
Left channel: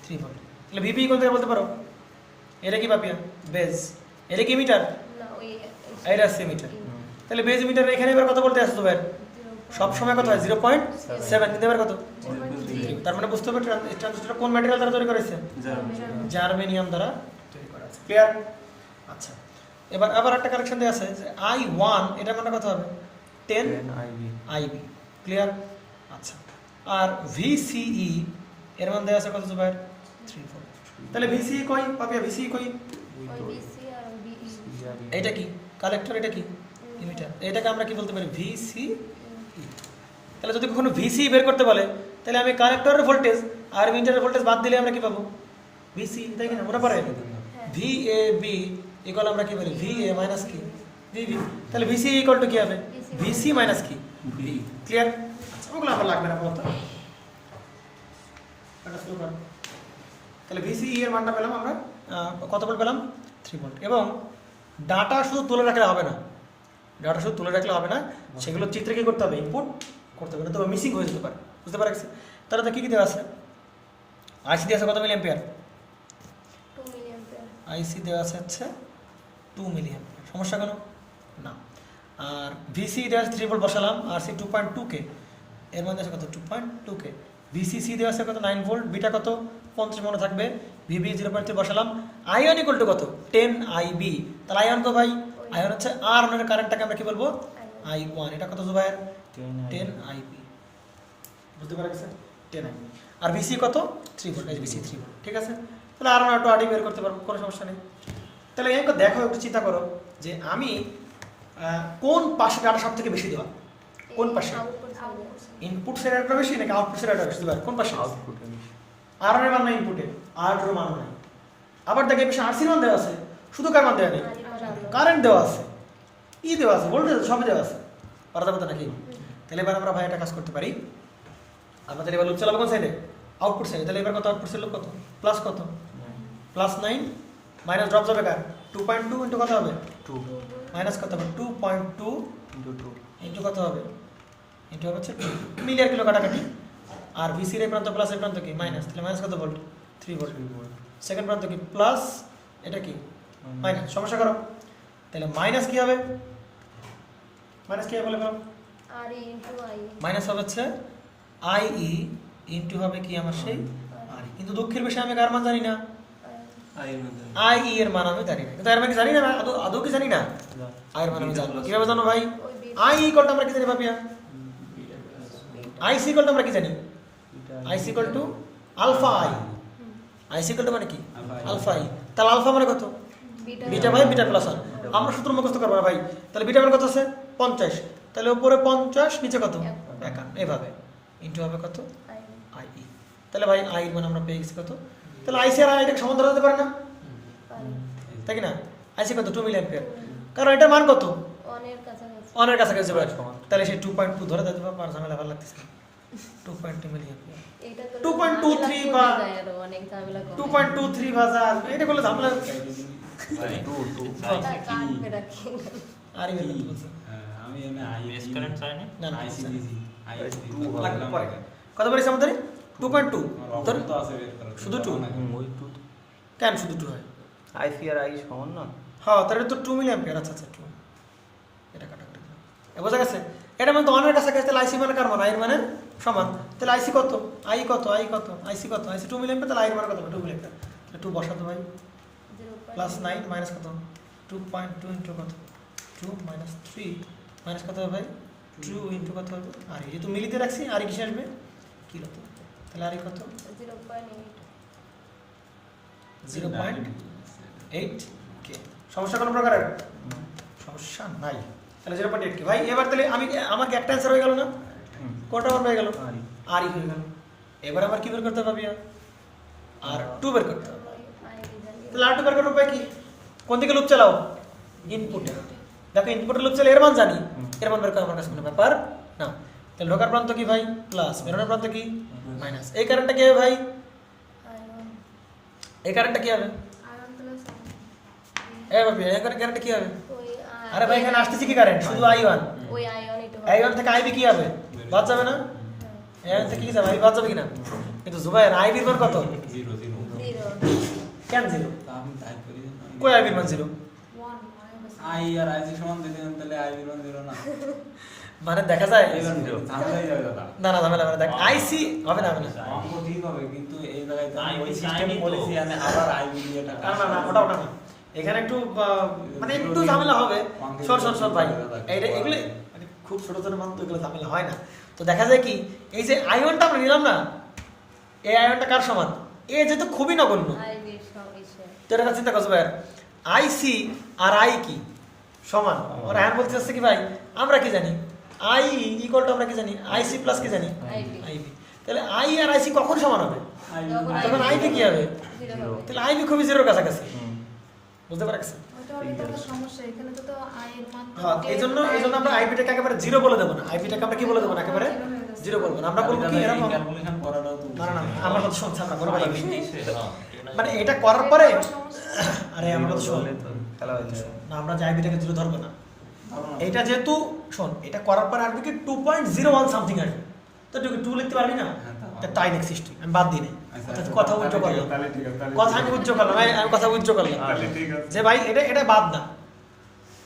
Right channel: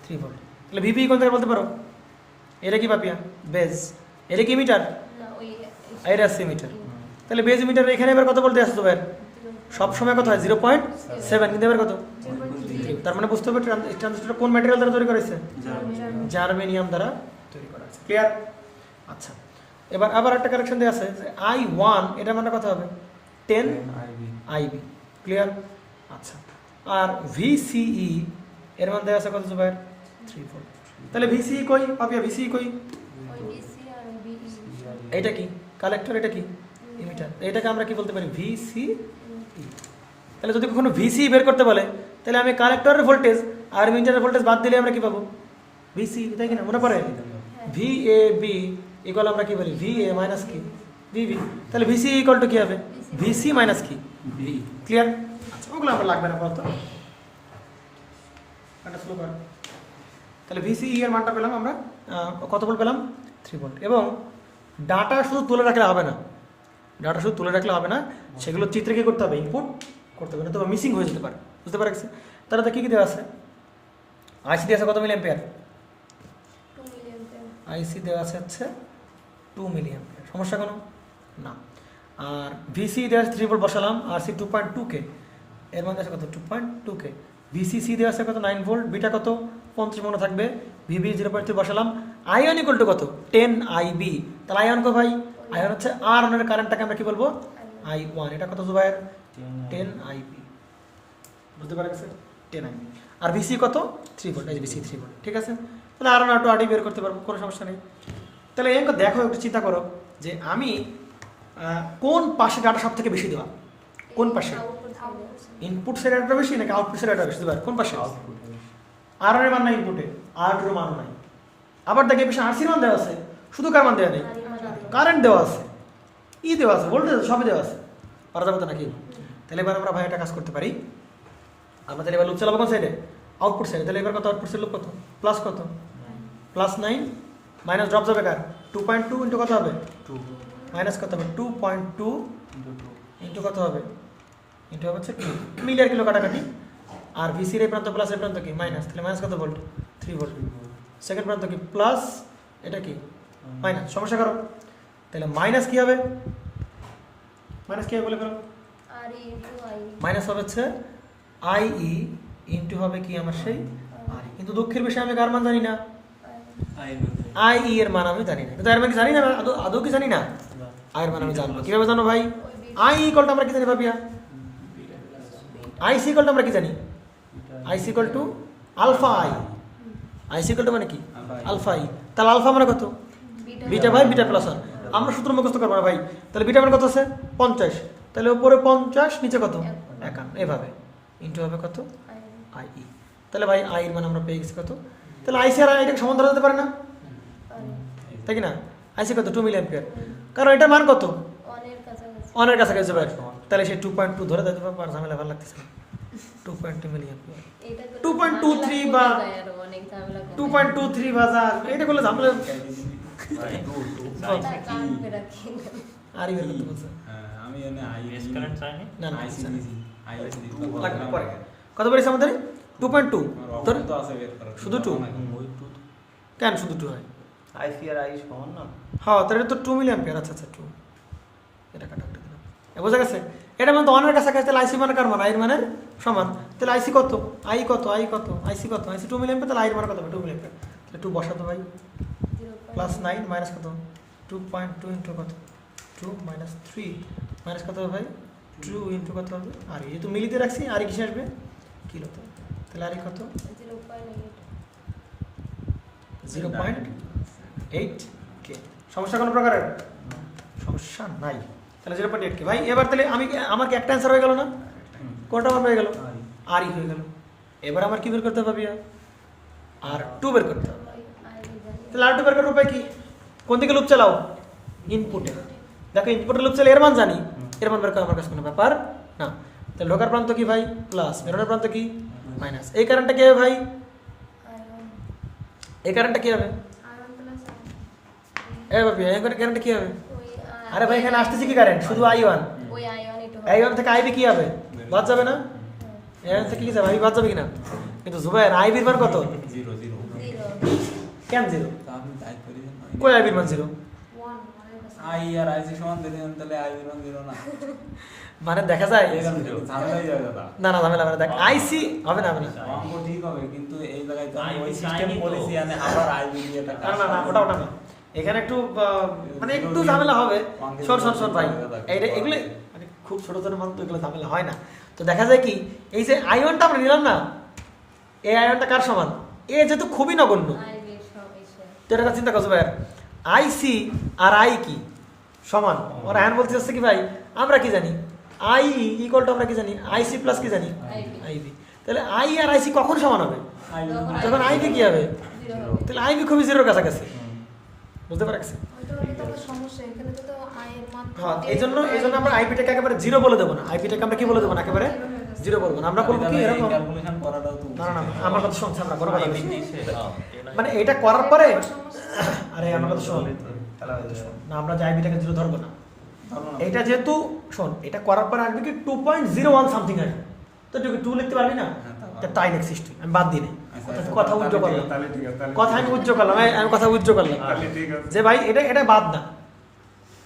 3 ভোল্ট। তাহলে ভিবিই কোন থেকে বলতে পারো? এটা কি পাপিয়া বেজ, এটা কি মিটার, না ওই এটা আছে মিটার। তাহলে বেজ মিটার এখানে এবার কত বলতে আসছো ভাই? সব সময় কত হয় 0.7, কিন্তু এবার কত? তার মানে বুঝতে হবে ট্রানজিস্টর কোন ম্যাটেরিয়াল দ্বারা তৈরি করা হয়েছে? জার্মেনিয়াম দ্বারা তৈরি করা আছে। ক্লিয়ার? আচ্ছা, এবার আবার একটা কারেকশন দেওয়া আছে যে I1 এটার মানে কত হবে 10 IB। ক্লিয়ার? আচ্ছা, আর VCE এর মান দেওয়া আছে কত ভাই 3 ভোল্ট। তাহলে VCE কই পাপিয়া, VCE কই? ওই বিসি আর বিই এটা কি কালেক্টর, এটা কি ইমিটার, এটাকে আমরা কি বলতে পারি VCE। তাহলে যদি কখনো VCE বের করতে বলে তাহলে আমি কালেক্টরের ভোল্টেজ আর ইমিটারের ভোল্টেজ বাদ দিলে আমরা কি পাবো VCE, তাই কিনা? মনে পড়ে VAB ইকুয়াল আমরা কি বলি VA মাইনাস কি VB। তাহলে VCE ইকুয়াল টু কি হবে VC মাইনাস কি V। ক্লিয়ার? ওগুলো আমরা লাগবে না কত, এটা শুরু করো। তাহলে VCE এর মানটা পেলাম আমরা কত ভোল্ট পেলাম 3 ভোল্ট। এবং ডাটা শুধু তুলে রাখলে হবে না, সেগুলো চিত্রে কি করতে হবে ইনপুট করতে হবে, তবে মিসিং হয়ে যেতে পারে, বুঝতে পারছি? তাহলে তো কি কি দেওয়া আছে? আইসি দেওয়া আছে কত মিলি অ্যাম্পিয়ার? 2 মিলি অ্যাম্পিয়ার। আইসি দেওয়া আছে হচ্ছে 2 মিলি অ্যাম্পিয়ার, সমস্যা কেন না। আর ভিসি দেওয়া আছে 3 ভোল্ট বসালাম, আর সি 2.2 কে, এর মধ্যে আছে কত 2.2 কে। ভিসিসি দেওয়া আছে কত 9 ভোল্ট, বিটা কত 35 মনে থাকবে, ভিবি 0.3 বসালাম। আয়ন ইকুয়াল টু কত 10 আইবি। তাহলে আয়ন তো ভাই আয়ন হচ্ছে আর এর কারেন্টটাকে আমরা কি বলবো I1, এটা কত ভাই 10 আইবি, বুঝতে পারছেন 10 আইবি। আর ভিসি কত 3 ভোল্ট, এই ভিসি 3 ভোল্ট, ঠিক আছে? তাহলে আর একটু আড়ি বের করতে পারবো, কোনো সমস্যা নেই। তাহলে এমন দেখো, একটু চিন্তা করো যে আমি কোন পাশে ডাটা সব থেকে বেশি দেওয়া, কোন পাশে ইনপুট এর ডাটা বেশি নাকি আউটপুট এর ডাটা বেশি দেওয়া, কোন পাশে? আর এর মান নাই ইনপুটে, আর এর মান নাই। আবার দেখে বেশি আরসির মান দেওয়া আছে, শুধু কার মান দেওয়া নেই, কারেন্ট দেওয়া আছে, ই দেওয়া আছে, ভোল্টেজ সবই দেওয়া আছে, পারা যাবে তো নাকি? তাহলে এবার আমরা ভাই একটা কাজ করতে পারি, আমাদের এবার লুপ চালাবো কোন সাইডে আউটপুট সাইডে। তাহলে এবার কত আউটপুট সাইড কত প্লাস কত +9 মাইনাস ড্রপ যাবে কার 2.2 ইনটু কত হবে 2 মাইনাস কত হবে 2.2 ইনটু কত হবে ইনটু হচ্ছে 2 মিলি আর কিলো কাটাকাটি। আর ভিসির এই প্রান্ত প্লাস এই প্রান্ত কি মাইনাস, তাহলে মাইনাস কত ভোল্ট 3 ভোল্ট। সেকেন্ড প্রান্ত কি প্লাস, এটা কি মাইনাস, সমস্যা করো। তাহলে মাইনাস কি হবে, মাইনাস কি হবে বলে বলো আর ই ইনটু আই মাইনাস হবে হচ্ছে আই ই ইন্টু হবে কি আমার সেই আর কিন্তু দুঃখের বিষয়ে আমি কার মান জানি না, আই ই এর মান আমি জানি না, কিন্তু এর মানে কি জানি না, আদৌ কি জানি না, আই এর মান আমি জানি। কিভাবে জানো ভাই? আই ইকুয়াল টু আমরা কি জানি ভাবিয়া, আই সি ইকুয়াল টু আমরা কি জানি, I C equal to alpha I, I C equal to মানে কি আলফা আই, তাহলে আলফা মানে কত, বিটা ভাই বিটা প্লাস আর আমরা সূত্র মুখস্থ করবো ভাই। তাহলে বিটা মানে কত আছে 50, তাহলে উপরে 50 নিচে কত 51, এভাবে ইন্টু হবে কত আই ই। তাহলে ভাই আই এর মান আমরা পেয়ে গেছি কত, তাহলে আইসি আর আইটা সমান ধরা যেতে পারে না, তাই কি না? আইসি কত 2 মিলি অ্যাম্পিয়ার, কারণ এটার মান কত অনের কাছাকাছি অনের কাছাকাছি ভাই, তাহলে সেই 2.2 ধরে দিতে পারবো, আর ঝামেলা ভালো লাগতেছে 2.2 মিলি অ্যাম্পিয়ার, এটা তো 2.23 বা অনেক ঝামেলা করে 2.23 ভাজা এটা করলে ঝামেলা কাটবে রাখি আরই বের করতে বলছে আমি এনে আই বেস কারেন্ট চাই না না না আইসিবিজি আইএসডি কত বেরিয়েছে আমাদের 2.2 ধর তো আছে বের করা শুধু 2 ওই টু কেন শুধু 2 হয়? আইসি আর আই সমান না? হ্যাঁ তাহলে এটা তো 2 মিলি অ্যাম্পিয়ার, আচ্ছা আচ্ছা 2 এটা কাটা কাটা বোঝা গেছে। এটার মধ্যে অনের কাছাকাছি, তাহলে আইসি মানে কার মান, আই এর মানে সমান, তাহলে আইসি কত, আই কত, আই কত, আইসি কত, আইসি 2 মিলি অ্যাম্পিয়ার, তাহলে আই এর মান কত 2 মিলি অ্যাম্পিয়ার, তাহলে 2 বসাতো ভাই, প্লাস 9 মাইনাস কত 2.2 ইন্টু কত 2 মাইনাস 3 মাইনাস কত হবে ভাই 2 ইন্টু কত হবে আর এই তো মিলিতে রাখছি, আর কিসে আসবে কিলো, তাহলে আর কত 0.8 কে। সমস্যা কোন প্রকারের? সমস্যা নাই। তাহলে 0.8 কে ভাই। এবার তাহলে আমি আমার কি একটা অ্যানসার হয়ে গেল না, কোনটা মান হয়ে গেল আরই হয়ে গেল। এবার আমার কি বের করতে হবে আর 2 বের করতে হবে। তাহলে আর 2 বের করার উপায় কি, কোন দিকে লুপ চালাও ইনপুটে, দেখো ইনপুটে লুপ চালালে এর মান জানি, এর মান বের করা আমার কাছে কোনো ব্যাপার না। তাহলে ঢোকার প্রান্ত কি ভাই প্লাস, বেরোনোর প্রান্ত কি মাইনাস, এই কারেন্টটা কি হবে ভাই, এই কারেন্টটা কি হবে এবার এই কারেন্টটা কি হবে, আরে ভাই এখানে আসতেছে কি কারেন্ট শুধু i1, ওই আয়ন এটা i1 থেকে ib কি হবে বাদ যাবে না, i1 থেকে কি যাবে i বাদ যাবে কিনা, কিন্তু জুবাইর ib এর মান কত 0 0 কেন 0 তা আমি টাইপ করি কই ib এর মান 0 আই আর আইসি সমান যদি আমি তাহলে আই এর মান 0 না মানে দেখা যায় ঝামেলাই হয়ে গেল না না ঝামেলা মানে দেখ আইসি হবে না হবে না অঙ্ক ঠিক হবে কিন্তু এই জায়গায় তো IB আমি সিস্টেম চাইনি তো। পলিসি আনে আবার আইবি দিয়ে না টাকা না না ওটা ওটা না, এখানে একটু মানে একটু ঝামেলা হবে। শোন ভাই এইটা এগুলো মানে খুব ছোট ছোট মান তো এগুলো ঝামেলা হয় না। তো দেখা যায় কি এই যে আয়নটা আমরা নিলাম না, এই আয়নটা কার সমান, এ যেহেতু খুবই নগণ্য, আইবি সমান তো এটা চিন্তা করছো ভাই আইসি আর আই কি সমান, ওরা আয়ন বলতে চাচ্ছে কি ভাই আমরা কি জানি আই ইকুয়াল টু আমরা কি জানি আইসি প্লাস কি জানি আইবি, তাহলে আই আর আইসি কখন সমান হবে, তখন আইবি কি হবে, তাহলে আইবি খুবই 0 এর কাছাকাছি, বুঝতে পারছেন? ওইটা হলে তো আবার সমস্যা, এখানে তো আয়ের মান হ্যাঁ এইজন্য আমরা আইপিটাকে একেবারে 0 বলে দেব না, আইপিটাকে আমরা কি বলে দেব না একেবারে 0 বলবো না, আমরা করব কি এরকম ক্যালকুলেশন করাটাও তো না না না আমার কথা শুনছ আমরা করব না। হ্যাঁ মানে এটা করার পরে সমস্যা আরে আমার কথা শোন না, আমরা যে আইপিটাকে 0 ধরবো না, এটা যেহেতু শোন এটা করার পরে আসবে কি 2.01 সামথিং আসবে, তো তুই 2 লিখতে পারবি না, এটা তাই নেক্সট আমি বাদ দিই না, কথা উজ্জ্বল করলাম, কথা আমি উজ্জ্বল করলাম, আমি কথা উজ্জ্বল করলাম যে ভাই এটা এটা বাদ না,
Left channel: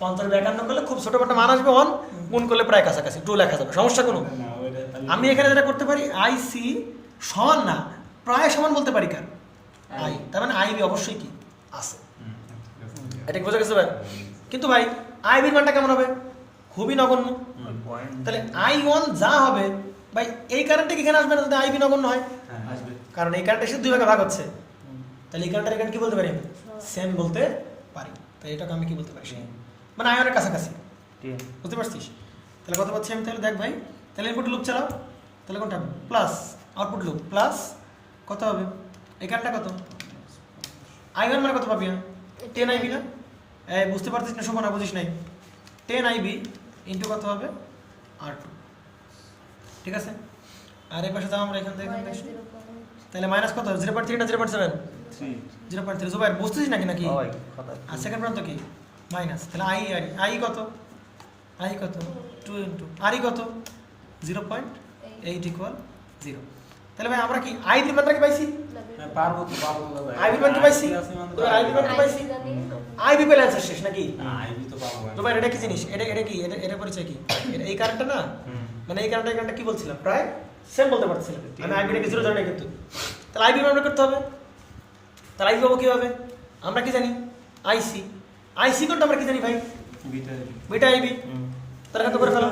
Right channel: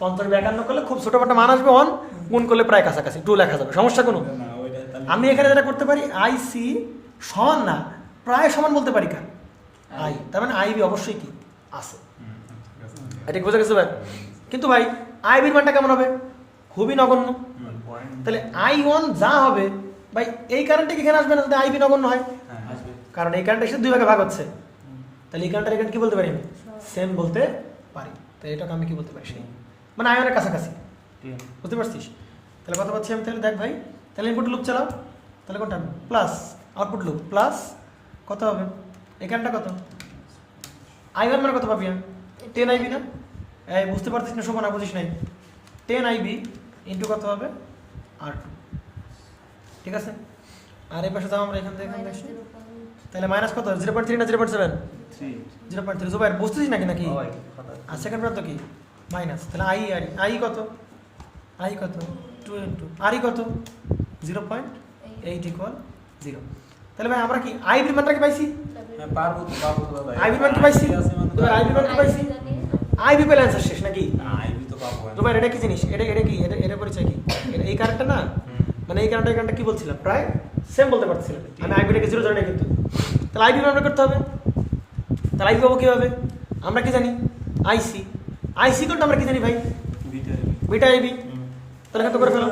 50 করলে খুব ছোটখাটো মান আসবে, অন গুণ করলে প্রায় কাছাকাছি 2 লেখা যাবে, সমস্যা কোনো। আমি এখানে যেটা করতে পারি আইসি সমান না প্রায় সমান বলতে পারি কার আই, তার মানে আইবি অবশ্যই কি আছে, এটা বোঝা গেছে ভাই। কিন্তু ভাই আইবির মানটা কেমন হবে, খুবই নগণ্য, তাহলে i1 যা হবে ভাই এই কারেন্টটা কি এখানে আসবে না যদি আইবি নগণ্য হয়, কারণ এই কারেন্ট এসে 2 ভাগে ভাগ হচ্ছে, তাহলে এই কারেন্টটা এখানে কি বলতে পারি আমি সেম বলতে পারি, তাই এটাকে আমি কি বলতে পারি সেই মানে আয়নের কাছাকাছি, বুঝতে পারছিস? তাহলে কথা পাচ্ছি আমি, তাহলে দেখ ভাই তাহলে ইনপুট লুপ চালাও, তাহলে কোনটা হবে প্লাস আউটপুট লুপ প্লাস কত হবে এই কারেন্টটা কত i1 মানে কত পাবি 10 আইবি না, বুঝতে পারছিস না সমান বুঝিস নাই 10 আইবি ইন্টু কত হবে R2, ঠিক আছে? আর এই পাশে যাও আমরা এখান থেকে এখানে আসি, তাহলে মাইনাস কত 0.3 না 0.7 0.3 জুবাইর বুঝতেছিস নাকি নাকি, আর সেকেন্ড প্রান্ত কি মাইনাস, তাহলে আই কত 2 ইন্টু আর কত 0.8 ইকুয়াল 0, তাহলে ভাই আমরা কি আইবি মানটা কি পাইছি, পারবো তো দাদা আইবি মান কি পাইছি, তো আইবি মান কি পাইছি, আইবি পেলে অ্যান্সার শেষ নাকি, আইবি তো পাবো তো ভাই এটা কি জিনিস, এটা কি এটা পরিচয় কি, এই কারেন্টটা না মানে এই কারেন্টটা কি বলছিলাম, প্রায় সেম বলতে পারছিলাম। আমি আইবিটাকে 0 ধরে নাই কিন্তু, তাহলে আইবি মান বের করতে হবে। তাহলে আইবি পাবো কীভাবে? আমরা কি জানি? আইসি কোনটা আমরা কি জানি ভাই? Beta IB. তাহলে এখান থেকে বের করলাম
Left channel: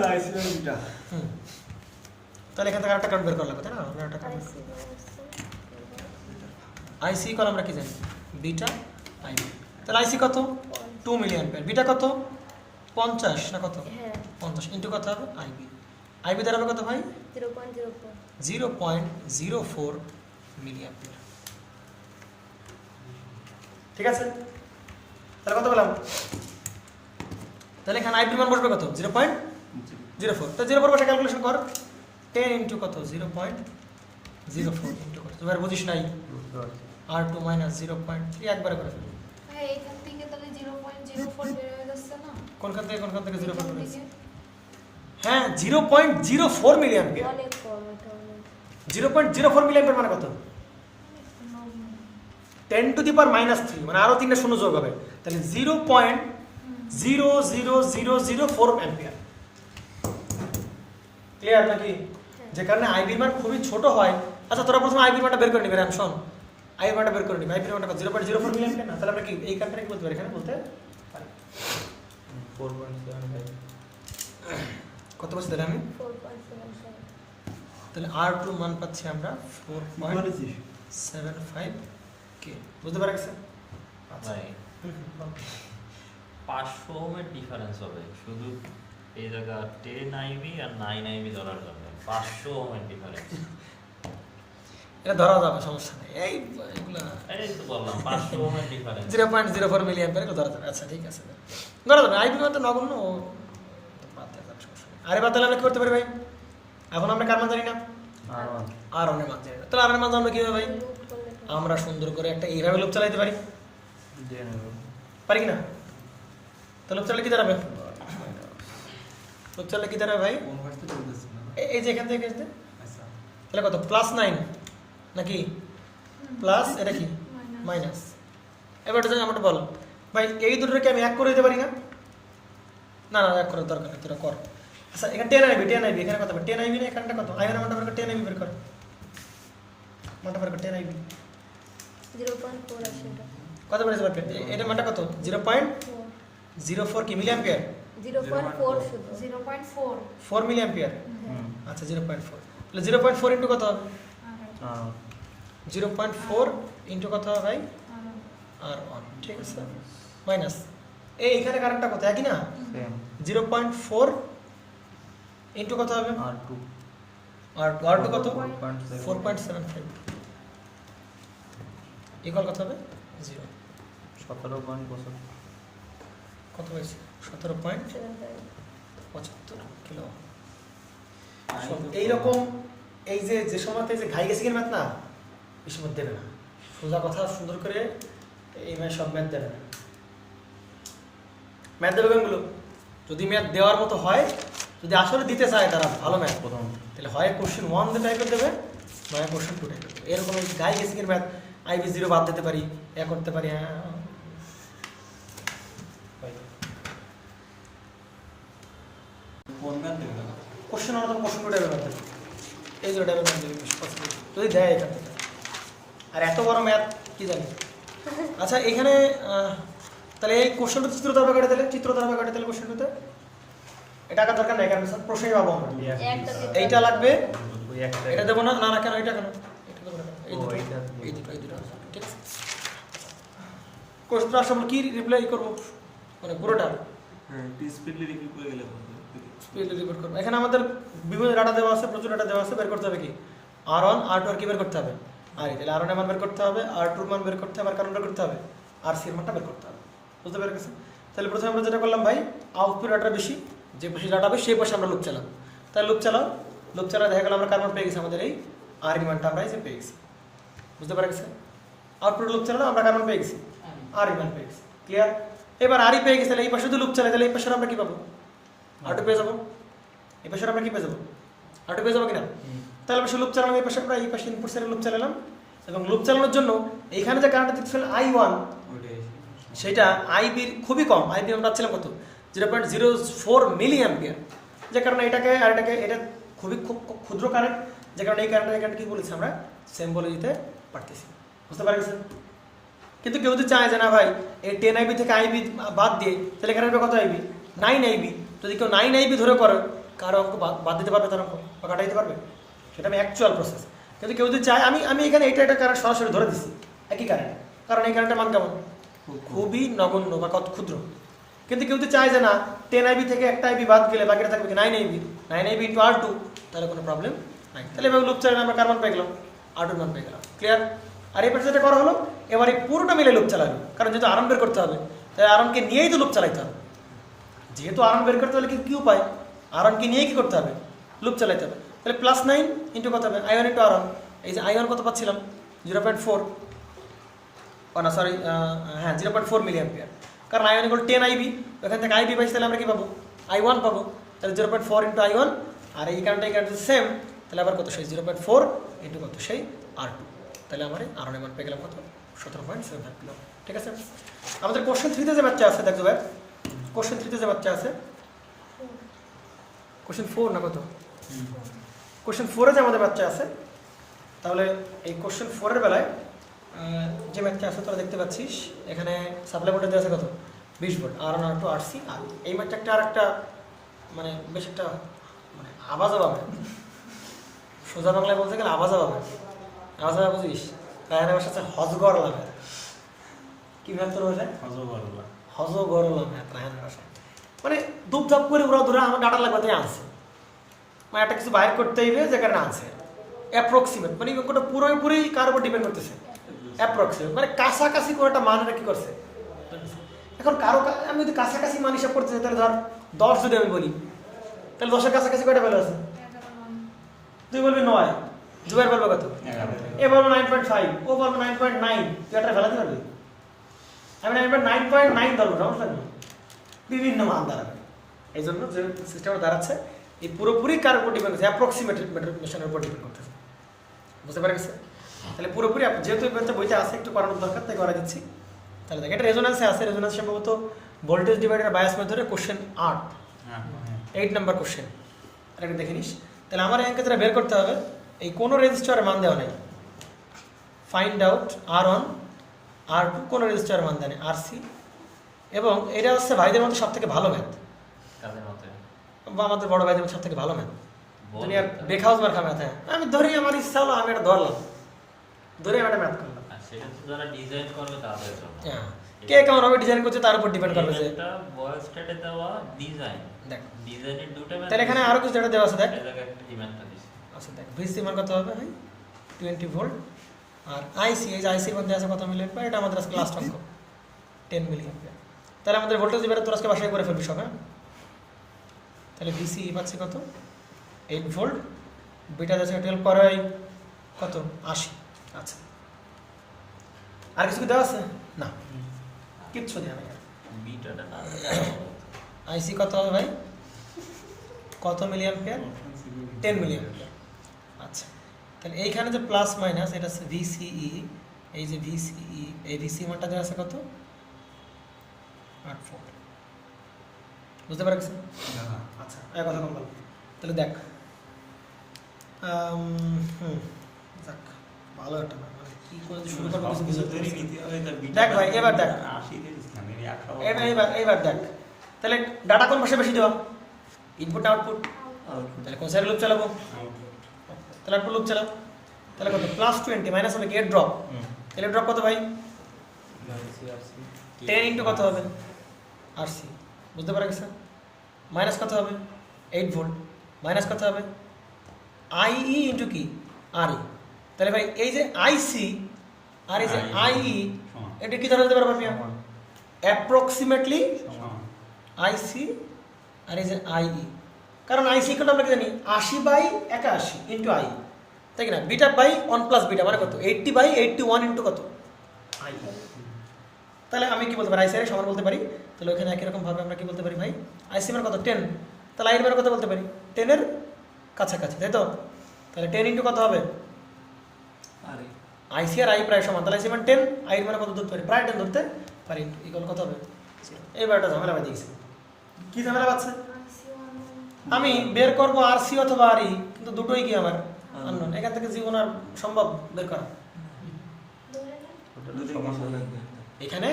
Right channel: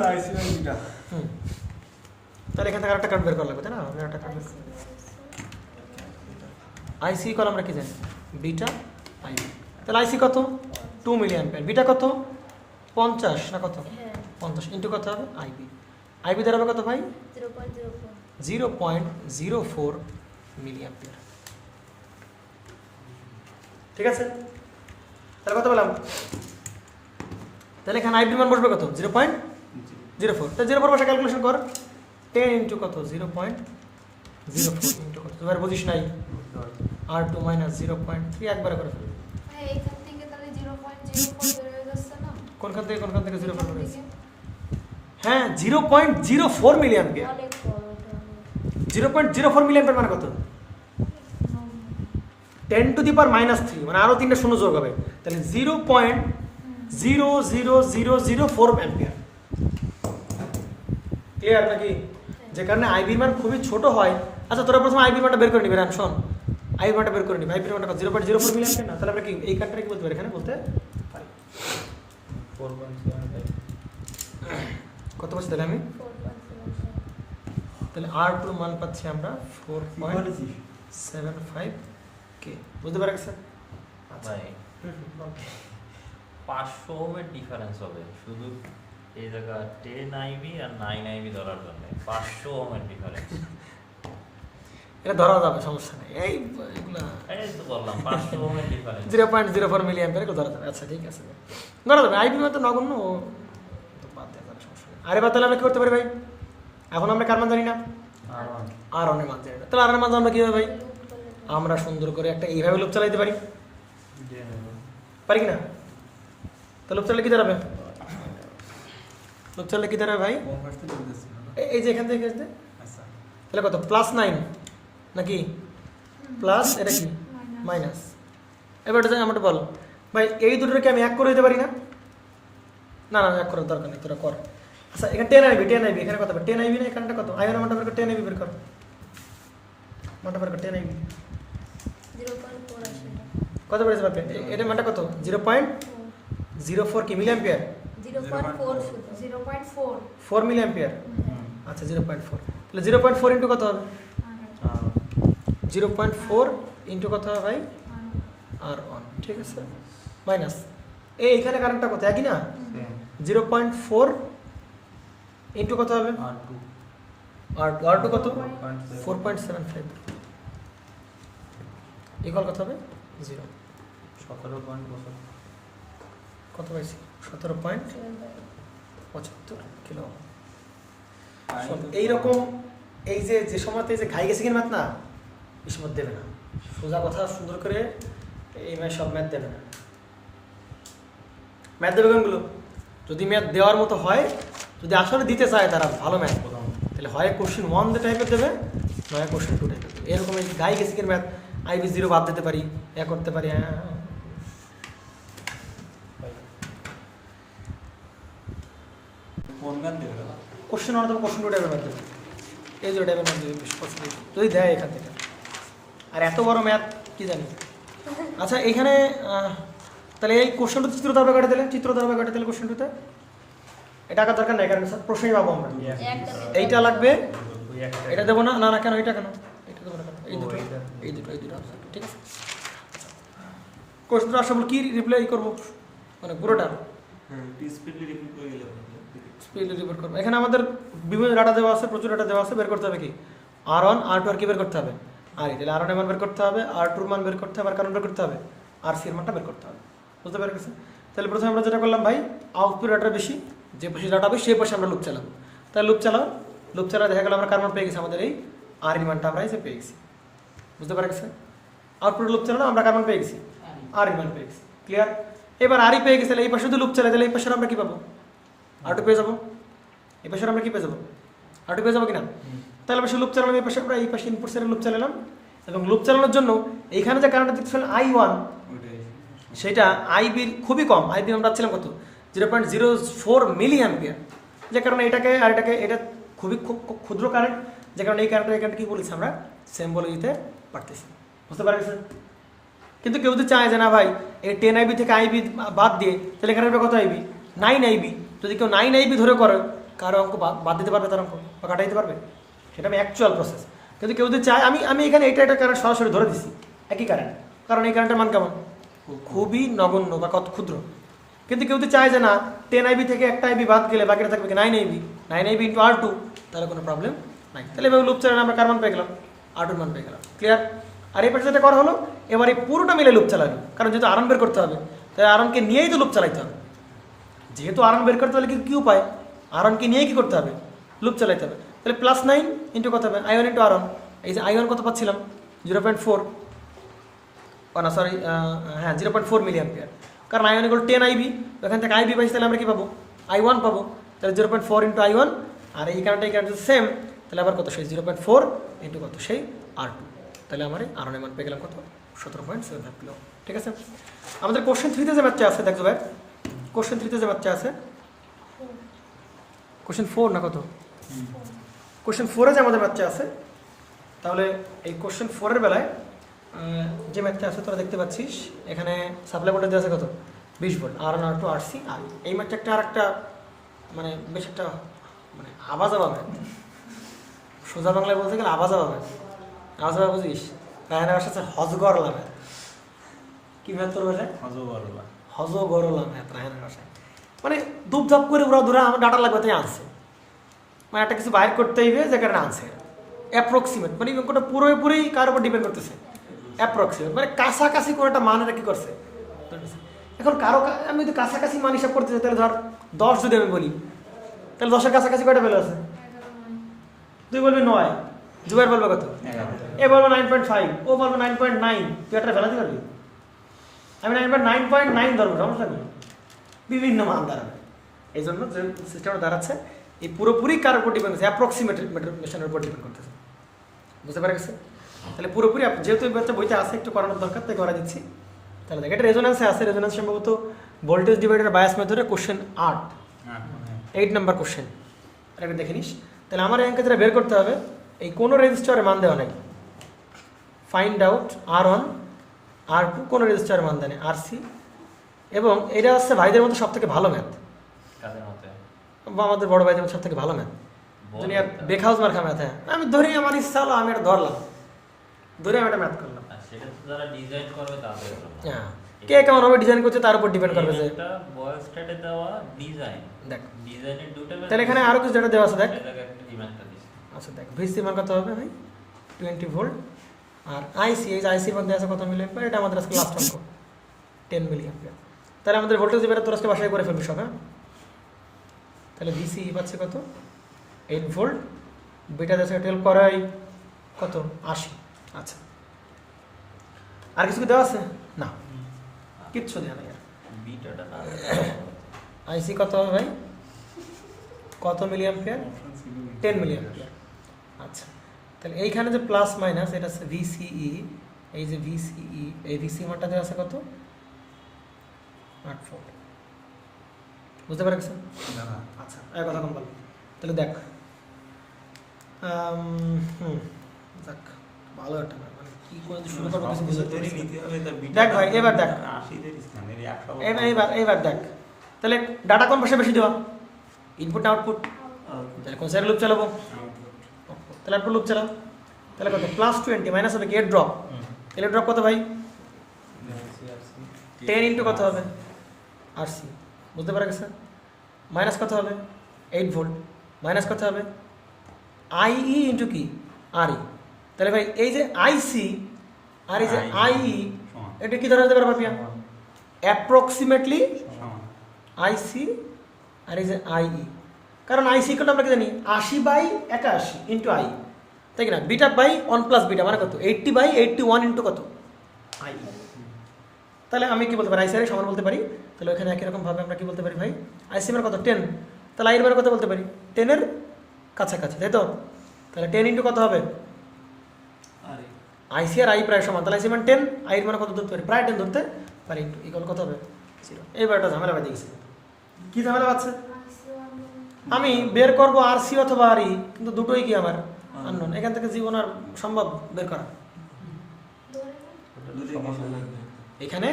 তাহলে এখান থেকে একটা কারেন্ট বের করা লাগবে, তাই না? একটা কারেন্ট আইসি কল আমরা কি জানি? Beta IB. তাহলে আইসি কত? 2 মিলি অ্যাম্পিয়ার। বিটা কত? 50 না কত? হ্যাঁ 50 ইন্টু কত হবে? আইবি। আইবি দাঁড়াবে কত ভাই? 0.04 0.04 মিলি অ্যাম্পিয়ার। ঠিক আছে, তাহলে কত বললাম? তাহলে এখানে আইবি মান বসবে কত? 0.04। তো 0 বসে ক্যালকুলেশন কর। 10 ইন্টু কত? 0.04 ইন্টু কত? এবার বুঝিস নাই, R2 মাইনাস 0.3 একবারে করে ফেলি। হ্যাঁ এইখান থেকে তাহলে 0.04 বের হয়ে যাচ্ছে না? কোনখান থেকে 0 এখান থেকে? হ্যাঁ 0.04 মিলি অ্যাম্পিয়ার। অনেক কম এটা। 0.04 মিলি অ্যাম্পিয়ার মানে কত? 10 টু দি পাওয়ার -3, মানে আরো 3টা শূন্য যোগ হবে, তাহলে 0.00004 অ্যাম্পিয়ার। ক্লিয়ার নাকি? যে কারণে আইবির মান খুবই ছোট হয়। আচ্ছা তোরা প্রথমে আইবির মানটা বের করে নিবি, রামশন আইবির মানটা বের করে নিবি। আইবির মানটা 0.04 মিলি অ্যাম্পিয়ার না, তাহলে আমরা কি এই কারণটা কি বলতে পারি? এখানে বলতে পারি 4.75 কত বলছি তাহলে আমি? 4.75 তাহলে R2 মান পাচ্ছি আমরা 4.75 কে। বুঝতে পারা গেছে? ভাই 500 ওহমের ডিফারেন্স হবে শুধু এই জায়গা 10 আইবি আর 9 আইবি ধরার জন্য। 500 ওহমের ডিফারেন্স, এটা ধরা যাবে, সমস্যা নেই। এই এগুলো এই তো বললাম 500 ওহমের ডিফারেন্স। 0.04 মিলি অ্যাম্পিয়ার এগুলো ধরা যাবে। আচ্ছা ঠিক আছে, ধরা যাবে। আইবি তো নগণ্য, ও তো বাদ দেওয়া যাবে, সমস্যা নেই। আরে বা তাহলে আমরা কি করতে পারি ভাই? এখন আমরা কার মান জানি না? আর অনেক মান জানি না। তাহলে আর মান আমরা কিভাবে ভাই? আমরা সুন্দর করে একটা এইভাবে লুপ চালাইতে পারি, পারি কি না? তো লুপ চালালে কি দাঁড়াবে? লুপ চালালে কি দাঁড়াবে ভাই? এই যে এখান থেকে আসবে, তাহলে কত? +9 নাকি প্লাস, এটা কি মাইনাস। এবার এটা জানি, আমাকে বলো ভাই এই দুটোকে আমি এক করে দিতে পারি না? না না, এক করার দরকার নেই, তোরা কর। আচ্ছা এখানে 10 আইবি এখানে কত? 10 আইবি না, এখানটা কত? আইনের মানটা বের কর, 10 আইবি বের কর, মানটা বের কর 10 আইবি 0.4 আসে এটা। কত বেড়েছে বাপে? এটার মানটা কত? 0.04 কি মিলি অ্যাম্পিয়ার? 0.4 শুধু। 0.4 4 মিলি অ্যাম্পিয়ার। আচ্ছা 0.4, তাহলে 0.4 ইন্টু কত হবে? 0.4 ইন্টু কত হবে ভাই? R1। ঠিক আছে, মাইনাস এইখানে কারেন্টটা কত? একই না? 0.4 ইন্টু কত হবে? R2 কত? 4.75 ইকুয়াল কত হবে? 0। 17.75 কত হয়েছে? 17.75 কিলো। এইরকম এই যে সময়তে যে ঘাই গেছে কিনা ম্যাথ না, এই সময় দেবে না। সোজা কথা সুন্দর করে এই ম্যাথ সব ম্যাথ দেবে না। ম্যাথ দেবে কোনগুলো? যদি ম্যাথ দেওয়ার মতো হয়, যদি আসলে দিতে চায় তারা ভালো ম্যাথ প্রথম, তাহলে হয় কোশ্চেন 1 টাইপের দেবে, নয় কোশ্চেন 2 টাইপের। এরকম গাই গেছে কিনা ম্যাথ আইবি 0 বাদ দিতে পারি, এ করতে পারি। কোশ্চেন মানে তো কোশ্চেন 2 টাইপের ম্যাথ দেবে, এই যে টাইপের ম্যাথ দেবে যদি দেয় এখান থেকে। আর এত বড় ম্যাথ কি জানি। আচ্ছা এইখানে তাহলে এই কোশ্চেনটা চিত্র দ্বারা কাটে দিলে, তাহলে কোশ্চেনটাতে এটা আঁকার দরকার নেই, কারণ প্রশ্নই পাবো আমরা। এইটা লাগবে, এটা দেবো না। না না কেন? এটা কেন? এই দুটো ঠিক আছে। কোশ্চেনটা আসলে কি রিপ্লাই করবো, মানে পুরোটা স্পিডলি রিভিউ করে গেলে স্পিডলি রিপোর্ট করবো। এখানে আমাদের বিভিন্ন ডাটা দেওয়া আছে, প্রচুর ডাটা দেওয়া আছে। বের করতে হবে কি? R1 R2 আর কি বের করতে হবে? আর তাহলে R1 এর মান বের করতে হবে, R2 এর মান বের করতে হবে, আর কারণ বের করতে হবে, RC এর মানটা বের করতে হবে। বুঝতে পেরে গেছে? তাহলে প্রথমে আমরা যেটা করলাম ভাই, আউটপুট ডাটা বেশি, যে বেশি ডাটা হবে সেই পাশে আমরা লুপ চালাবো। তাহলে লুপ চালাও দেখা গেল আমরা কার মান পেয়ে গেছি? আমাদের এই R এর মানটা আমরা এসে পেয়ে গেছি। বুঝতে পারা গেছে? আউটপুট লুপ চালানো আমরা কার মান পেয়ে গেছি? R এর মান পেয়ে গেছি। ক্লিয়ার? এবার আর পেয়ে গেছে, তাহলে এই পাশে যদি লুপ চালাই, তাহলে এই পাশে আমরা কি পাবো? R2 পেয়ে যাবো। এই পাশে আমরা কি পেয়ে যাবো? R2 পেয়ে যাবো কিনা? তাহলে পাশে লুপ চালানো, এই পাশে আমরা এই পাশে ইনপুট সাইডে লুপ চালালাম, এবং লুপ চালানোর জন্য এইখানে যে কারেন্টটা দেখছেন I1, সেটা আইবির খুবই কম। আইবি আমরা পাচ্ছিলাম কত? 0.04 মিলি অ্যাম্পিয়ার। যে কারণে এটাকে আর এটাকে এটা খুবই খুব খুব ক্ষুদ্র কারেন্ট, যে কারণে এই কারেন্ট কি বলেছি আমরা সেম বলে দিতে পারতেছি, বুঝতে পারছেন? কিন্তু কেউ যদি চায় যে না ভাই এই 10 আইবি থেকে আইবি বাদ দিয়ে, তাহলে এখানে কত আইবি 9 আইবি, যদি কেউ 9 আইবি ধরে করে কারো অঙ্ক বাদ দিতে পারবে, তার অঙ্ক বা কাটাই দিতে পারবে, সেটা আমি অ্যাকচুয়াল প্রসেস। কিন্তু কেউ যদি চায় আমি এখানে এটা কারেন্ট সরাসরি ধরে দিচ্ছি একই কারেন্ট, কারণ এই কারেন্টের মান কেমন খুবই নগণ্য বা কত ক্ষুদ্র। কিন্তু কেউ যদি চায় যে না 10 আইবি থেকে একটা আইবি বাদ গেলে বাকিটা থাকবে 9 আইবি, 9 আইবি ইন্টু R2, তাহলে কোনো প্রবলেম নাই। তাহলে এভাবে লুপ চালানো আমরা কার মান পেয়ে গেলাম, R2 মান পেয়ে গেলাম। ক্লিয়ার? আর এই পাশে যেটা করা হলো, এবার এই পুরোটা মিলে লুপ চালাবি, কারণ যেহেতু আরন বের করতে হবে তাই আরনকে নিয়েই তো লুপ চালাইতে হবে। যেহেতু আরন বের করতে হলে কি উপায়, আরনকে নিয়েই কি করতে হবে, লুপ চালাইতে হবে। তাহলে +9 ইন্টু কত হবে, I1 ইন্টু আরন। এই যে I1 কত পাচ্ছিলাম 0.4, না সরি হ্যাঁ 0.4 মিলি অ্যাম্পিয়ার, কারণ I1 ইকুয়াল 10 আইবি, ওখান থেকে আইবি পাইছি, তাহলে আমরা কি পাবো I1 পাবো। তাহলে 0.4 ইন্টু I1, আর এই কারেন্ট সেম, তাহলে আবার কত সেই 0.4 ইন্টু কত সেই R2, তাহলে আমার আরনের মান পেয়ে গেলাম কত 17.75 কিলো। ঠিক আছে? আমাদের কোশ্চেন 3তে যে ম্যাথটা আছে দেখো ভাই, কোশ্চেন 3তে যে ম্যাথটা আছে, কোশ্চেন 4 না কত, কোশ্চেন 4-এ যে আমাদের ম্যাথটা আছে, তাহলে এই কোশ্চেন 4-এর বেলায় যে ম্যাথটা আছে তোরা দেখতে পাচ্ছিস এখানে সাপ্লাই ভোল্টেজ দেওয়া আছে কত 20 ভোল্ট, R1 R2 RC আর এই ম্যাথটা একটা আর একটা মানে বেশ একটা মানে আওয়াজ সোজা বাংলায় বলতে গেলে আওয়াজ বুঝিস, গায়নের ভাষা হচ্ছে হজগরলা ম্যাথ। কি ম্যাথ তোর ভাষায় হজগরলা ম্যাথ গায়নের ভাষায়, মানে দুপধাপ করে ওরা দূরে আমার ডাটা লাগবে তাই আনছে, মানে একটা কিছু বাইর করতে হইবে যে কারণে আনছে অ্যাপ্রক্সিমেট, মানে অঙ্কটা পুরোপুরি কার উপর ডিপেন্ড করতেছে অ্যাপ্রক্সিমেট, মানে কাছাকাছি কোনোটা মান এটা কি করছে। এখন কারো আমি যদি কাছাকাছি মান হিসাব করতে চাই, তাহলে ধর 10 যদি আমি বলি, তাহলে 10-এর কাছাকাছি কয়টা ভ্যালু আছে, 11 তুই বলবি 9, জুবাইর বলবে কত, এ বলবো 9.5, ও বলবো 9.9, তুই একটা ফেলাতে পারবি, আমি 9.9 ধরবো, সমস্যা নেই, বিভিন্ন মান দাঁড়াবে। এই জন্য যে সিস্টেমটা দাঁড়াচ্ছে এই পুরোপুরি কার উপর ডিপেন্ড করছে, অ্যাপ্রক্সিমেট মেশিনের উপর ডিপেন্ড করতেছে, বুঝতে পারা গেছে? তাহলে পুরোপুরি যেহেতু বইতে আছে একটু করানোর দরকার, তাই করা দিচ্ছি। তাহলে দেখ এটা রেজোন্যান্সে আছে, রেজোন্যান্স সম্ভবত ভোল্টেজ ডিভাইডার বায়াস মেথডের কোশ্চেন 8 নাম্বার কোশ্চেন, আর এটা দেখে নিস। তাহলে আমার অঙ্কে যেটা বের করতে হবে, এই কোনো রেজিস্টারের মান দেওয়া নাই, ফাইন্ড আউট R1 R2 কোনো রেজিস্টারের মান দেয় RC, এবং এটা হচ্ছে ভাইদের মধ্যে সব থেকে ভালো ম্যাথ, কাদের মতে বা আমাদের বড় ভাইদের মধ্যে সব থেকে ভালো ম্যাথ, দুনিয়ার বেখাউজ মার্কা ম্যাথ। হ্যাঁ আমি ধরি আমার ইচ্ছা হলো আমি এটা ধরলাম, ধরে আমি এটা ম্যাথ করলাম। আর সেটা তো যারা ডিজাইন করবে তাদের জন্য। হ্যাঁ কে কেমন ভাবে ডিজাইন করছে তার উপর ডিপেন্ড করবে যে এটা বয়েল স্ট্যাটে দেওয়া ডিজাইন, দেখ ডিজাইনের দুটো তাহলে এখানে আরো কিছু যেটা দেওয়া আছে দেখ, এই জায়গায় একটা ডিমান্ড থাকে। আচ্ছা দেখ ভিসি মান কত হবে ভাই 20 ভোল্ট, আর আইসি এই যে আইসি মধ্যে আছে কত মিলি অ্যাম্পিয়ার, এটা আমাদের আজকে লাস্ট অঙ্ক 10 মিলি অ্যাম্পিয়ার। তাহলে আমাদের ভোল্টেজ এবারে তোর আজকে বাসায় করে ফেলবি সব। হ্যাঁ তাহলে ভিসি পাচ্ছে কত 8 ভোল্ট, বিটা দেশে 12 করাই কত 80। আচ্ছা আর কিছু কি দেওয়া আছে না, কিচ্ছু দেওয়া নেই। বিটাটা না আইসি কত হবে ভাই, কত মিলি অ্যাম্পিয়ার 10 মিলি অ্যাম্পিয়ার। আচ্ছা তাহলে এইখানে যে প্লাস মাইনাস এটা হচ্ছে ভিসিই, এই যে ভিসিই এই ভিসি মানটা দেওয়া আছে কত 8 ভোল্ট, বুঝতে পারছেন? আচ্ছা এক কথা কম বলবো, তাহলে দেখ যাক ভালো একটা কি করে শুরু করবো কিছু বুঝতে পারছি না। দেখ ভাই এবার দেখ, এবার দেখ তাহলে ডাটা কোন পাশে বেশি দেওয়া, ইনপুট না আউটপুট, তাহলে কোন সাইড লুপ চালাবো, তাহলে আউটপুট লুপ চালাও, তাহলে কত +20 মাইনাস হবে গেট ড্রপ, তাহলে ড্রপ কত ভাই 10 ইন্টু কত হবে RC, বুঝতে পারা গেছে? মাইনাস কত হবে 8 ভোল্ট, মাইনাস কত হবে IE ইন্টু কি RE, তাহলে ভাই এই যে IC আর এই যে IE এটা কি ধরা যেতে পারবে আমি অ্যাপ্রক্সিমেটলি IC আর এই যে IE, কারণ IC কোনটা আমরা কি জানি 80/81 ইন্টু I, তাই কি না, বিটা বাই 1 প্লাস বিটা মানে কত 80/81 ইন্টু কত I। তাহলে আমি কি বলতে পারি IC এর সমান বলতে পারি, তাহলে ওখানে একই রকম ভাবে আমরা কি বলতে পারি ভাই IC এর কত 10, তাহলে I এর কত বলতে পারি 10 এর কাছাকাছি, তাই তো? তাহলে 10 ইন্টু কত হবে IC আর I প্রায় সমান, তাহলে IC মান 10, I এর মান কত ধরতে পারি প্রায় 10 ধরতে পারি, ইকুয়াল কত হবে 0। এইবারটা ঝামেলা বাদ দিয়েছে, কি ঝামেলা বাদছে আমি বের করব আর সি অথবা আর ই, কিন্তু দুটোই কি আমার আননোন। এখান থেকে জীবন আর সম্ভব বের করা? ধরে না এখানে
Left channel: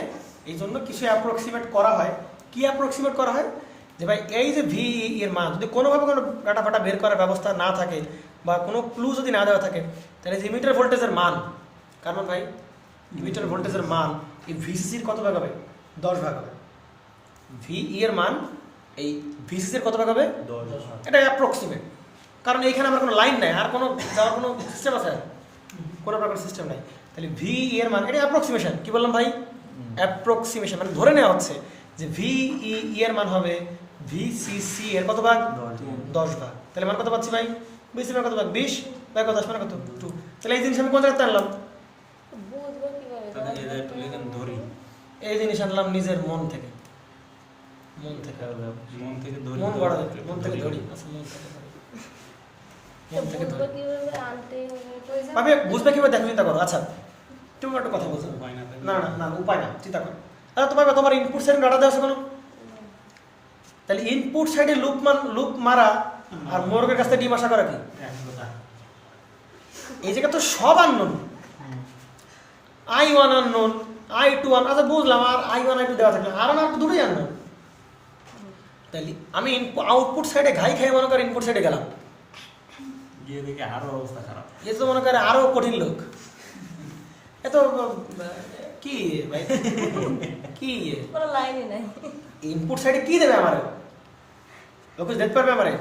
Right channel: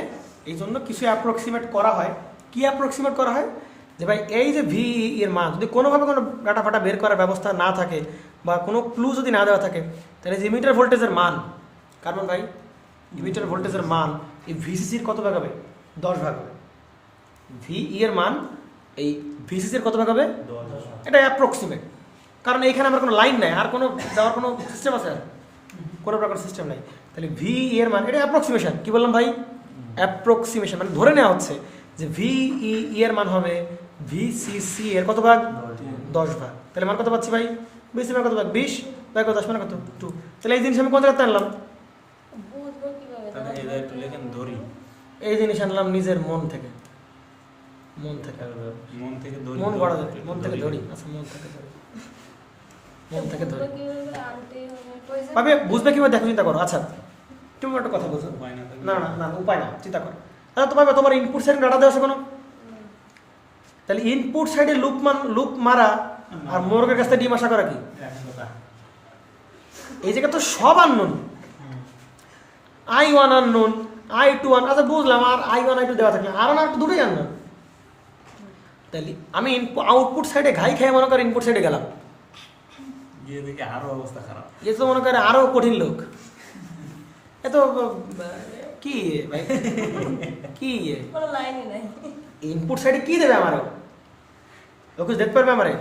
এই জন্য কিছু অ্যাপ্রক্সিমেট করা হয়। কি অ্যাপ্রক্সিমেট করা হয়? যে ভাই এই যে ভি এর মান যদি কোনোভাবে কোনো ডাটা ফাটা বের করার ব্যবস্থা না থাকে বা কোনো ক্লু যদি না দেওয়া থাকে, তাহলে যে ইমিটার ভোল্টেজের মান, কারণ ভাই ইমিটার ভোল্টেজের মান এই ভিসিসির কত ভাগ হবে? 10 ভাগ হবে। ভি এর মান এই ভিসিসির কত ভাগ হবে? 10। এটা অ্যাপ্রক্সিমেট, কারণ এইখানে আমার কোনো লাইন নাই, আর কোনো যাওয়ার কোনো সিস্টেম আছে? কোনো প্রকার সিস্টেম নাই। তাহলে ভি এর মান, এটা অ্যাপ্রক্সিমেশন। কি বললাম ভাই? অ্যাপ্রক্সিমেশন, মানে ধরে নেওয়া হচ্ছে যে ভি এর মান হবে ভিসিসি এর কত ভাগ? 10 ভাগ। তাহলে মান কত পাচ্ছি ভাই? ভিসি মান কত ভাগ? 20 ভাগ 10 মানে কত? 2। তাহলে এই জিনিস আমি কোন জায়গাতে আনলাম? বুঝবো কিভাবে? তাহলে এদের একটু লেখেন ধরি, এই জিনিস আনলাম নিজের মন থেকে। মন থেকে মন থেকে ধরি, মন বড়, মন থেকে ধরি। আচ্ছা, মন থেকে ধরি, মন থেকে ধরি। বুঝবো কিভাবে? আনতেই হবে। ওই যে ভাবে বুঝবে কিভাবে? দেখো, চিন্তা করো। আচ্ছা, তুমি একটা কথা বলছো। উপায় না থাকলে- না না না, উপায় না, চিন্তা করো। তাহলে তোমার তোমার ইনপুট সাইডে ডাটা দেওয়া আছে কোনো? তাহলে ইনপুট সাইডে লুপ মারা আর মোরগের কাছ থেকে ডিম আশা করা কি? এই জায়গা তো সব আননোন। I1 আননোন, I2 আচ্ছা বুঝলাম, আর I1 I2 দেওয়া থাকলে আর আর দুটোই আননোন। তাহলে আমি আউটপুট সাইডে ঘাই খেয়ে মনে করি ইনপুট সাইডে গেলাম, গিয়ে দেখি আরো অবস্থা খারাপ। এ তো মনে করে আরো কঠিন লোক। এ তো কি ভাই, কি কোনো লাইনই নাই। ইনপুট সাইডে কি দেবে আমারে? লোক দেখতে পারবে আমারে?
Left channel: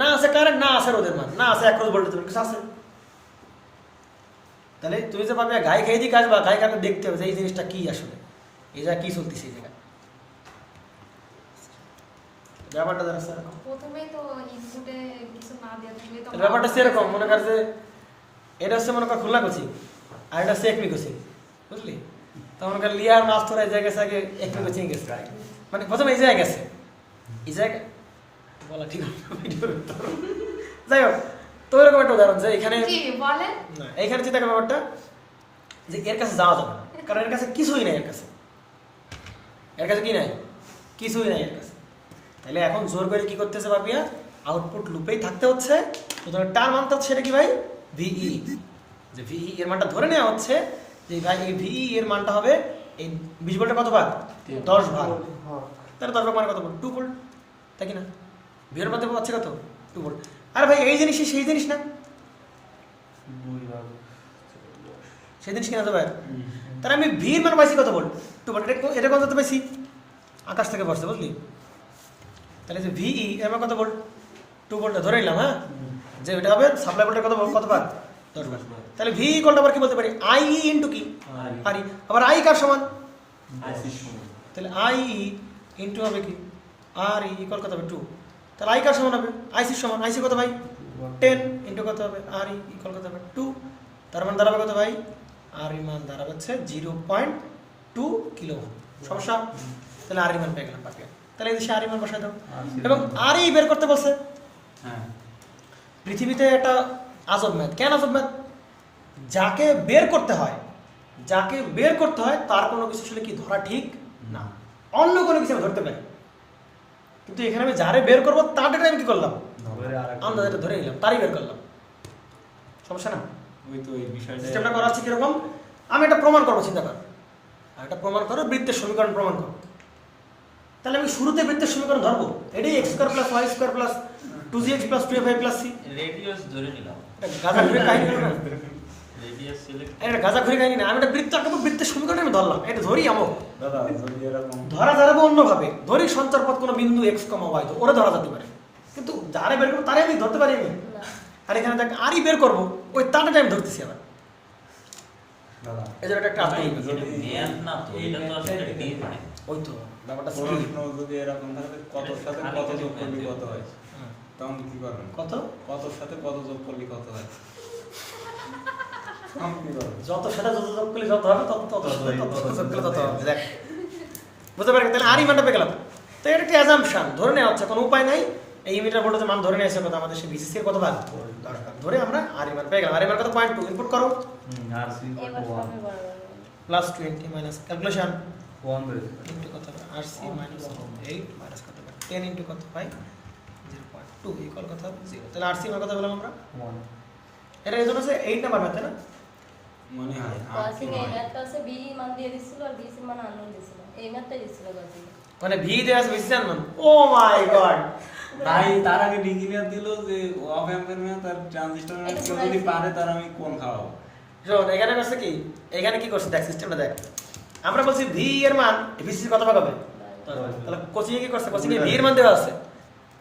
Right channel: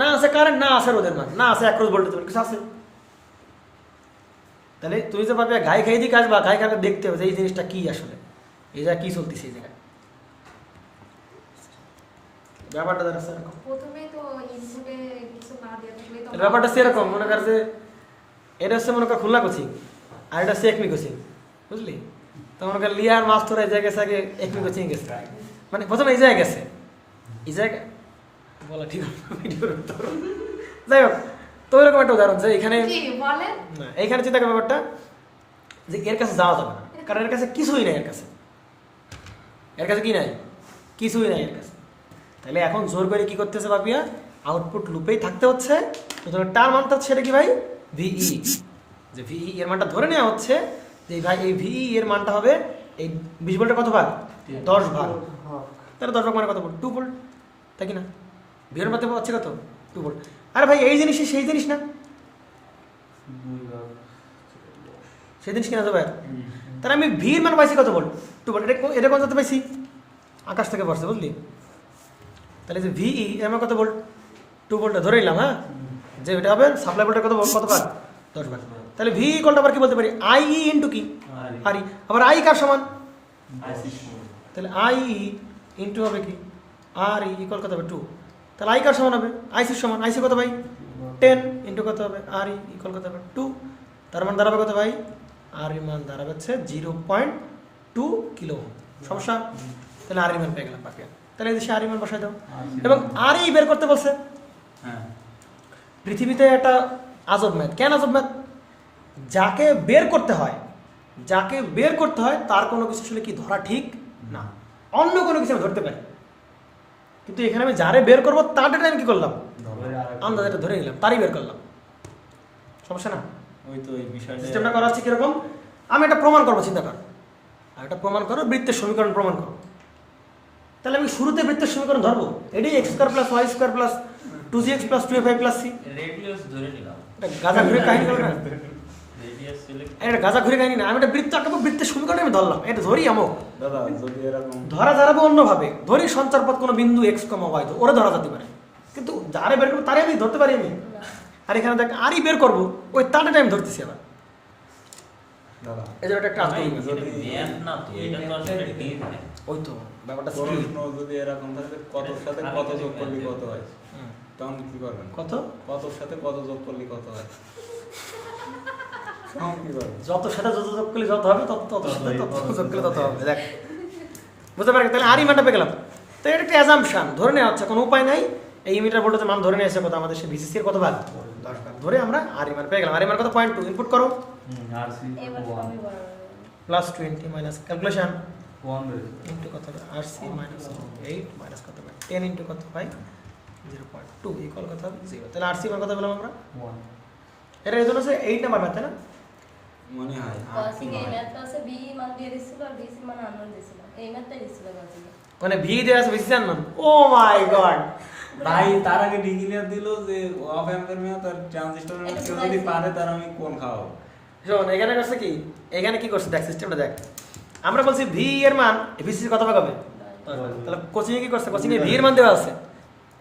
না আছে কারেন্ট, না আছে রোদের মান, না আছে 1 ভোল্ট, কিছু আছে? তাহলে তুই যে ভাবে গায়ে খেয়ে দিকে আসবা, গায়ে খাবে দেখতে হবে যে এই জিনিসটা কি আসলে, এই জায়গা কি চলতেছে এই জায়গায়। ব্যাপারটা জানা স্যার, প্রথমেই তো ইনপুটে কিছু না দেওয়া থাকলে তো ব্যাপারটা সেরকম মনে কর যে এটা হচ্ছে মনে কর খুলনা কোচিং আর এটা হচ্ছে একমি কোচিং, বুঝলি? তো মনে কর লিয়ার মাছ ধরা এই জায়গায় আগে একমি কোচিং গেছে, মানে প্রথমে এই জায়গায় গেছে, এই জায়গায় বলা ঠিক হবে। যাই হোক, তো এরকম একটা উদাহরণ যে এখানে কি বলেন? না, এইখানে চিন্তা করার ব্যাপারটা যে এর কাছে যাওয়া যাবে না, কারণ এর কাছে কিছুই নাই। এর কাছে কি নাই? কিছুই নাই এর কাছে। তাহলে এখন জোর করে কি করতেছে বাপিয়া? আউটপুট লুপেই থাকতে হচ্ছে। সুতরাং টার মানটা হচ্ছে এটা কি ভাই? ভিই। যে ভিই এর মানটা ধরে নেওয়া হচ্ছে যে ভাই এই ভিই এর মানটা হবে এই 20 ভোল্টের কত ভাগ? 10 ভাগ। তাহলে 10 ভাগ মানে কত ভোল্ট? 2 ভোল্ট, তাই কি না? ভিএর মানটা হচ্ছে কত? 2 ভোল্ট। আরে ভাই এই জিনিসই সেই জিনিস না, সেই জিনিস কিনা যাবে। তাহলে আমি ভির মান পাইছি কত ভোল্ট? 2 ভোল্ট। এটা কত পাইছি? আকাশ থেকে পড়ছে, বুঝলি? তাহলে যে ভিই এর মান কত ভোল্ট? 2 ভোল্ট ধরে নিলাম। হ্যাঁ, যে এটা হবে সাপ্লাই ভোল্টের কত কত ভাগ? 10 ভাগ। তাহলে ভি ইকুয়াল আবার কি বলতে পারি? আই ইনটু কি? আর ই। আবার আই কার সমান? তাহলে আই ইনটু হবে কি? আর ই ইকুয়াল কত হবে? 2। তাহলে আই কার সমান হবে? আইসির সমান। আইসি কত ভাই? 10 ইনটু কত হবে? আর ই ইকুয়াল কত হবে? 2। তার মান দাঁড়াবে কত ভাই? আর ই মান দাঁড়াবে হচ্ছে 0.2 কিলো। সমস্যা? তাহলে আর ই মান পেয়ে গেলাম বাকি। তাহলে এই দেশে আর ই মান বসাই দাও এবং আর ই বের করতে বলছে। হ্যাঁ, পৃথিবীতে একটা আজব ম্যাথ। কেন আজব ম্যাথ? যাকে বের করতে হয় তার কোনো কিছু আসলে কি ধরা ঠিক না, অন্য কোনো কিছু আমি ধরতে পারি, কিন্তু এখানে আমি যারে বের করবো তার ডেটা আমি কি করলাম? আমরা যেটা ধরে নিলাম তারই বের করলাম। সমস্যা না? ওই তো ওই বিষয়টা সিস্টেমটা করা হচ্ছে কিরকম? আমি একটা প্রমাণ করবো, চিন্তা কর, একটা প্রমাণ করো, বৃত্তের সমীকরণ প্রমাণ করো। তাহলে আমি শুরুতে বৃত্তের সমীকরণ ধরবো, এটাই x square plus y square plus 2gx plus 2fy plus c। Radius ধরে নিলাম, গাজা ঘুরে কাহিনী বলো না। রেডিয়াস সিলেক্ট এটা গাজা ঘুরে কাহিনী না, আমি একটা বৃত্ত আঁকবো, বৃত্তের সমীকরণ আমি ধরলাম, এটা ধরি আমো দাদা যদি এরকম ধরা যাবে অন্যভাবে, ধরি সঞ্চার পথ কোনো বিন্দু x, y, তো ওরা ধরা যেতে পারে, কিন্তু যারে বের করবো তারে আমি ধরতে পারি আমি। আর এখানে দেখ আরই বের করবো, ওই তারটা আমি ধরতেছি আবার। দাদা এই জন্য একটা কাজ করি, ম্যাথ না তো, এটা তো আসলে গেম না। ওই তো ব্যাপারটা প্রশ্ন যদি এরকম থাকে কতর সাথে কত যোগ করলে কত হয়, তখন কি করবেন? কত কতর সাথে কত যোগ করলে কত হয়, তখন কি করবেন? যত সাথে যত যোগ করলে যত হবে, তত তত সাথে তত যোগ করলে তত হবে। দেখ বুঝতে পারি? তাহলে আরই মানটা পেয়ে গেলাম। তো এটা একটা অ্যাজাম্পশন, ধরে নেওয়া হচ্ছে, কোনো উপায় নাই। এই মিটার ভোল্টেজের মান ধরে নিয়ে আসছে কত? আমাদের সে ভিসিসি এর কত ভাগ? 10 ভাগ ধরে আমরা আরই মান পেয়ে গেলাম। আরই মান কত? 0.2 ইনপুট করো, এবার সবই বড় প্লাস 20 মাইনাস ক্যালকুলেশন 1 ধরে ইনটু কত? RC মাইনাস 8 মাইনাস কত? 10 ইনটু কত ভাই? 0.2 ইকুয়াল কত হবে 0। তাহলে আরসি মান কত পেলাম আমরা? 1 এটা রেজল্ট হচ্ছে 8 নাম্বার ম্যাথ, তাই না? মনে হয় কসিং এই ম্যাথ পাশে বি মান দিয়ে দিছিল আর বি এর মান আননোন দিছিল, এই ম্যাথটাই দিছিল কসিং। মানে ভি দেয়া আছে বেশি জানো। ও মাই গড, ভাই তার আগে ডিগ্রি দিল যে অফ এম্পের ম্যাথ আর ট্রানজিস্টর ম্যাথ কেউ যদি পারে তার আমি কোন খাওয়াবো। শোন এখানে করছে কি, এখানে কি করছে দেখ, সিস্টেমটা দেখ। আমরা বলছি ভি এর মান ভিসি কত ভাগ হবে? তাহলে কোচিং এ কি করছে, কোচিং এ ভি এর মান দেওয়া আছে,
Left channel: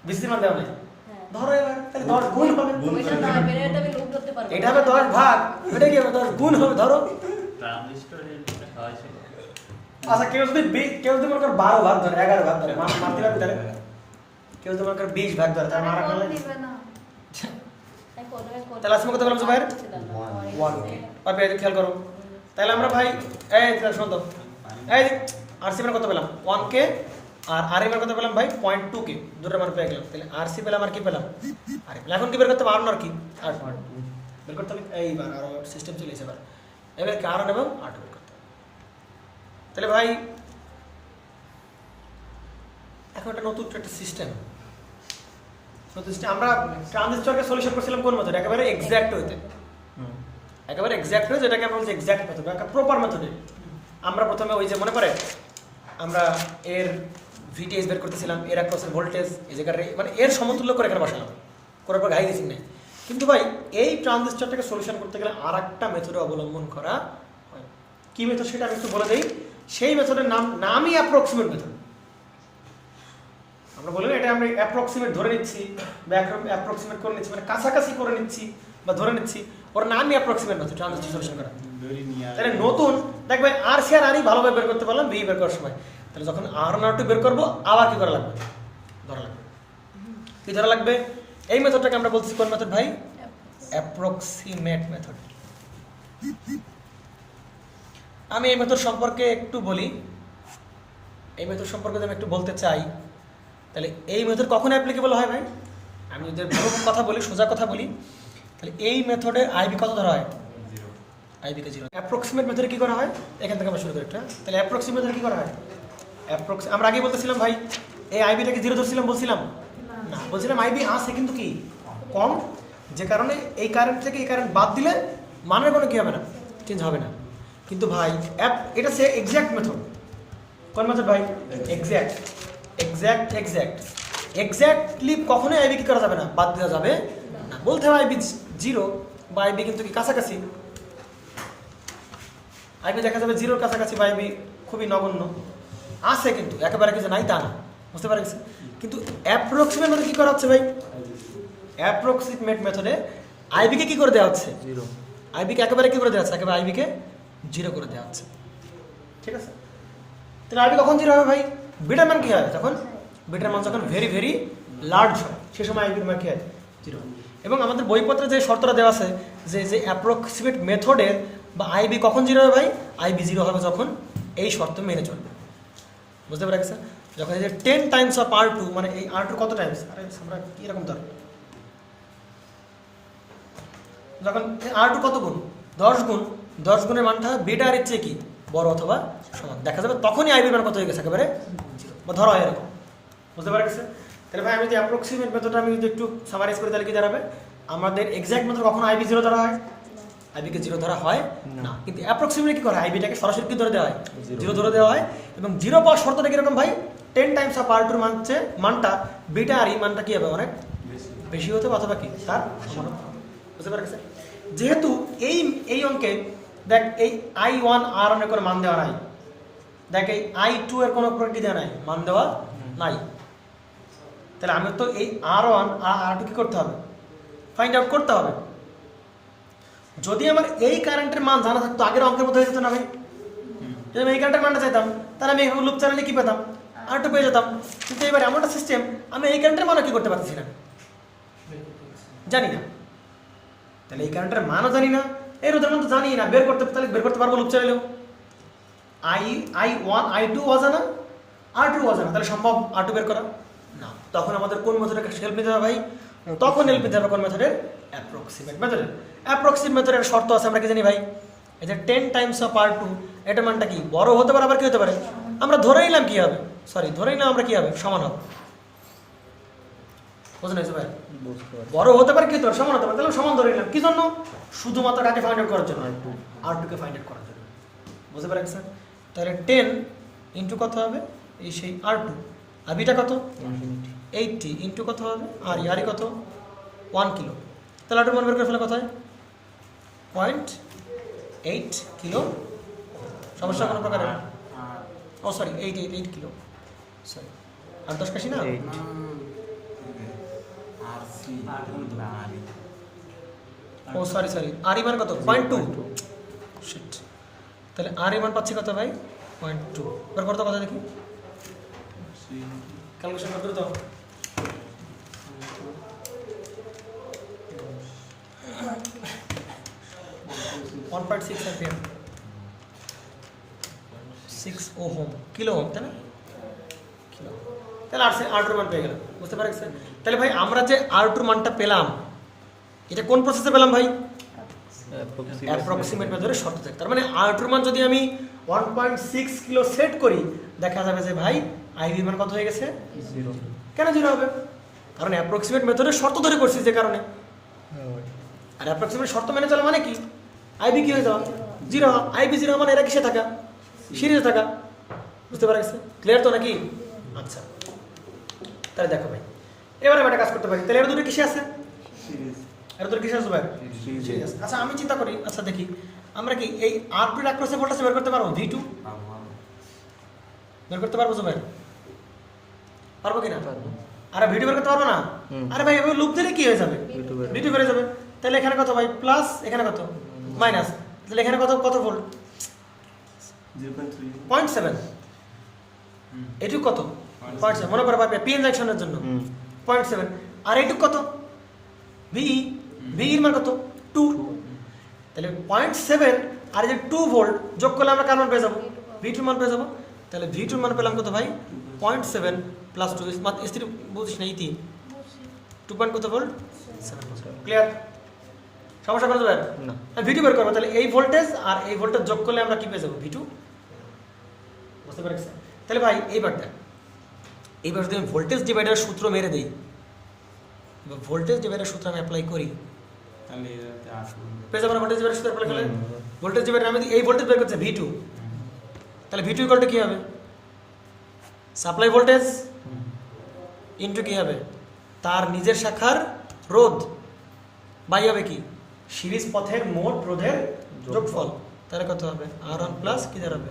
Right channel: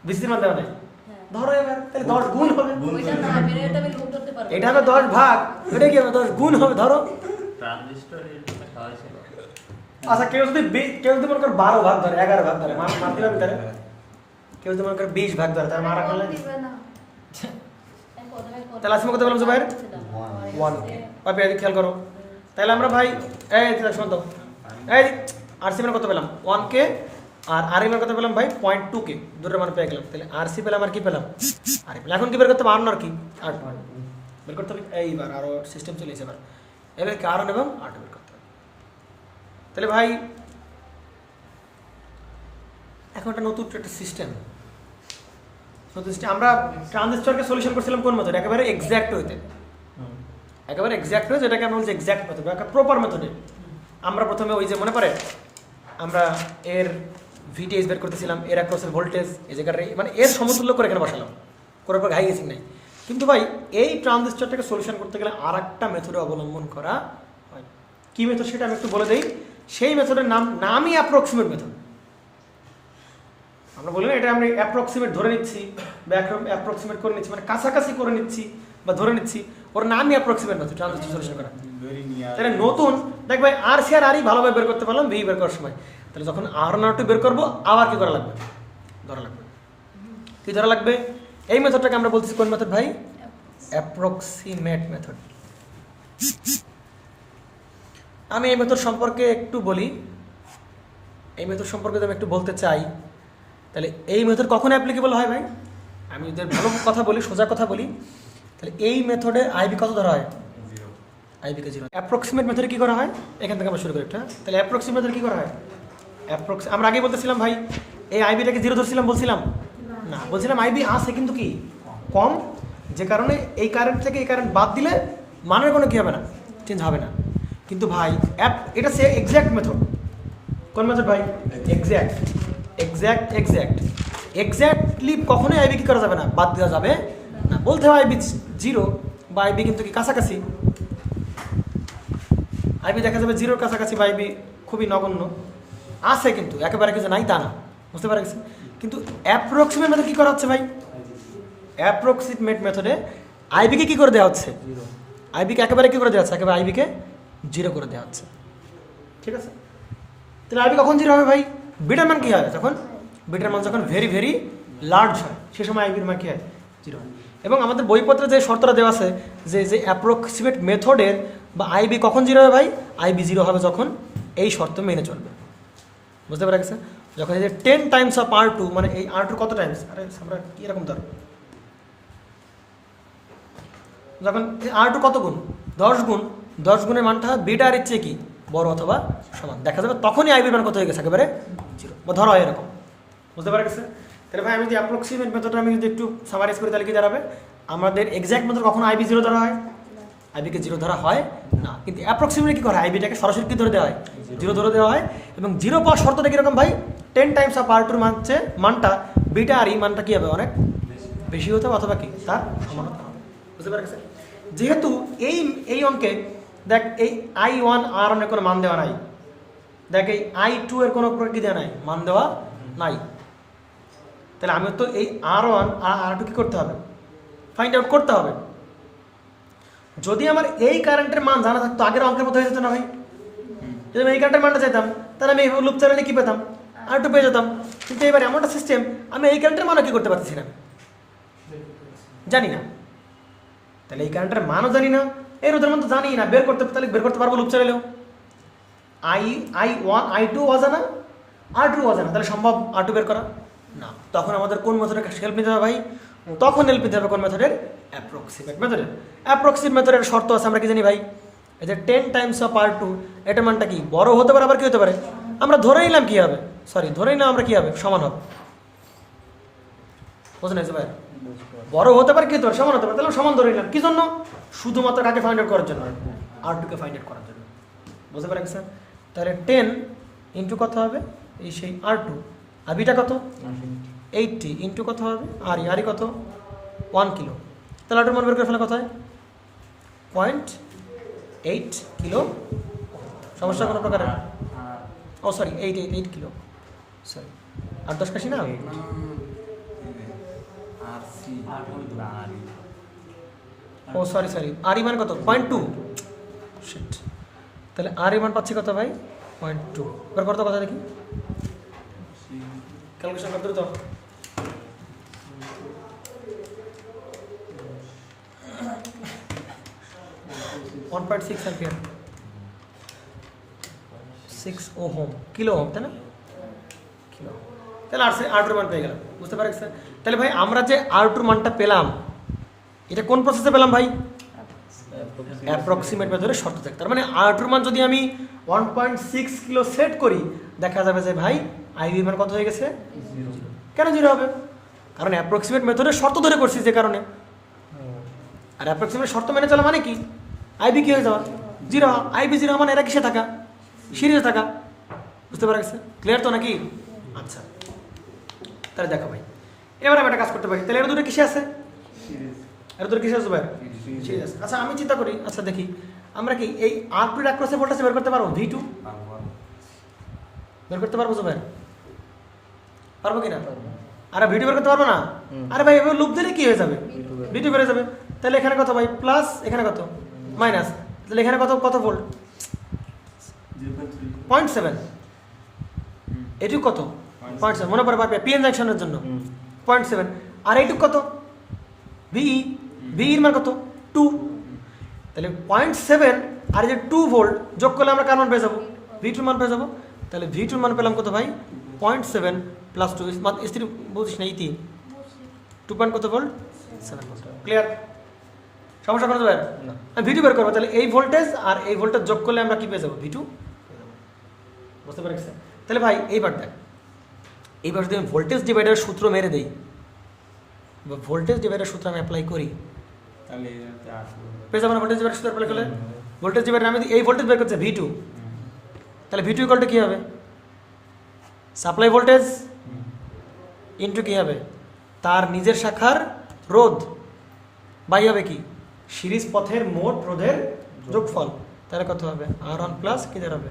ভিসি এর মান দেওয়া নাই। হ্যাঁ ধরো এবার তাহলে 10 গুণ হবে। ওইটা না বের এটা আমি লুপ করতে পারবো। এটা হবে 10 ভাগ, এটা কি হবে 10 গুণ হবে। ধরো ট্রানজিস্টর এটা হয় ছিল। আচ্ছা কেউ যদি কেউ যদি মনে করে 12 ভাগ ধরে, 11 ভাগ ধরে, মানতে পারবে তাহলে? কেউ যদি মনে করে 20 ভাগ ধরে, তাহলে তাহলে আর কোন দিবে না? তাহলে আজকে কত বললাম জুবাইর? 1 কে পাবে, এটা খেয়াল করো। তাহলে আমরা ভাই এই শোনো তো, এই আরসি মান কত পেলাম? 1 কে। আর আর এর মান কত পেলাম ভাই? 0.2 কে। দুটোর মান পেয়ে গেলাম। তাহলে আরসি পেলাম আর কি পেলাম? আর এখন কি বের করতে পারবো না আর কি? আর বের করতে হবে এইবার আরো সিস্টেম চলে এসে এবার কারণ এবং আর বের করতে হবে। তাহলে ভাই এখন একটা নতুন একটা সিস্টেম, আমরা ট্রানজিস্টরকে সলিউশন করছিলাম কোন মেথড? একেবারে এক্সাক্ট হইতে, একেবারে এক্সাক্ট হয়ে, যেটাকে আমরা বলছি এক্সাক্ট মেথড, একটা প্রপার মেথডে। আমরা প্রথমে ওই যে মনে পড়ে আমরা এর ভিটিএস বের করতেছিলাম, এর 1% ভোল্টেজ এই জায়গায় মানে এর সমতুল্য করে এখানে বসালাম, করার পর ঘাই গেছি না। কিন্তু ভাই এই ট্রানজিস্টরটাকে সলিউশন করতে গেলে আর একটা মেথডে অবলম্বন করা হয়। কি মেথড সেটা আমি একটু বলে দিই। সেই মেথডের নামই অ্যাপ্রক্সিমেট মেথড। আমরা বলি এটা আমরা অ্যাপ্রক্সিমেট ধরে নিচ্ছি বা অ্যাপ্রক্সিমেট করে নিচ্ছি, মানে কাছাকাছি করে নিচ্ছি বা ধরে নিচ্ছি, ওর নামই অ্যাপ্রক্সিমেট মেথড ট্রানজিস্টর সলিউশন করা। তাহলে নতুন দেখ ভাই আর সি আর আরই ভালোভাবে বের করতে পারলাম ভি বের করার সময়। তাহলে যখন আর নট বের করবো আবার কি করা লাগবে? ধরা লাগবে। কি ধরা লাগবে? এই মেথডটাকে আমরা বলছি কোন মেথড ভাই? Approximate method. আমি এই মেথড সম্পর্কে একটু বলি, এই মেথড সম্পর্কে আমি একটু বলতে চাই। তাহলে এই মেথড কখন অ্যাপ্লিকেবল হয় ভাই? আমি যদি ভালো কথা বলি, সোজা কথা বলি, তাহলে এই মেথডে আইবি কত ধরা হয়? আইবিকে 0। অ্যাপ্রক্সিমেট মেথডে কি করা হয়? এখান থেকে আমরা শুরু করি একটা। তাহলে অ্যাপ্রক্সিমেট মেথডে কি করা হয়? আমরা আগে বলতেছিলাম ভাই এই আইবিটাকে 0 ধরছিলাম, বলছিলাম না, বলছিলাম আইবি আছে কিন্তু কি কম, যে কারণে এই কারেন্ট থেকে এই কারেন্ট বাদ দিলে মানের কোনো কি হবে না, চেঞ্জ হবে না। কিন্তু ভাই এটা সে এক্সাক্ট মেথড। কোন মেথড ভাই? এক্সাক্ট। এক্স্যাক্টলি কখনোই আইবি কি করা যাবে না, বাদ দেওয়া যাবে না। বলতে হয় আইবি 0 বা আইবি কিন্তু কি কাছাকাছি, আইবি দেখা যাবে 0 কাছাকাছি বা আইবি খুবই নগণ্য আছে, কিন্তু একেবারে কিছু নাই তা না, বুঝতে পারছি। কিন্তু অ্যাপ্রক্সিমেট মেথড কি করা হচ্ছে ভাই? অ্যাপ্রক্সিমেট মেথডে আইবিকে কি করে দেওয়া হচ্ছে? 0। আইবিকে একেবারে কি করে দেওয়া হচ্ছে? একেবারে আইবিকে 0 করে দেওয়া হচ্ছে। ঠিক আছে, তাহলে আইবি কখন 0 হবে ভাই? বিটার মান কি হবে? যখন বিটার মান যখন ভেরি ভেরি লার্জ হয়, সে সময় আইবির মান কি হয়? 0। এবং আমাদের বইপত্রে যে শর্তটা দেওয়া আছে যে অ্যাপ্রক্সিমেট মেথডের বা আইবি কখন 0 হবে ভাই? আইবি 0 হবে যখন এই শর্ত মেনে চলবে। বুঝতে পারা গেছে? যখন এই যে 10 টাইমস অফ R2, মানে এই R2 কত টাইমস? আমরা কি রকম ধরো, যখন R2 কত গুণ? 10 গুণ, 10 গুণের মানটা বিটা আর এর চেয়ে কি বড় অথবা সমান দেখা যাবে, তখনই আইবির মান কত হয়ে গেছে? একেবারে 0 ধরা হয় এরকম। বুঝতে পারা গেছে? তাহলে ভাই আমি যদি অ্যাপ্রক্সিমেট মেথডটা আমি যদি একটু সামারাইজ করি তাহলে কি দাঁড়াবে? আমাদের এক্সাক্ট মেথড কখনো আইবি 0 ধরা হয়? আইবিকে 0 ধরা হয় না। কিন্তু অ্যাপ্রক্সিমেটলি কি করে? আইবিটাকে সরাসরি কি ধরে দেওয়া হয়? 0 ধরে দেওয়া হয়। এবং 0 পাওয়ার শর্তটা কিরকম ভাই? 10 টাইমস অফ R2 এর মানটা বিটা আর এই মানটা কি হবে? অনেক বেশি হতে হবে অথবা কি তার সমান হবে। বুঝতে পারা গেছে? যেহেতু এই অঙ্কে দেখ এই I1 R1 এর কোনো মান দেওয়া নাই, দেখ এই I2 এর কোনো কি দেওয়া নাই, মান দেওয়া নাই। তাহলে আমি তো এই R1 আর R2 কি করতে হবে? ফাইন্ড আউট করতে হবে। যদি আমার এই কারেন্টের মান জানা থাকতো আগের অঙ্কের মতো হয়ে যেত না ভাই? যদি আমি এই কারেন্টের মানটা চাইতাম তাহলে আমি লুপ চ্যানেলে কি পেতাম? R2 পেয়ে যেতাম। কিন্তু এবার এমন একটা সিস্টেম আমি এই কারেন্টের মানও কি করতে পারতেছি না, জানি না। তাহলে এই কারেন্টের মানও জানি না, এর ওদের মতো জানি না, বের করতে পারবো লুপ চ্যানেলেও? I1 I2 অজানা, R2 অজানা, তাহলে সম্ভব R2 বের করা না। তখন আমাদের কোন মেথডের হেল্প নিতে হবে ভাই? তখন হেল্প নিতে হবে কোন মেথডের? অ্যাপ্রক্সিমেট মেথডের। অ্যাপ্রক্সিমেট মেথডের শর্ত আছে, আমরা কি জানি ভাই? এই যে 10 টাইমস অফ R2 এটা মানটা কি বড় হতে পারে, আবার কি হতে পারে? আমরা ধরে নিলাম কি হবে, ধরে নিলাম আমরা কি হবে? সমান হবে। বুঝলেন ভাই? বুঝতে পারছি। বড় হতে পারে কি ধর সমান হতে পারে, তাহলে সমান ধরে নিলাম। কি জন্য? শুধুমাত্র কাকে ফাইন্ড আউট করার জন্য, R2 কে ফাইন্ড আউট করার জন্য। বুঝতে পারছেন? তাহলে 10 ইন্টু কত হবে, এই সেই R2, আর বিটা কত 80 ইন্টু কত হবে আর কত 1 কিলো। তাহলে R2 মান বের করে ফেলে কোথায় 0.8 কিলো। সমস্যা কোনো প্রকার? ও সরি 8 কিলো, সরি 8-10 কাশি না। ও সরি আর মান কত 0.2। শিট, তাহলে আর মান পাচ্ছি কত ভাই 0.2। বের করতে কথা দেখি, ক্যালকুলেশন করতে তো। কিলো ওহম, তাই না? কিলো। তাহলে R2 মান পেয়ে গেল। বুঝতে পারছেন? তাহলে ভাই আমরা যে R2 মানটা পেলাম, এটা কোন প্রসেসে পেলাম ভাই? অ্যাপ্রক্সিমেট মেথডে শর্ত থাকে। তার মানে R2 মান যদি আমি 1.6 কিলো সেট করি, দেখা যাবে যে ভাই আইভি মান কত হয়ে গেছে 0। কেন 0 হবে? কারণ অ্যাপ্রক্সিমেট মেথডে শর্ত ধরে করছি যে কারণে। আর অ্যাপ্রক্সিমেট শর্ত মেনে চলা মানে কি, আইভি কি হয়ে যাওয়া 0। আইভি 0 মানে এরা কিসে থাকা, সিরিজে থাকা। বুঝতে পারছেন? ক্লিয়ার তো নাকি? আচ্ছা, তাহলে দেখো ভাই, এবার আমি একটা কাজ করতে পারি। তাহলে এরা দুটো কিসে আছে, এরা দুটো কিসে আছে ভাই? সিরিজ। আচ্ছা আমি চিন্তা করি, আচ্ছা দেখি আমরা কি এই R2 এর অ্যাক্রসে ভোল্টেজ বের করতে পারবো? V2 বের করতে পারবো ভাই? পারবো কিনা? আরে V2 বের করতে পারবো না? আরে ভাই এভাবে লুপ দিলে কি হয়ে যাবে, V2 বের হয়ে যাবে। তাহলে এখানে কত ভাই প্লাস, এখানে কত মাইনাস, তাহলে এখানে কত কত ভোল্ট 0.7। এটুক কত 0.7, মনে পড়ে পাবে পিএন জাংশনের জন্য 0.7। আর এইটুক কত ভিই, ভিইর মান কত 2। তাহলে 0.7 আর এই যে 2 ভোল্ট যোগ করলে আমরা কার মান পেয়ে যাবো, V2 মান পেয়ে যাবো। তাহলে V2 মান পেলাম কত ভাই 0.7 প্লাস 2 স্ত্রী বুঝিস না ইতি 2 পয়েন্ট কত ভোল্ট। ক্লিয়ার? সমস্যা করতে পারে না? V2 বের করবো, তাহলে এই ভোল্টেজ আর এই ভোল্টেজ যোগ করলে আমরা কি পেয়ে যাবো V2। বুঝতে পারছেন? তাহলে ভাই এইবার দেখ, এইবার যদি আমি ভোল্টেজ ডিভাইডারের সূত্র মেরে দেই, ভোল্টেজ ডিভাইডারের সূত্র আমি অ্যাপ্লাই করি, তাহলে পেয়ে যাবো না? ভোল্টেজ ডিভাইডারের সূত্র অ্যাপ্লাই করলে ভোল্টেজ ডিভাইডার আমি এই ভোল্টেজ বের করছি V2, তাহলে V2 ইকুয়াল টু কি হবে, সাপ্লাই ভোল্টেজ ইনটু কি হবে তার নিজের শাখার রোধ বাই হবে কি সিরিজ পথের মোট রোধের যোগফল। তাহলে কত হবে R1 প্লাস কি দাঁড়াবে